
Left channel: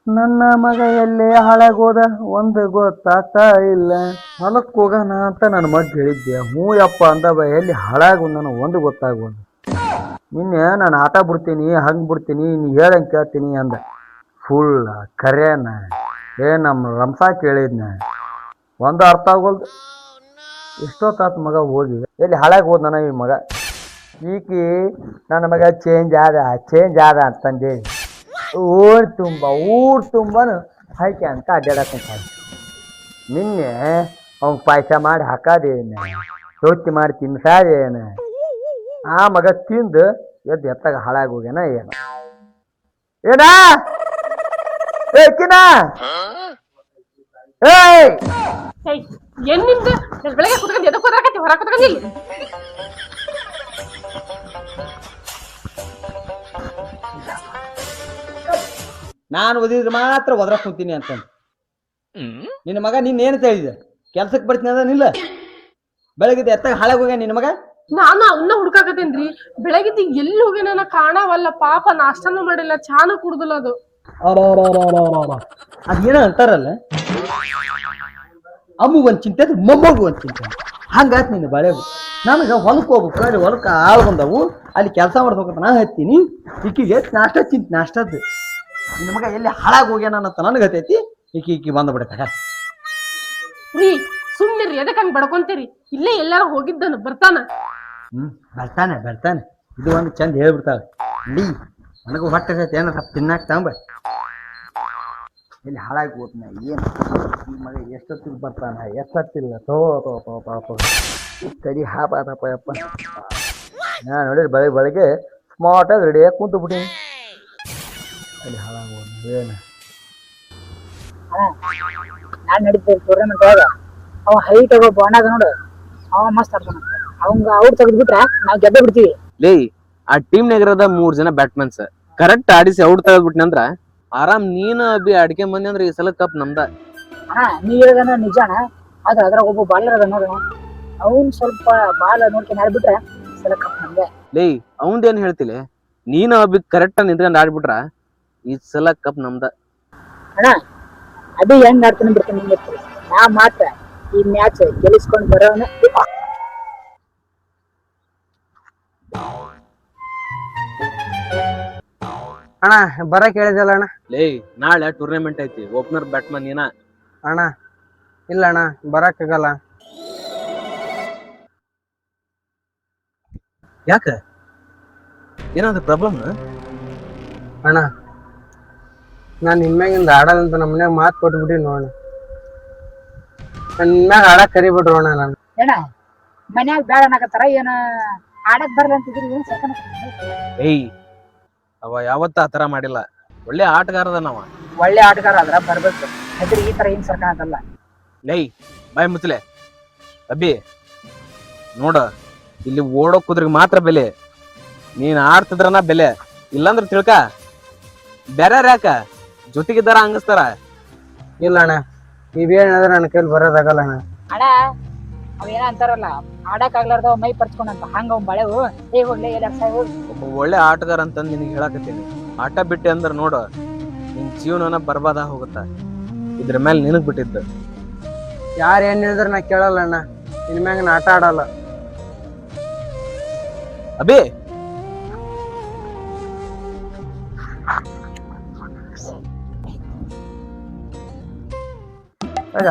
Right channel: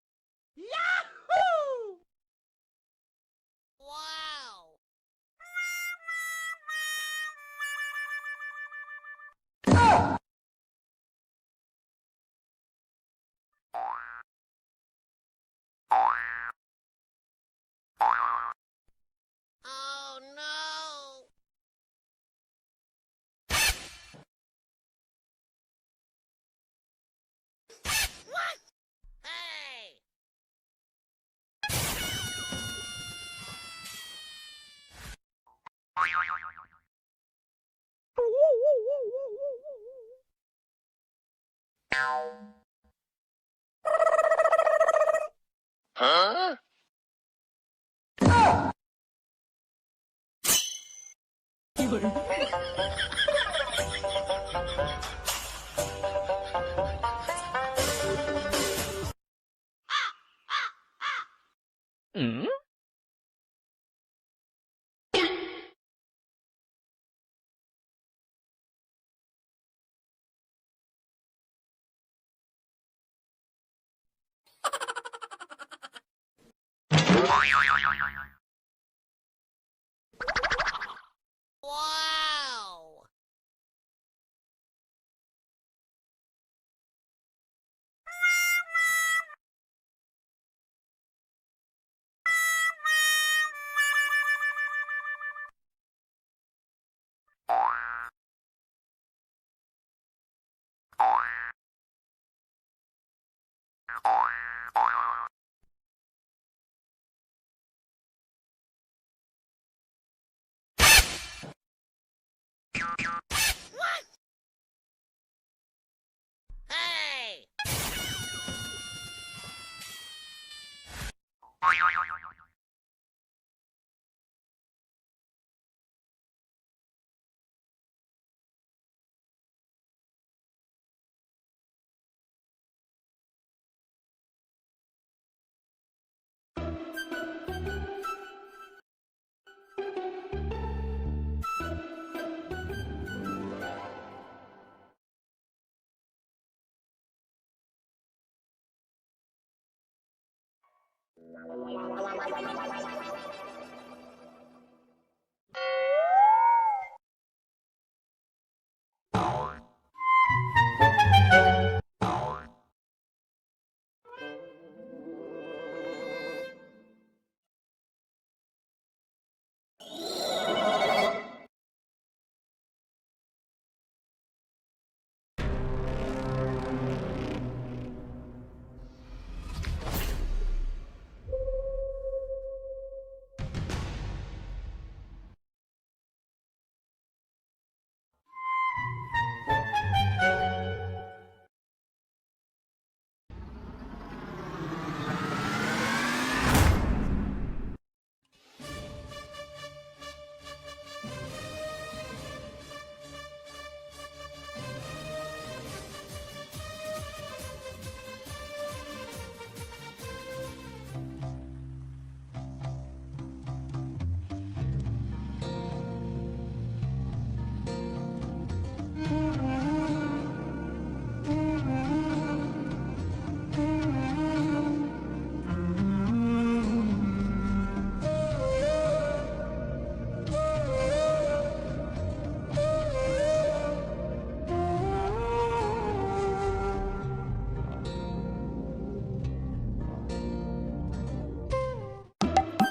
ನನ್ನ ಮಗ ಎಲ್ಲೇ ಹಾಳಾಗೋದ ಒಂದು ಗೊತ್ತಾಗ್ತಾ ಇಲ್ಲ. ಹೊಲಕ್ಕೆ ಹೋಗೋಣ ಅಂತ ನನ್ನ ಮಗ ಹೇಳಿದ್ದೆ. ಹ್ಞೂ ಯಪ್ಪ ಅಂದ ಎಲ್ಲಿ ಹಾಳಾಗೋದು ನನಗೆ ಒಂದು ಗೊತ್ತಾಗೋದು. ನಿನ್ನೆ ನಾನು ಆಟ ಬಿಡ್ತೀನಿ ಹಂಗೆ ಬಿಡ್ತೀನಿ ನೀ ಹೇಳಂಗೆ ಕೇಳ್ತೀನಿ ಅಂದ. ಫುಲ್ ಕರೆಯನ ನಮ್ಮ ರಂಸ ಕೇಳಿದ್ನ ಒಂದು ಅರ್ಥ ಆಗೋಲ್ದು. ಎಷ್ಟೊತ್ತಾತ ಮಗ ಹೋಗಿ ಎಲ್ಲಿ ಹಾಳಾಗಿ ಹೋದ್ ನನ್ನ ಈ ಮಗ. ಈಕಿ ನನ್ನ ಮಗ ಚೇಂಜ್ ಆದ ಅಂತಂದೇಳಿ ಊರು ತುಂಬನು ಹಾಕಿ ಅಂತ ಅಡ್ಡಾಡಕ್ಕಂತ. ನಿನ್ನೆ ಅವ್ನು ಪಾಯಸ ಮಾಡಿ ಹಾಕೋದೇನು ರೊಟ್ಟಿ ಮಾಡಿ ತಿನ್ಸಾದೇನು ಆ ಮಗ ತಿಂದು ಎದ್ದು ಎತ್ತಾಗ ಹಾಳಾಗಿ ಹೋಗ್ಯಾನ ಏನು ಏನಾ ಏಕಿನ ಏಯ್ ಏನ್ ನಿಮ್ದು ಬೆಳಗ್ಗೆ ಕುತ್ಕೊಂಡು ಎದಕ್ಕೆ ಹೋದ್ರಾಕತ್ತಿ ಹೊರ ಕುತ್ಕೊಂಡಿ ನಾನು ಓದಿದ್ರೆ ಮಾತ್ರ ಒದ್ರಕ್ ಕುಂತೀನಿ ಅಂತ. ನಿನ್ನ ಮಗ ನಿನ್ನೇನು ಹೇಳಿದೆ ಕೆಲ್ಸಕ್ಕೆ ಬರ್ತೀನಿ ಅದನಿಲ್ಲ ಬೆಳಗ್ಗೆ ಎತ್ತಾಗ ಹಾಳಾಗಿ ಹೋಗ್ಯ ನಿನ್ನ ಮಗ. ನಾನು ಅವನ್ನ ಹುಡ್ಕಾಕತ್ತೇನ್ರಿ. ಬೆಳಗಿದ್ದು ಎಲ್ಲಿ ಹೋಗ್ಯಾನ ಕಾಣವಲ್ಲ. ಪಾಪ ನಾಷ್ಟನೂ ಮಾಡಿಲ್ಲ, ಚಾನು ಕುಡ್ದಿಲ್ಲ. ಅದು ಅದೇನೋ ಅಂತಾರಲ್ಲ ಅಮ್ಮಗ್ ಒಂದ್ ಚಿಂತೆ ಮೊಮ್ಮಗು ಒಂದ್ ಚಿಂತೆ ಹಂಗಾತ್ ನಿನ್ನ ಬಳೆವು. ನನಗೆ ಹೊಲಕ್ಕೆ ಹೋಗ್ಬೇಕು ಅಲ್ಲಿ ಹೊಲಕ್ಕೆ ಆಳು ಬಂದವು ಅಲ್ಲಿ ಕೆಲಸ ಮಾಡ್ಬೇಕಂತ ನಾ ಹತ್ತೀನಿ. ಈಕಿಗೆ ನಾಷ್ಟ ಚಿಂತೆ ನಾಷ್ಟದ್ದು ನಿನ್ನ ಮಗ ಎಲ್ಲಿ ಹಾಳಾಗಿ ಹೋಗ್ಯಾನ ಅಂತ ನನಗೆ ಹತ್ತೈತಿ. ಈಕಿ ಬಂದ್ಬಿಡತ್ತ ರೀ ಸುಮ್ನಿರಿ, ಎದಕ್ ಹಂಗ್ ಬಡ್ಕೊಂತೀರಿ? ಇಲ್ಲೇ ಎಲ್ಲಾರ ಹೋಗಿದ್ದನು ಬರ್ತಾನ. ಬರ್ತಾನೆ ಇದು ಒಂದು ಚಂದ ಹೇಳ್ಬಿಡ್ತಾವೆ. ನಡಿ ನನಗೂ ಹೊಟ್ಟೆ ಏನ ತಿನ್ನಾಕ ತಂಬ ಎಲ್ಲಿ ಹಾಳಾಗಿ ಹೋದ್ನ ಏನು ಈ ಮಗ ಎಷ್ಟೊತ್ತಿಗೆ ಬರ್ತಾನ ಎಷ್ಟೊತ್ತಿಲ್ಲ ತಡಿ ಹಾಪಾದಪ್ಪ ಯಪ್ಪ. ನಾನು ನೋಡಿರಿ ಬೆಳಗ್ಗೆ ಸ್ಮಾರ್ಟಾಗಿ ರೆಡಿಯಾಗಿ ಕುಂತು ಬಿಟ್ಟಿನಿ. ಅಲ್ಲಿ ಹಾಳಾಗೋದು ಏನು ನಾನ್ ನಡೀತೇವೆ ಟೂರ್ನಮೆಂಟ್ ಒಳಗ ಅವ ಹೈಟ್ ಆಗೋ ಬಾಣಾಗ ನೋಡು ಅವ ಮಸ್ತ್ ಆಡ್ತಾನ. ಅವಂಗ ಔಟ್ ತೆಗೆದ್ಬಿಟ್ರ ನಾವ್ ಗೆದ್ದ ಬಿಡ್ತೀವಿ. ಲೇ ಆ ಟೀಮ್ನಾಗ ಇರೋದ 3 ಜನ ಬ್ಯಾಟ್ಮನ್ಸ್ ಕರೆಕ್ಟ್ ಆಡಿಸಿ ಔಟ್ ತೆಗೆದ್ಬಿಟ್ನಿ ಅಂದ್ರ ಆರಾಮ್ ನೀನು ಅಭಿ ಅಡ್ಕೆ ಮಂದಿ ಅಂದ್ರ ಈ ಸಲ ಕಪ್ ನಮ್ದ. ನೀ ಹೇಳೋದನ್ನ ನಿಜಾನ, ಆದ್ರ ಅದ್ರಾಗ ಒಬ್ಬ ಬಾಲರ್ ಅದ ನೋಡ ಅವ್ನ್ ಸ್ವಲ್ಪ ಬಾಲ್ ನೋಡ್ಕೊಂಡು ಆಡ್ಬಿಟ್ರ ಈ ಸಲ ಕಪ್ ನಮ್ದೆ. ಲೇ ಅವಂದೇನ್ ಹೇಳ್ತಿಲಿ, ನೀನು ಅಭಿ ಕರೆಕ್ಟ್ ನಿಂತ್ಕೊಂಡ್ ಆಡ್ಬಿಟ್ರ ಈ ಸಲ ಕಪ್ ನಮ್ದ. ಅದು ಹೆಂಗ್ ಆಡ್ತಾನೆ ಬಿಡ್ತಾನೆ ನಿಂಗೆ ನಾ ಮಾತ್ರ ಈ ಮ್ಯಾಚ್ ಗೆಲ್ಲಿಸ್ಕೊಂಡ್ ಬರೋನ. ಅಣ್ಣ ಬರಕ್ ಹೇಳಿದಲ್ಲ ಅಣ್ಣ. ಲೇ ನಾಳೆ ಟೂರ್ನಮೆಂಟ್ ಐತಿ, ಓಪನರ್ ಬ್ಯಾಟ್ಮನ್ ಏನ? ಅಣ್ಣ ಇಲ್ಲ ಅಣ್ಣ ಬರಕ್ ಆಗಲ್ಲ. ಯಾಕ ಏನಾದ್ರು ಪ್ರಾಬ್ಲಮ್? ಅಣ್ಣ ನಾನು ನಿಮ್ಮ್ಯಾಗಿಂದ ಆಡಲ್ಲಂತ ನಮ್ಮ ಮನ್ಯಾಗ ಮಾತು ಕೊಟ್ಬಿಟ್ಟಿ ನೋಡ. ನನ್ನ ನಿಮ್ಮ್ಯಾಗ ಆಡಕ್ ಕರಿಬಿಡ್ರು ಅಣ್ಣ. ನಾನು ಏನ ಮನ್ಯಾಗ ಬ್ಯಾಡ ಅನ್ನಕತ್ತಾರ ಏನ ಆಡಕ್ ಬರ್ಲ ಅಂತಿದ್ರಿ? ಏಯ್ ಅವ ಯಾವತ್ತ ಆತರ ಮಾಡಿಲ್ಲ, ಒಳ್ಳೆ ಆಟಗಾರದ ನಾವ. ಒಳ್ಳೆ ಆಟಗಾರ ಆದ್ರ ಬರ್ಬೇಕು, ಈ ತರ ಏನ್ ಸರ್ಕಾರಲ್ಲ. ಲೈ ಬಾಯ್ ಮುಚ್ಚಲೆ ಅಬ್ಬಿ ನೋಡ, ಇಲ್ಲಿ ಓಡೋ ಕುದ್ರಿಗೆ ಮಾತ್ರ ಬೆಲೆ, ನೀನ್ ಆಡ್ತಿದ್ರನ ಬೆಲೆ, ಇಲ್ಲಾಂದ್ರ ತಿಳ್ಕ ಬ್ಯಾರ್ಯಾರ ಯಾಕ ಜೊತೆಗಿದ್ದಾರ ಹಂಗಸ್ತಾರ. ಇಲ್ಲ ಅಣ್ಣ ನೀವೇನಾದ್ರೆ ನನ್ನ ಕೈಲಿ ಬರೋದಾಗಲ್ಲ ಅಣ್ಣ. ಅಣ್ಣ ಅವೇನ ಅಂತಾರಲ್ಲ ಆಡಕ್ ಆಗ್ಲಾರ್ದ ಮೈ ಪರ್ಚ್ಕೊಂಡಂತ ಹಂಗ ಅವ್ ಬಳೆವು ಹೋಗ್ಲಿ ಒಳ್ಳೆ ಆಟಗಾರ ಅಂತಂದ್ ನಿನಗೆ ಹೇಳಕತ್ತೀನಿ. ಆಟ ಬಿಟ್ಟೆ ಅಂದ್ರ ನೋಡು ನಿನ್ ಜೀವನನ ಬರ್ಬಾದ ಹೋಗುತ್ತ. ಇದ್ರ ಮೇಲೆ ನಿನಗ್ ಬಿಟ್ಟಿದ್ದು. ಯಾರು ಏನ್ ಹೇಳಿದ್ರೆ ನಾ ಕೇಳಲ್ಲ ಅಣ್ಣ. ಇನ್ಮ್ಯಾಗ ನಾ ಆಟ ಆಡಲ್ಲ. ಅಬೇ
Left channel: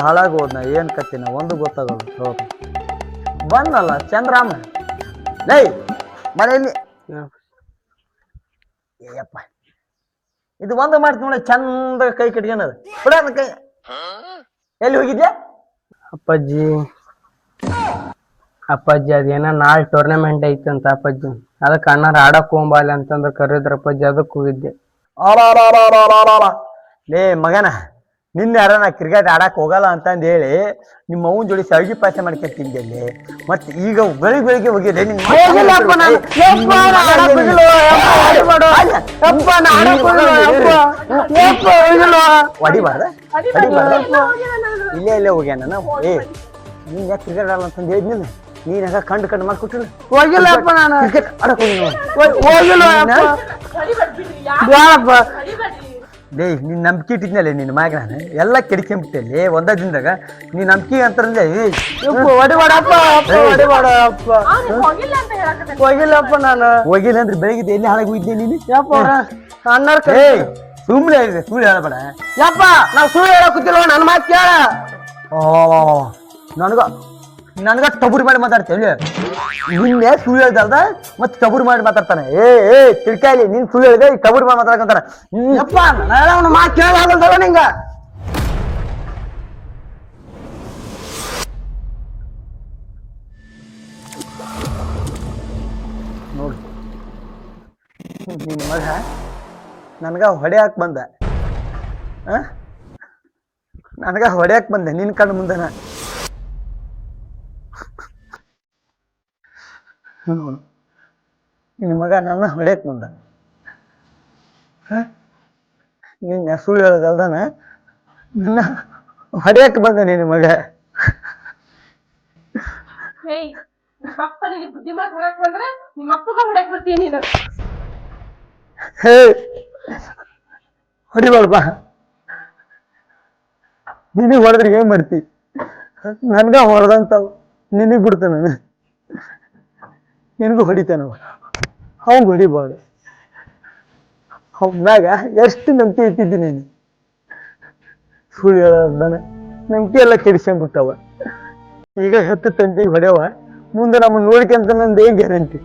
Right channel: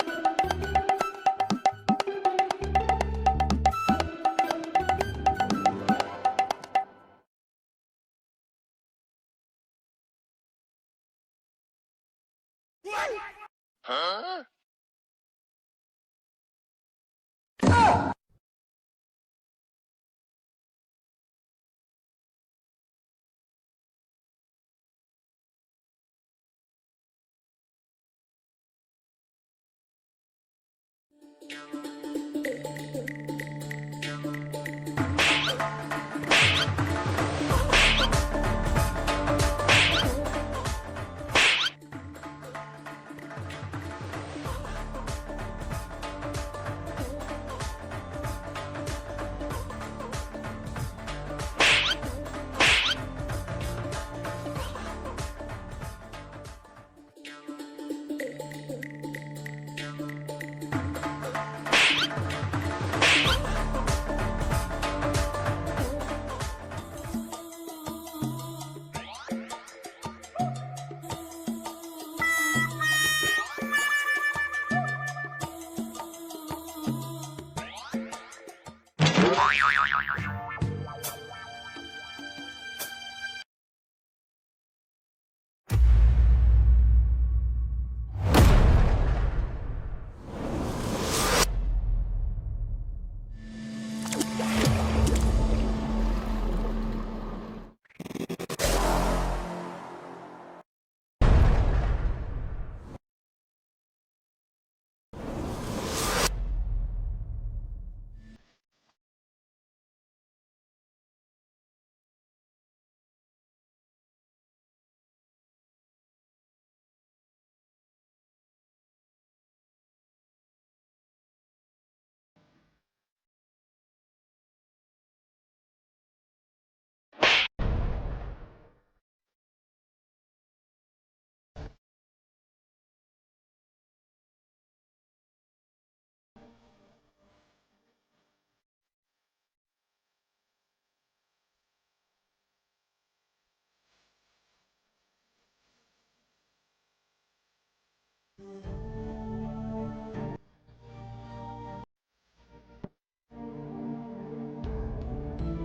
ಹಾಳಾಗಿ ಹೋದ್ನ ಏನ್ ಕತ್ತಿನ ಒಂದು ಗೊತ್ತಾಗಲ್ಲ. ಬಂದಲ್ಲ ಚಂದ್ರಾಮ ಲೈ ಮನೆಯಲ್ಲಿ ಏಯಪ್ಪ ಇದು ಒಂದು ಮಾಡ್ತೀನಿ ನೋಡಿ ಚಂದ ಕೈ ಕಟ್ಕೊಂಡದ ಕೈ ಎಲ್ಲಿ ಹೋಗಿದ್ಯಾ? ಅಪ್ಪಾಜಿ ಅದೇನ ನಾಳೆ ಟೂರ್ನಮೆಂಟ್ ಐತಂತ ಅಪ್ಪಾಜಿ, ಅದಕ್ಕೆ ಅಣ್ಣಾರ ಆಡಕ್ ಹೋಗ್ಬಾಲಿ ಅಂತಂದ್ರ ಕರೆದ್ರ ಅಪ್ಪಾಜಿ, ಅದಕ್ಕೆ ಹೋಗಿದ್ದೆ. ಲೇ ಮಗನ ನಿನ್ನೆ ಯಾರ ನಾ ಕ್ರಿಕೆಟ್ ಆಡಕ್ ಹೋಗಲ್ಲ ಅಂತಂದು ಹೇಳಿ ನಿಮ್ಮ ಅವನ ಜೋಡಿ ಸಳ್ಗಿ ಪಾಯಸ ಮಾಡ್ಕೊತಿದ್ದೆ. ಮತ್ತೆ ಈಗ ಬೆಳಿಗ್ಗೆ ಹೋಗಿದ್ದೆ ಹೊಡಿಬಾರ್ದ ಎಲ್ಲ ಹೋಗ್ಯಾನ ನಾನು. ಇಲ್ಲೇ ಹೋಗ್ಯಾನ ಏ ನೀನ್ ಯಾಕೆ ಕ್ರಿಕೆಟ್ ಆಡಲ್ಲ ಅಂತಂದು ಹೇಳಿದ್ನಿಲ್ಲ ನೀನ್ ಯಾಕ ಕಂಡು ಮಾಡ್ಕೊಟ್ಟಿಲ್ಲ ಹೋಗಿಲ್ಲಪ್ಪ ನಾನು ಕ್ರಿಕೆಟ್ ಆಡಕ್ ಹೋಗಿಲ್ಲ ಹೋಗಿಲ್ಲ ಹೊಡಿಬೇಡ್ರಿ, ಯಾಕ್ ಬೇಡಪ್ಪ ಹೊಡಿಬೇಡ್ರಿ? ಡೇ ನೀನ್ ನಂಬಿಕೆ ಇಟ್ಟಿದ್ನಲ್ಲ ನಿನ್ನ ಮ್ಯಾಗ ನಾನು ಎಲ್ಲ ಕೆಡಿಸ್ಕೊಂಬಿಟ್ಟೆ ಒಂದ ದಿನದಾಗ ನೀ ನಂಬಿಕೆ ಅಂತಾರಲ್ಲ ಹೊಡಿಬೇಡಪ್ಪ ಹೊಡಿಬೇಡಪ್ಪ ಅವ್ನು ಹೋಗಿಲ್ಲ ಅಂತ ಹೇಳಕತ್ತಾನೆ. ಹೋಗಿಲ್ಲಪ್ಪ ನಾನು ಹೋಗಿಲ್ಲ ಅಂದ್ರೆ ಬೆಳಗ್ಗೆ ಎಲ್ಲಿ ಹಾಳಾಗಿ ಹೋಗಿದ್ದೆ ನೀನು ಯಪ್ಪ ಅಣ್ಣಾರ್ ಏ ಸುಮ್ಮನೆ ಸುಳ್ಳು ಹೇಳಬೇಡ ಯಪ್ಪ ನಾವ್ ಸುಳ್ಳು ಹೇಳಕತ್ತಿಲ್ಲ ನನ್ನ ಮಾತು ಕೇಳ ನನಗ ಟಬುರಿ ಮಾಡಿ ಮಾತಾಡ್ತೇವೆ ನಿನ್ನೆ ಸುಳ್ಳು ಹೇಳ್ದಾರ್ದ ಮತ್ತೆ ಟಬುರಿ ಮಾಡಿ ಮಾತಾಡ್ತಾನೆ ಏ ತಿಳ್ಕಾಯಿ ನೀನ್ ಸುಳ್ಳು ಹೇಳಿದೆ ಈಗ ಟಬುರಿ ಮಾಡಿ ಮಾತಾಡ್ಕಂತಾನೆ ಯಪ್ಪ ಅವನ ಮಾತು ಕೇಳಾಗಲ್ದವ ನಿಂಗ ನಿನ್ನ ಮಗ ನನಗ ಹೊಡ್ಯಾಕ್ ಬಂದ ನನಗ ಹೊಡ್ಯಾಕ್ ಬಂದೆ ನಿನ್ ಕಣ್ಣು ಮುಂದೆನ ನಿನ್ನ ಮಗ ನನ್ನ ಹೊಡ್ಯಾಕ್ ಬಂದ ನಿನ್ನ ಸುಳ್ಳು ಹೇಳೋದಲ್ದಾನ ನನ್ನ ಹೊಡ್ಯಾಕ್ ಬಂದ ನಿನ್ನ ಮಗ ಏಯ್, ನಿಮ್ಮಪ್ಪ ನಿನಗೆ ಬುದ್ಧಿ ಮಾತು ಹೊರಕ್ ಬಂದ್ರೆ ನಿಮ್ಮಪ್ಪಗ ಹೊಡಕ್ ಬರ್ತೀನಿ ನೀನು. ಹೇ ಹೊಡಿಬಾರ್ಬಾ ನಿನಗೆ ಹೊಡೆದ್ರೆ ಏನ್ ಮಾಡ್ತಿ ನನ್ಗ ಹೊಡೆದಂತಾವ್ ನಿನಗ್ ಬಿಡ್ತಾನ ನಿನಗೂ ಹೊಡಿತಾನವ ಅವಂಗ ಹೊಡಿಬಾರ್ದು ಅವನಾಗ ಎಷ್ಟು ನಂಬಿಕೆ ಇಟ್ಟಿದ್ದೀನಿ ನೀನು ಸುಳ್ಳು ಹೇಳೋದಾನೆ ನಂಬಿಕೆ ಎಲ್ಲ ಕೆಡಿಸ್ಕೊಂಡ್ಬಿಟ್ಟವ ಈಗ ಹೆತ್ತು ತಂದೆಗೆ ಹೊಡೆಯವ ಮುಂದೆ ನಮ್ಮನ್ನು ನೋಡ್ಕೊಂತ ನಂದು ಏನ್ ಗ್ಯಾರಂಟಿ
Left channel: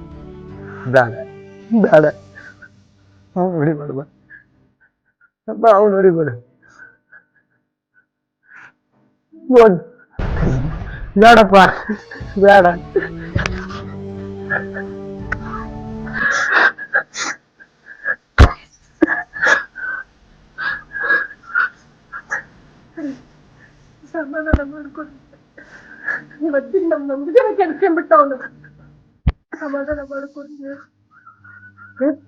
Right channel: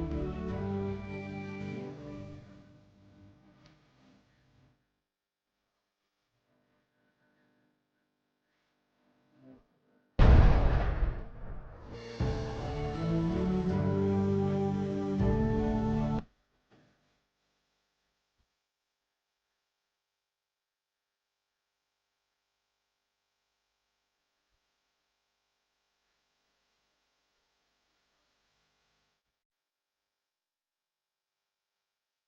ಬೇಡ ಬೇಡ ಅವ್ನು ಹೊಡಿಬಾರ್ದ ಅಪ್ಪ ಅವ್ನು ಹೊಡಿಬೇಡ ಬೇಡಪ್ಪ ಬೇಡ ಸಮಾಧಾನ ಮಾಡ್ಕೊಂಡು ಇವತ್ತಿನ ನಮ್ ನಂಬಿಕೆ ಕೆಡ್ಸ್ಕೊಂಡ್ಬಿಟ್ಟ ಅವನು. ಸಮಾಧಾನ ಮಾಡ್ಕೊಂಡು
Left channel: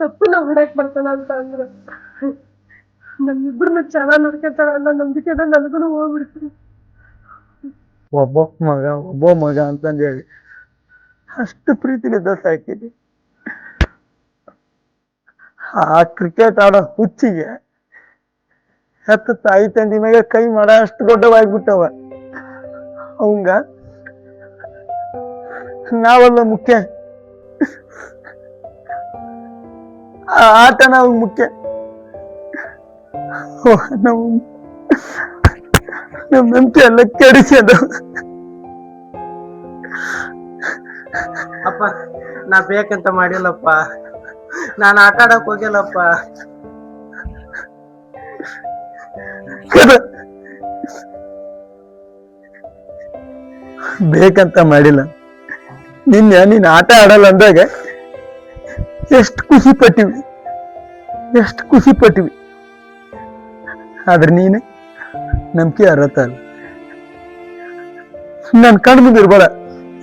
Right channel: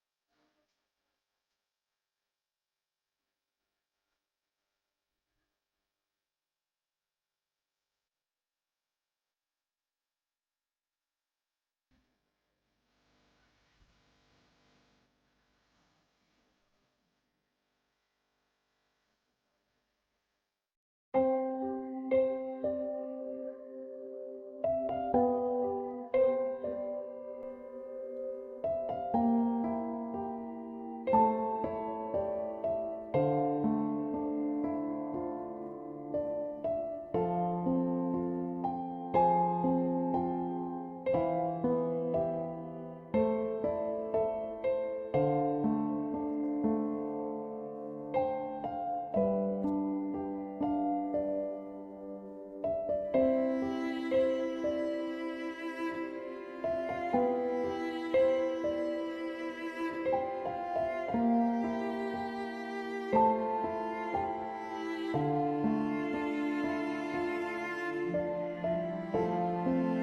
ತಪ್ಪು ನಾವು ಹೊಡಕ್ ಬರ್ತಾನ ಅಂತ ಅಂದ್ರ ನಮ್ಮಿಬ್ರನ್ನ ಚೆನ್ನಾಗ್ ನೋಡ್ಕೊತಾಳ ಅನ್ನೋ ನಂಬಿಕೆನ ನನಗೂ ಹೋಗ್ಬಿಡ್ತೀನಿ. ಒಬ್ಬ ಮಗ ಅಂತಂದು ಹೇಳಿ ಅಷ್ಟು ಪ್ರೀತಿಲಿದ್ದ ಸಾಕಿದೆ ಆ ಕ್ರಿಕೆಟ್ ಆಡೋ ಹುಚ್ಚಿಗೆ ಹೆತ್ತ ತಾಯಿ ತಂದಿ ಮ್ಯಾಗ ಕೈ ಮಾಡ ಅಷ್ಟು ದೊಡ್ಡವಾಗ್ಬಿಟ್ಟವ ಅವಂಗ ನಾವೆಲ್ಲ ಮುಖ್ಯ ಆ ಆಟ ನಾವು ಮುಖ್ಯ ನಾವು ನಮ್ ನಂಬಿಕೆ ಎಲ್ಲ ಕೆಡಿಸಿ ಅದು ಅಪ್ಪ ನಾ ಬೇಕಂತ ಮಾಡಿಲ್ಲಪ್ಪ ನಾನು ಆಟ ಆಡಕ್ ಹೋಗಿಲ್ಲಪ್ಪ ಬೇಕಂತ ಮಾಡಿಲ್ಲ ನೀನ್ ಆಟ ಆಡಲ್ಲ ಅಂದಾಗ ಎಷ್ಟು ಖುಷಿ ಪಟ್ಟಿವಿ ಆದ್ರೆ ನೀನು ನಂಬಿಕೆ ಅರತ್ತಲ್ಲ ನನ್ ಕಣ್ಣು ಮುಂದೆ ಇರ್ಬೇಡ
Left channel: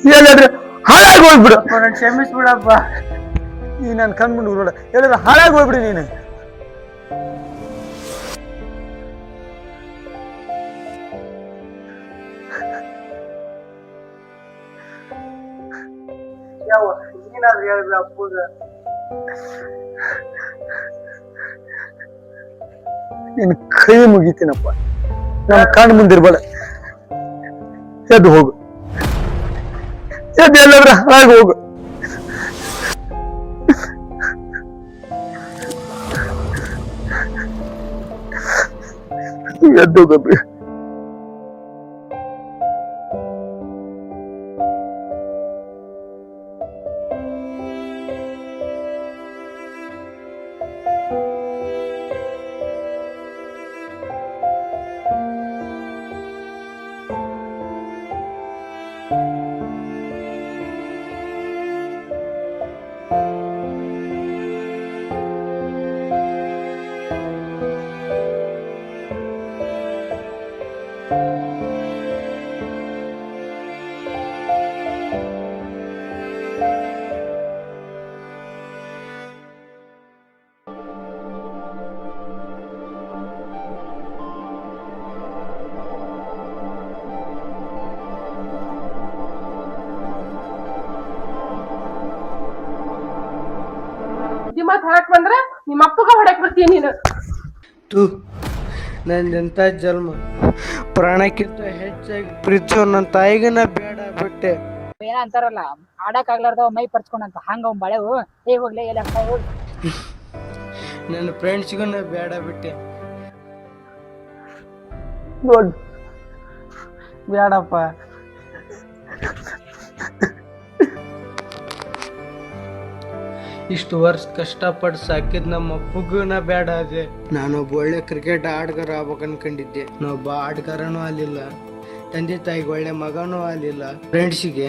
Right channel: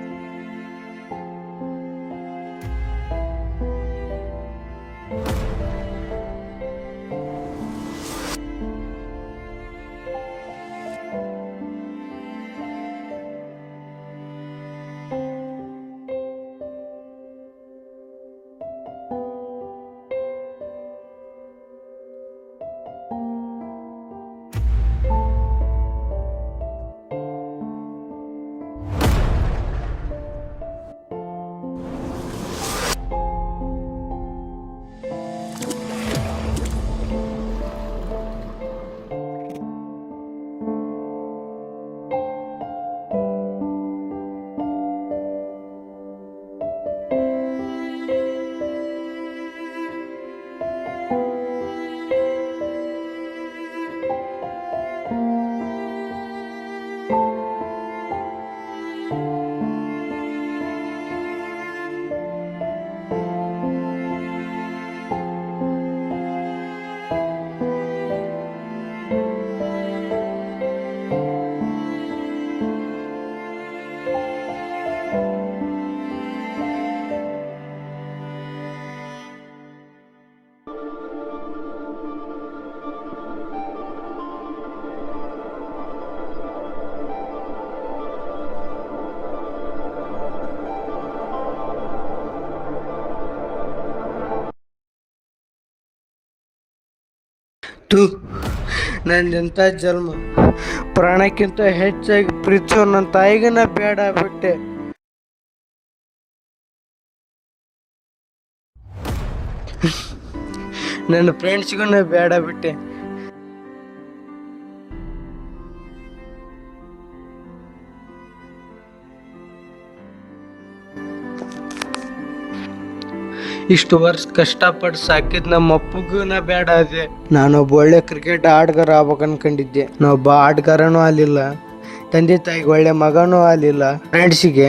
ಹೇಳಿದ್ರೆ ಹಾಳಾಗಿ ಹೋಗ್ಬಿಡು ಕ್ಷಮಿಸ್ಬಿಡಪ್ಪ ನೀ ನನ್ ಕಣ್ಣು ಮುಂದೆ ಇರ್ಬೇಡ ಹೇಳಿದ್ರೆ ಹಾಳಾಗಿ ಹೋಗ್ಬಿಡಿ ನೀನು ನೀನಾದ್ರೂ ಹೇಳ್ಬಿಡ ಅಪ್ಪಗ ನಿನ್ ಕೈ ಮುಗಿತೀನಪ್ಪ ನನ್ನ ಕಣ್ಣು ಮುಂದಿರ್ಬೇಡ ಎದ್ದು ಹೋಗು ಎದ್ದು ಎಲ್ಲಾದ್ರೆ ಹಾಳಾಗಿ ಹೋಗು ಎದ್ದು ಹೋಗಬ್ರಿ ಮಾತು ಹೇಳಕ್ ಬಂದ್ರ ನಿಮ್ಮ ಅಪ್ಪಗ ಹೊಡಕ್ ಬರ್ತೀಯ ನೀನು. ತೂ ನಂದೆಂತ ಜನ್ಮ, ಪ್ರಾಣಕ್ಕಿಂತ ಹೆಚ್ಚಾಗಿ ಪ್ರೀತಿಸೋ ನನ್ನ ತಾಯಿಗನ ಬೇಡ ಬಿಟ್ಟೆ. ಏನ ಅಂತಾರಲ್ಲ, ಆಡಕ್ ಆಗ್ಲಾರ್ದವ ಮೈ ಪರ್ಚ್ಕೊಂಡಂತ, ಹಂಗ ಅವ್ನ್ ಬಾಳೆವು ಹೋಗ್ಲಿ ಎಲ್ಲ ನನ್ನ ಫ್ರೆಂಡ್ಸ್ಗೂ ನಾ ಬೇಡ ಬಿಟ್ಟೆ. ನೋಡ್ ಬೇಡಪ್ಪ. ಇಷ್ಟು ವರ್ಷ ಕಷ್ಟಪಟ್ಟು ಸಾಕಿದ್ ನಮ್ಮ ಅಪ್ಪಗೂ ನಾ ಬೇಡ ಅದೇ. ನಾನೊಬ್ಬ ಒಳ್ಳೆ ಕ್ರಿಕೆಟ್ ಆಟಗಾರ ಆಗ್ಬೇಕು ಅನ್ಕೊಂಡಿದ್ದೆ. ನಾವೊಬ್ಬ ಆಟಗಾರನೂ ಆಗಲಿಲ್ಲ, ತಂದೆ ತಾಯಿಗೆ ಒಳ್ಳೆ ಮಗನೂ ಆಗಲಿಲ್ಲ, ಫ್ರೆಂಡ್ಸಿಗೆ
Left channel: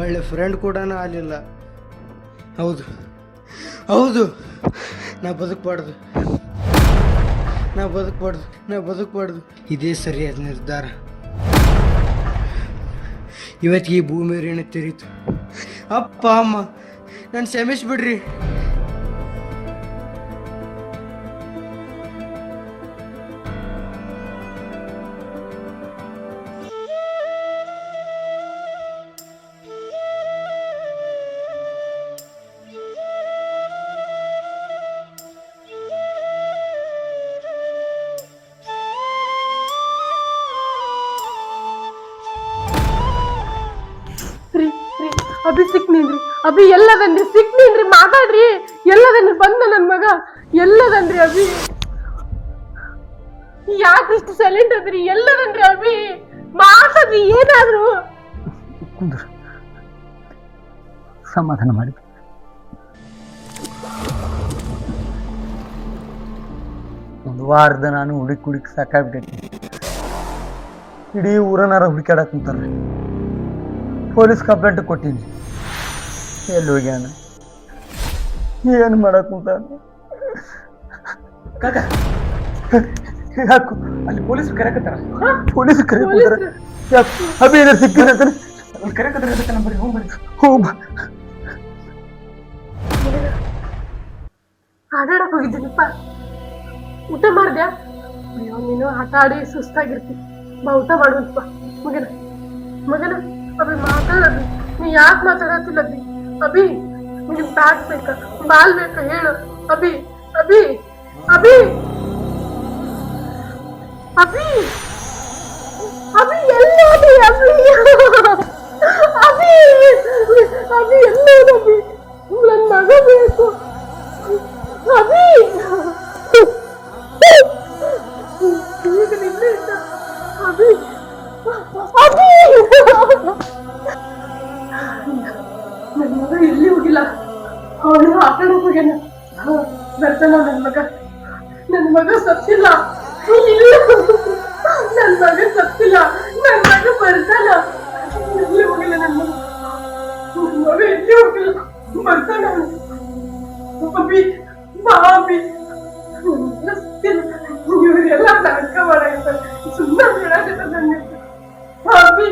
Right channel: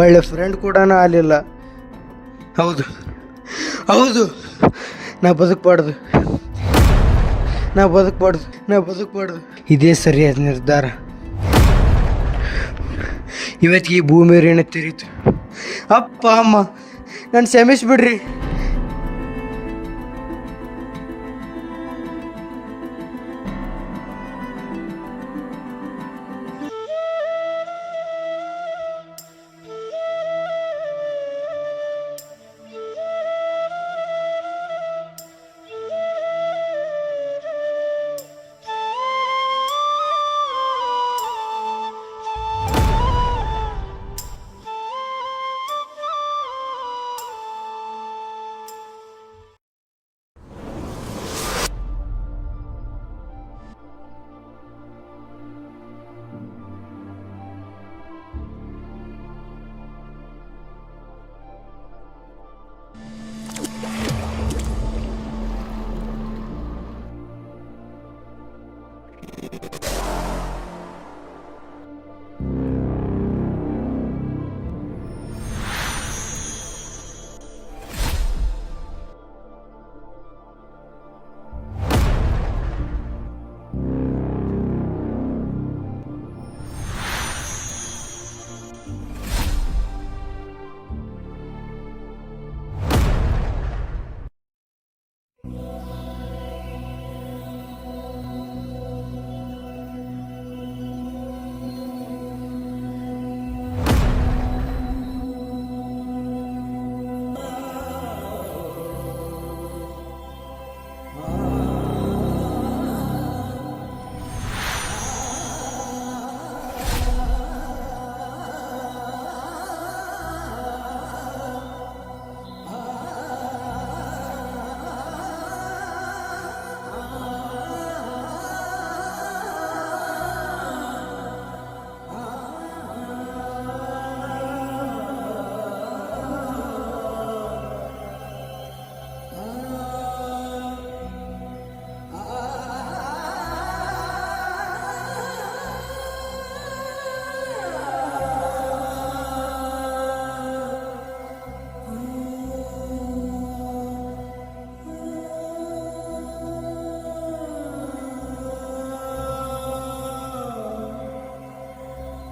ಒಳ್ಳೆ ಫ್ರೆಂಡ್ ಕೂಡ ಆಗಲಿಲ್ಲ. ಹೌದು ಹೌದು, ನಾ ಬದುಕಬಾರ್ದು, ನಾ ಬದುಕಬಾರ್ದು. ಇದೇ ಸರಿಯಾದ ನಿರ್ಧಾರ. ಇವತ್ತಿಗೆ ಈ ಭೂಮಿ ಋಣ ತಿರೀತು. ಅಪ್ಪ ಅಮ್ಮ ನಾನು ಕ್ಷಮಿಸ್ಬಿಡ್ರಿ. ಅಭಿ ಸಿಕ್ನಿನ್ರಿ, ಅಭಿ ಎಲ್ಲದನ್ರಿ, ಸಿಕ್ನಿನ್ರಿ, ಮಾತಾಡ್ರಿ, ಎಲ್ಲದನ್ರಿ, ಬಂದ ನನ್ ಮಗ ಎಲ್ಲದನ್ರಿ. ಅಭಿ ಯಾಕಿಷ್ಟು ಸೈಲೆಂಟ್ ಅದ್ರಿ? ಎಲ್ಲದನ್ರಿ ಅಭಿ, ಮಾತಾಡ್ರಿ ಏನಾದ್ರು. ಸಮಾಧಾನ ಮಾಡಿ. ಒಂದು ವಾರದ ನಾನು ಹುಡುಕಿ ಸಾಕಾಗ್ಬಿಟ್ಟೈತಿ. ಇಡೀ ಊರನಾರ ಹುಡುಕಾಡಕ್ ಕುಂತಾರ. ಪೊಲೀಸ್ ಕಂಪ್ಲೇಂಟ್ ಕೊಟ್ಟೀನಿ, ಎಲ್ಲಿ ಹೋಗ್ಯಾನ, ಏನು ಮಾಡಕ್ ಕುಂತ? ಯಾಕು ಅಲ್ಲಿ ಪೊಲೀಸರು ಕರೆಕತ್ತಾರ, ಪೊಲೀಸರು ಕರೆಕತ್ತಾರ. ಅಭಿ ಏನಾರು ಸಿಕ್ಕಿನ ಕರೆಕತ್ತಾರ. ಹೋಗ್ ಆಟಾಡಕ್ ಹೋಗಿದ್ದೀನಿಪ್ಪ. ಊಟ ಮಾಡ್ದ್ಯಾ? ನೀನು ಆಟ ಆಡಿ ಸುಸ್ತಾಗಿರ್ತಿ, ಬಾ ಊಟ ಮಾಡುವಪ್ಪ. ಮಗನ ಅಭಿ ಮಾತಾಡ, ನೀ ಯಾಕೆ ಮಾತಾಡತ್ತಿಲ್ಲ? ಅಭಿ ನಿನ್ ಬ್ಯಾಟ್ ಬೇಕ, ಬಾಲ್ ಬೇಕ, ಹೇಳು. ಅಭಿ ಅಭಿ ಅಭಿ ಅಭಿ ಅಭಿ ಎಲ್ಲೋದಿ? ಅಭಿ ಅಭಿ ಎಲ್ಲೋದಭಿ? ನನ್ ಮಗ ಬೇಕು ಅಭಿ. ಅಭಿ ಅಭಿ ನನ್ನ ಮಗ ಎಲ್ಲಿ ಹೋಗಿಲ್ಲ, ಅವನು ಆಟಾಡಕ್ ಹೋಗ್ಯಾನ. ಬರ್ತಾನ ನನ್ನ ಮಗ ಸತ್ತಿಲ್ಲ, ನನ್ನ ಮಗ ಸತ್ತಿಲ್ಲ, ನನ್ನ ಮಗ ಬರ್ತಾನ. ಎಲ್ಲಿ ಹೋಗಿಲ್ಲ ನನ್ನ ಮಗ ಎಲ್ಲಿ ಹೋಗಿಲ್ಲ, ಬರ್ತಾನ. ಅಭಿ ಬಾ ಅಭಿ, ಇವರೆಲ್ಲ ನಾಟಕ ಮಾಡಾಯ್ತಾರೆ, ಸುಮ್ಮನೆ ಹೇಳಾಕತ್ತ ನನಗೆ. ಅಭಿ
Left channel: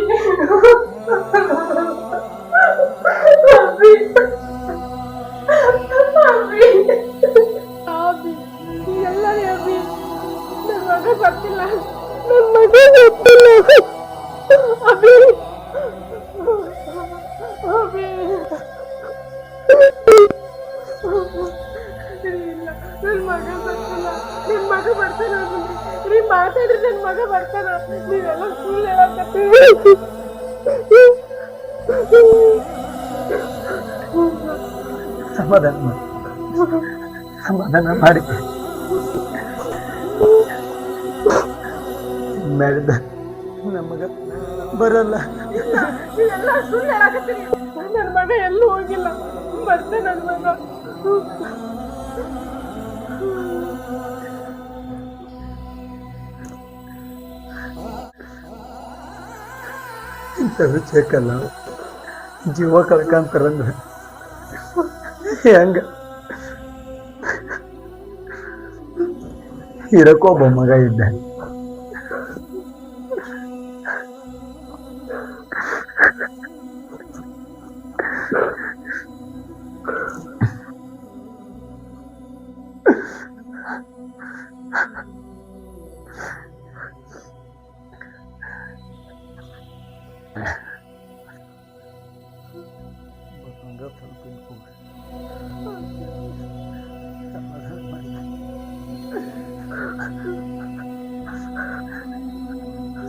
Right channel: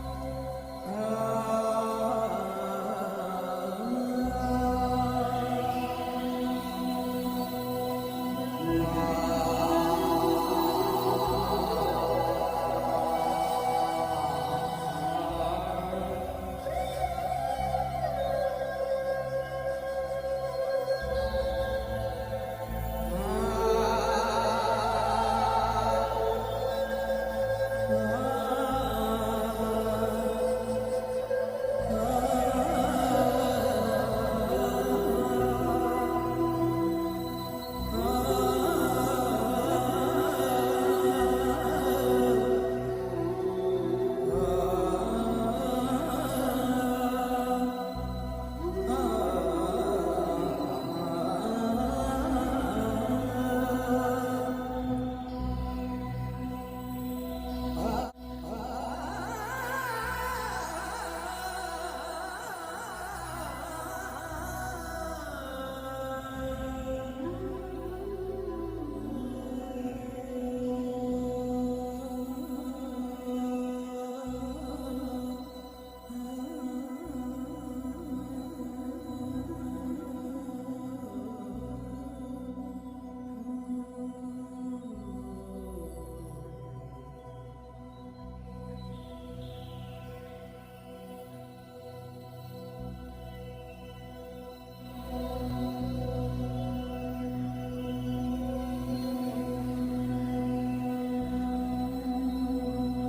ಮಾತಾಡ್ರಿ, ನನ್ ಮಗ ಬರ್ತಾನ. ನೀವೆಲ್ಲ ಸುಳ್ಳು ಹೇಳಕತ್ತೀರಿ. ಸಮಾಧಾನ ಮಾಡಿ. ಮಾಡಿದ ನಮಗ ಬರಲ್ಲ. ನೀವೆಲ್ಲ ಸುಳ್ಳು ಹೇಳಕತ್ತೀರಿ. ನನ್ನ ಮಗ ಎಲ್ಲೂ ಹೋಗಿಲ್ಲ, ಬರ್ತಾನ ನನ್ನ ಮಗ. ಇಂಥ ವಿಷಯಕ್ಕಲ್ಲ ಜೀವ ಕಳ್ಕಂತಾರಂದ್ರೆ ಹೆಂಗ? ಇರಕ್ಕೊಬ್ಬ ಮಗ ಇದ್ದ,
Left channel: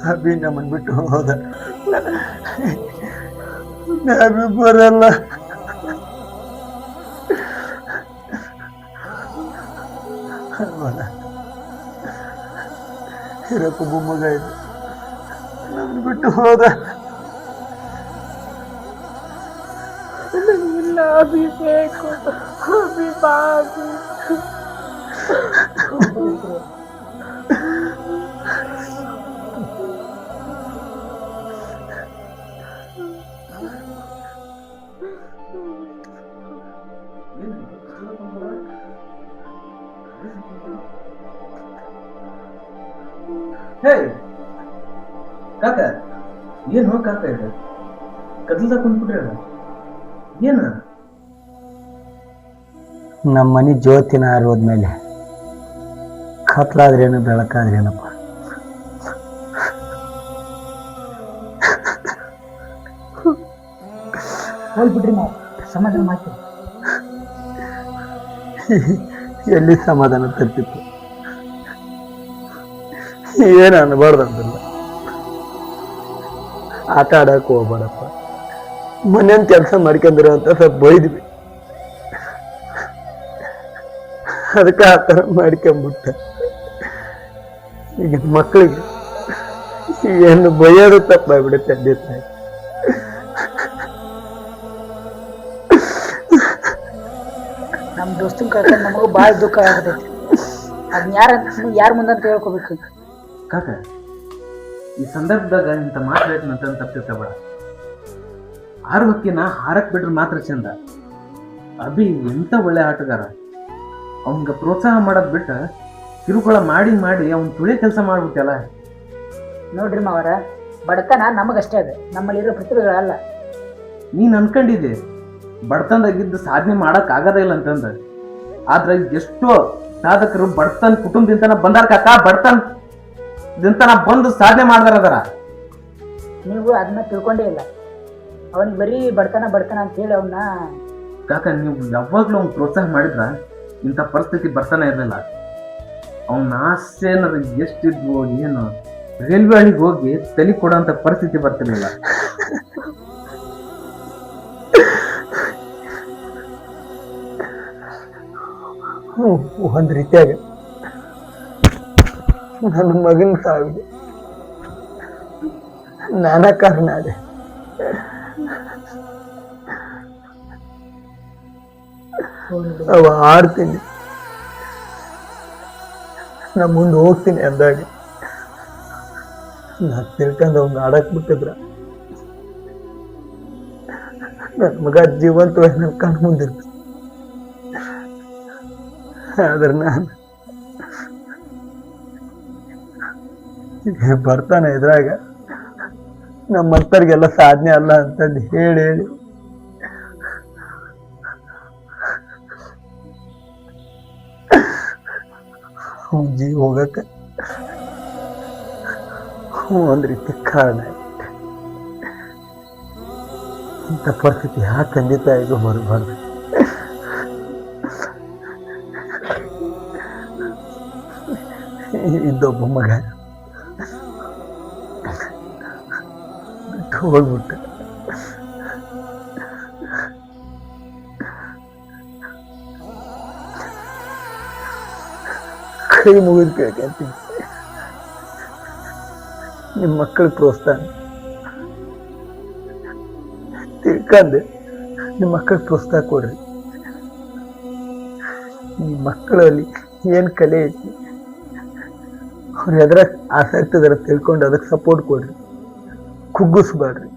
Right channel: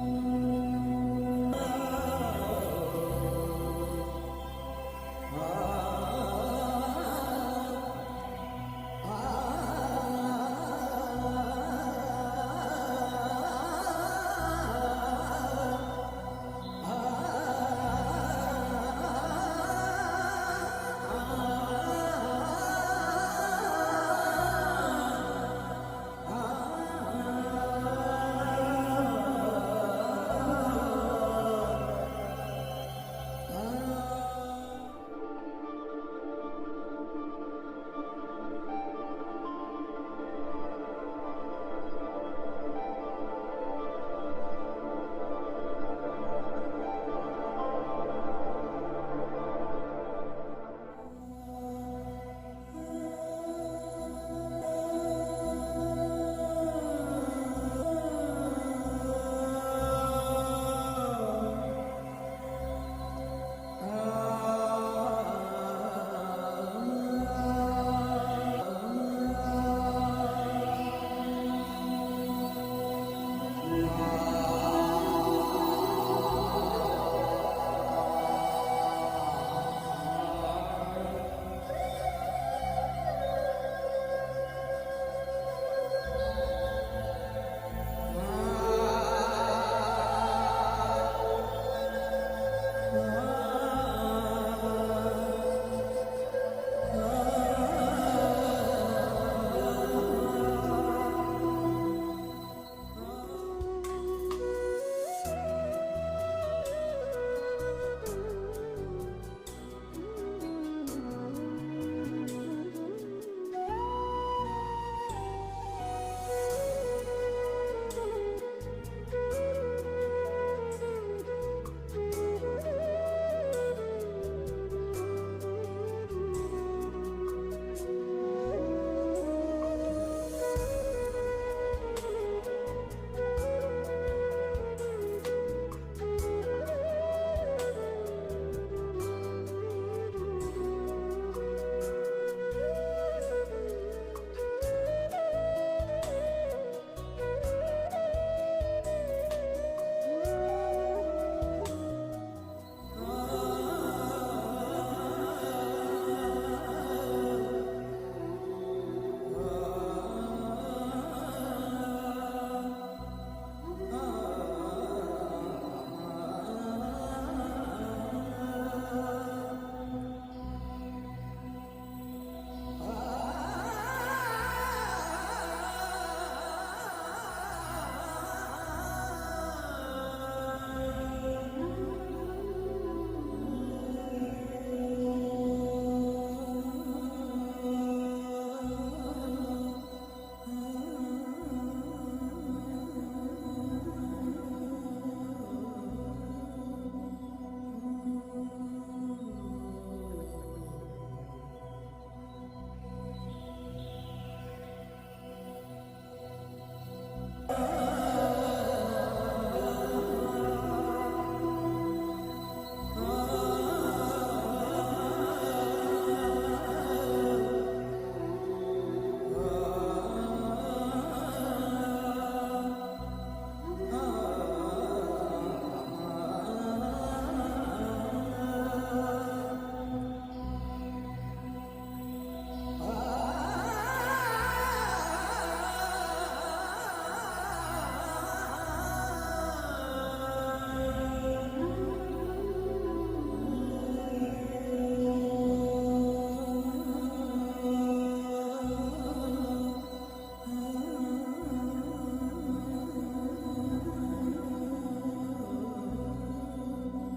ಅಭಿ ನಮ್ಮನ್ ಬಿಟ್ಟು ಹೋದ. ಅಭಿ ಬರಲ್ಲ. ಇರಕ್ಕೊಬ್ಬ ಮಗ ಇದೆ, ನಮ್ಮನ್ ಬಿಟ್ಟು ಹೋದ. ಅಭಿ ಬೇಕು, ಅಭಿ ಬಾ ಅಭಿ. ಹೇ ಕಾಕ, ಏನು ಕಾಕ ಇದು ಕದ್ಲದ ಕುಂತ್ಬಿಟ್ರೆ ಏನ? ನಮ್ಮ ಮನೆ ಜ್ಯೋತಿನ ಆರೋದ್ಮೇಲೆ ಕತ್ಲಾದ್ರೇನು ಬೆಳಕಾದ್ರೇನಪ್ಪ. ಹೋಗ್ಬಿಡ್ರಿ ನಾವು ಸಮಾಧಾನ ಮಾಡ್ತೀವಿ. ಎಲ್ಲಿ ಸಮಾಧಾನ ತರ್ತಿತ್ತು? ಏನು ಅನ್ಬಾರ್ದಂತ ಆಟ ಆಡಕ್ ಹೋಗ್ಬಾರಪ್ಪ. ಮನೇನ್ ಕೆಲಸ ಮಾಡ್ಕೊಂಡಿರೋ ಅಂತ ಸ್ವಲ್ಪ ಬೈದ್ವಿ, ಅದಕ್ಕೆ ಆ ಥರ ಮಾಡ್ಕೊಂಬಿಟ್ಟ. ಈಗ ಮಕ್ಕಳಿಗೆ ಏನು ಬೈಯೋದು ತಪ್ಪಾಗ್ಬಿಡುತ್ತೆ. ನಮ್ಮ ದೋಸ್ತನ ಕರ್ಕೊಂಡು ನಮಗೂ ಭಾಳ ದುಃಖ ಆಗ್ತೈತಿ. ಅದನ್ನ ಯಾರ ಮುಂದಂತ ಹೇಳ್ಕೊಬೇಕು. ಕಾಕ, ಈ ಸಂದರ್ಭದಾಗ ಇಂಥ ಮಾತಾಡ್ತಂತ ತಪ್ಪಿರ್ತಾವ. ಆರೋಗ್ಯನ ಹಾರಕ್ ಬಿಟ್ರೆ ಮಾತ್ರ ಚಂದ. ಅಭಿ ಎಂತ ಒಳ್ಳೆ ಆಟಗಾರ. ಅವನ್ಗ ಪ್ರೋತ್ಸಾಹ ಮಾಡೋದ್ ಬಿಟ್ಟ ಕಿರುಕುಳ ಮಾಡಿ ಮಾಡಿ ಅವ್ನ್ ತುಳಿ ಕೆಲಸ ಮಾಡ್ಬಿಟ್ಟಲ್ಲ. ನೋಡ್ರಿ ಮಾವರ, ಬಡತನ ನಮಗಷ್ಟೇ ಅದು, ನಮ್ಮಲ್ಲಿರೋ ಪ್ರತಿಭೆಗಳಲ್ಲ. ನೀನ್ ಅನ್ಕೊಂಡಿದ್ದೆ ಬಡತನದಾಗಿದ್ದು ಸಾಧನೆ ಮಾಡಕ್ ಆಗದೇ ಇಲ್ಲ ಅಂತಂದ. ಆದ್ರೆ ಎಷ್ಟೋ ಸಾಧಕರು ಬಡತನ ಕುಟುಂಬದಿಂದನ ಬಂದಾರ ಕಾಕ. ಬಡತನದಿಂದನ ಬಂದು ಸಾಧನೆ ಮಾಡ್ದಾರ ಅದರ. ನೀವು ಅದನ್ನ ತಿಳ್ಕೊಂಡೇ ಇಲ್ಲ. ಅವನಿಗೆ ಬರೀ ಬಡತನ ಅಂತ ಹೇಳಿ ಅವನ್ನ ಕಾಕ, ನೀವು ಯಾವಾಗ್ಲೂ ಅವ್ನ್ ಪ್ರೋತ್ಸಾಹ ಮಾಡಿದ್ರ ಇಂಥ ಪರಿಸ್ಥಿತಿ ಬರ್ತಾನೆ ಇರಲಿಲ್ಲ. ಅವನ ಆಸೆ ಅನ್ನೋದು ಎಷ್ಟಿದ್ವು ಏನು, ರೈಲ್ವೆ ಹಳಿಗೆ ಹೋಗಿ ತಲೆ ಕೊಡೋಂಥ ಪರಿಸ್ಥಿತಿ ಬರ್ತಿರ್ಲಿಲ್ಲ. ಒಂದ್ ರೀತಿಯಾಗ ನನ್ನ ಮಗನ ಸಾವಿಗೆ ನಾನಾ ಕಾರಣ ಅದೇ. ಅವ ಆಡ್ತೀನಿ, ನಾ ಮುಂದೆ ಹೋಗ್ತೀನಿ ಅಂದಾಗ ನಾ ತಿಳ್ಕೊಂಡು ಅವ್ನ ಆಡಕ್ ಬಿಟ್ಟಿದ್ರ ನನ್ನ ಮಗ ಜೀವಂತವಾಗಿ ನನ್ನ ಕಣ್ಣು ಮುಂದಿರ್ತ. ಆದ್ರೆ ನಾನು ಬರ್ತಾನೆ ಇದ್ರಾಗ ನಮ್ಮಂತರ್ಗೆಲ್ಲ ಸಾಧನೆ ಅಲ್ಲ ಅಂತಂದು ಹೇಳಿ ಜೀವ ಹೋಗಕ್ಕೆ ಒಂದ್ ರೀತಿ ಕಾರಣ. ಇಂಥ ಪರಿಸ್ಥಿತಿ ಯಾವ ತಂದೆ ತಾಯಿಗೂ ಹೊರಬಾರ್ದು. ಇದ್ದೊಬ್ಬ ಮಗ ಹೋಗ್ಬಿಟ್ಟ. ಕೈ ಮುಗಿದು ಕೇಳ್ಕೊಂತೀನಿ, ನಿಮ್ಮ ಮಕ್ಕಳ ಪ್ರೋತ್ಸಾಹ ತಿಳ್ಕೊಂಡು ನಿಮ್ಮ ಮಕ್ಕಳ ಪ್ರೋತ್ಸಾಹ ಕೊಡ್ರಿ. ನಿಮ್ಮ ಮಕ್ಕಳಲ್ಲಿ ಏನ್ ಕಲೆ ಐತಿ, ಅವ್ರು ಎದ್ರ ಆಸಕ್ತಿ ಅದರ ತಿಳ್ಕೊಂಡು ಅದಕ್ಕೆ ಸಪೋರ್ಟ್ ಕೊಡ್ರಿ, ಕುಗ್ಗಿಸ್ಬೇಡ್ರಿ.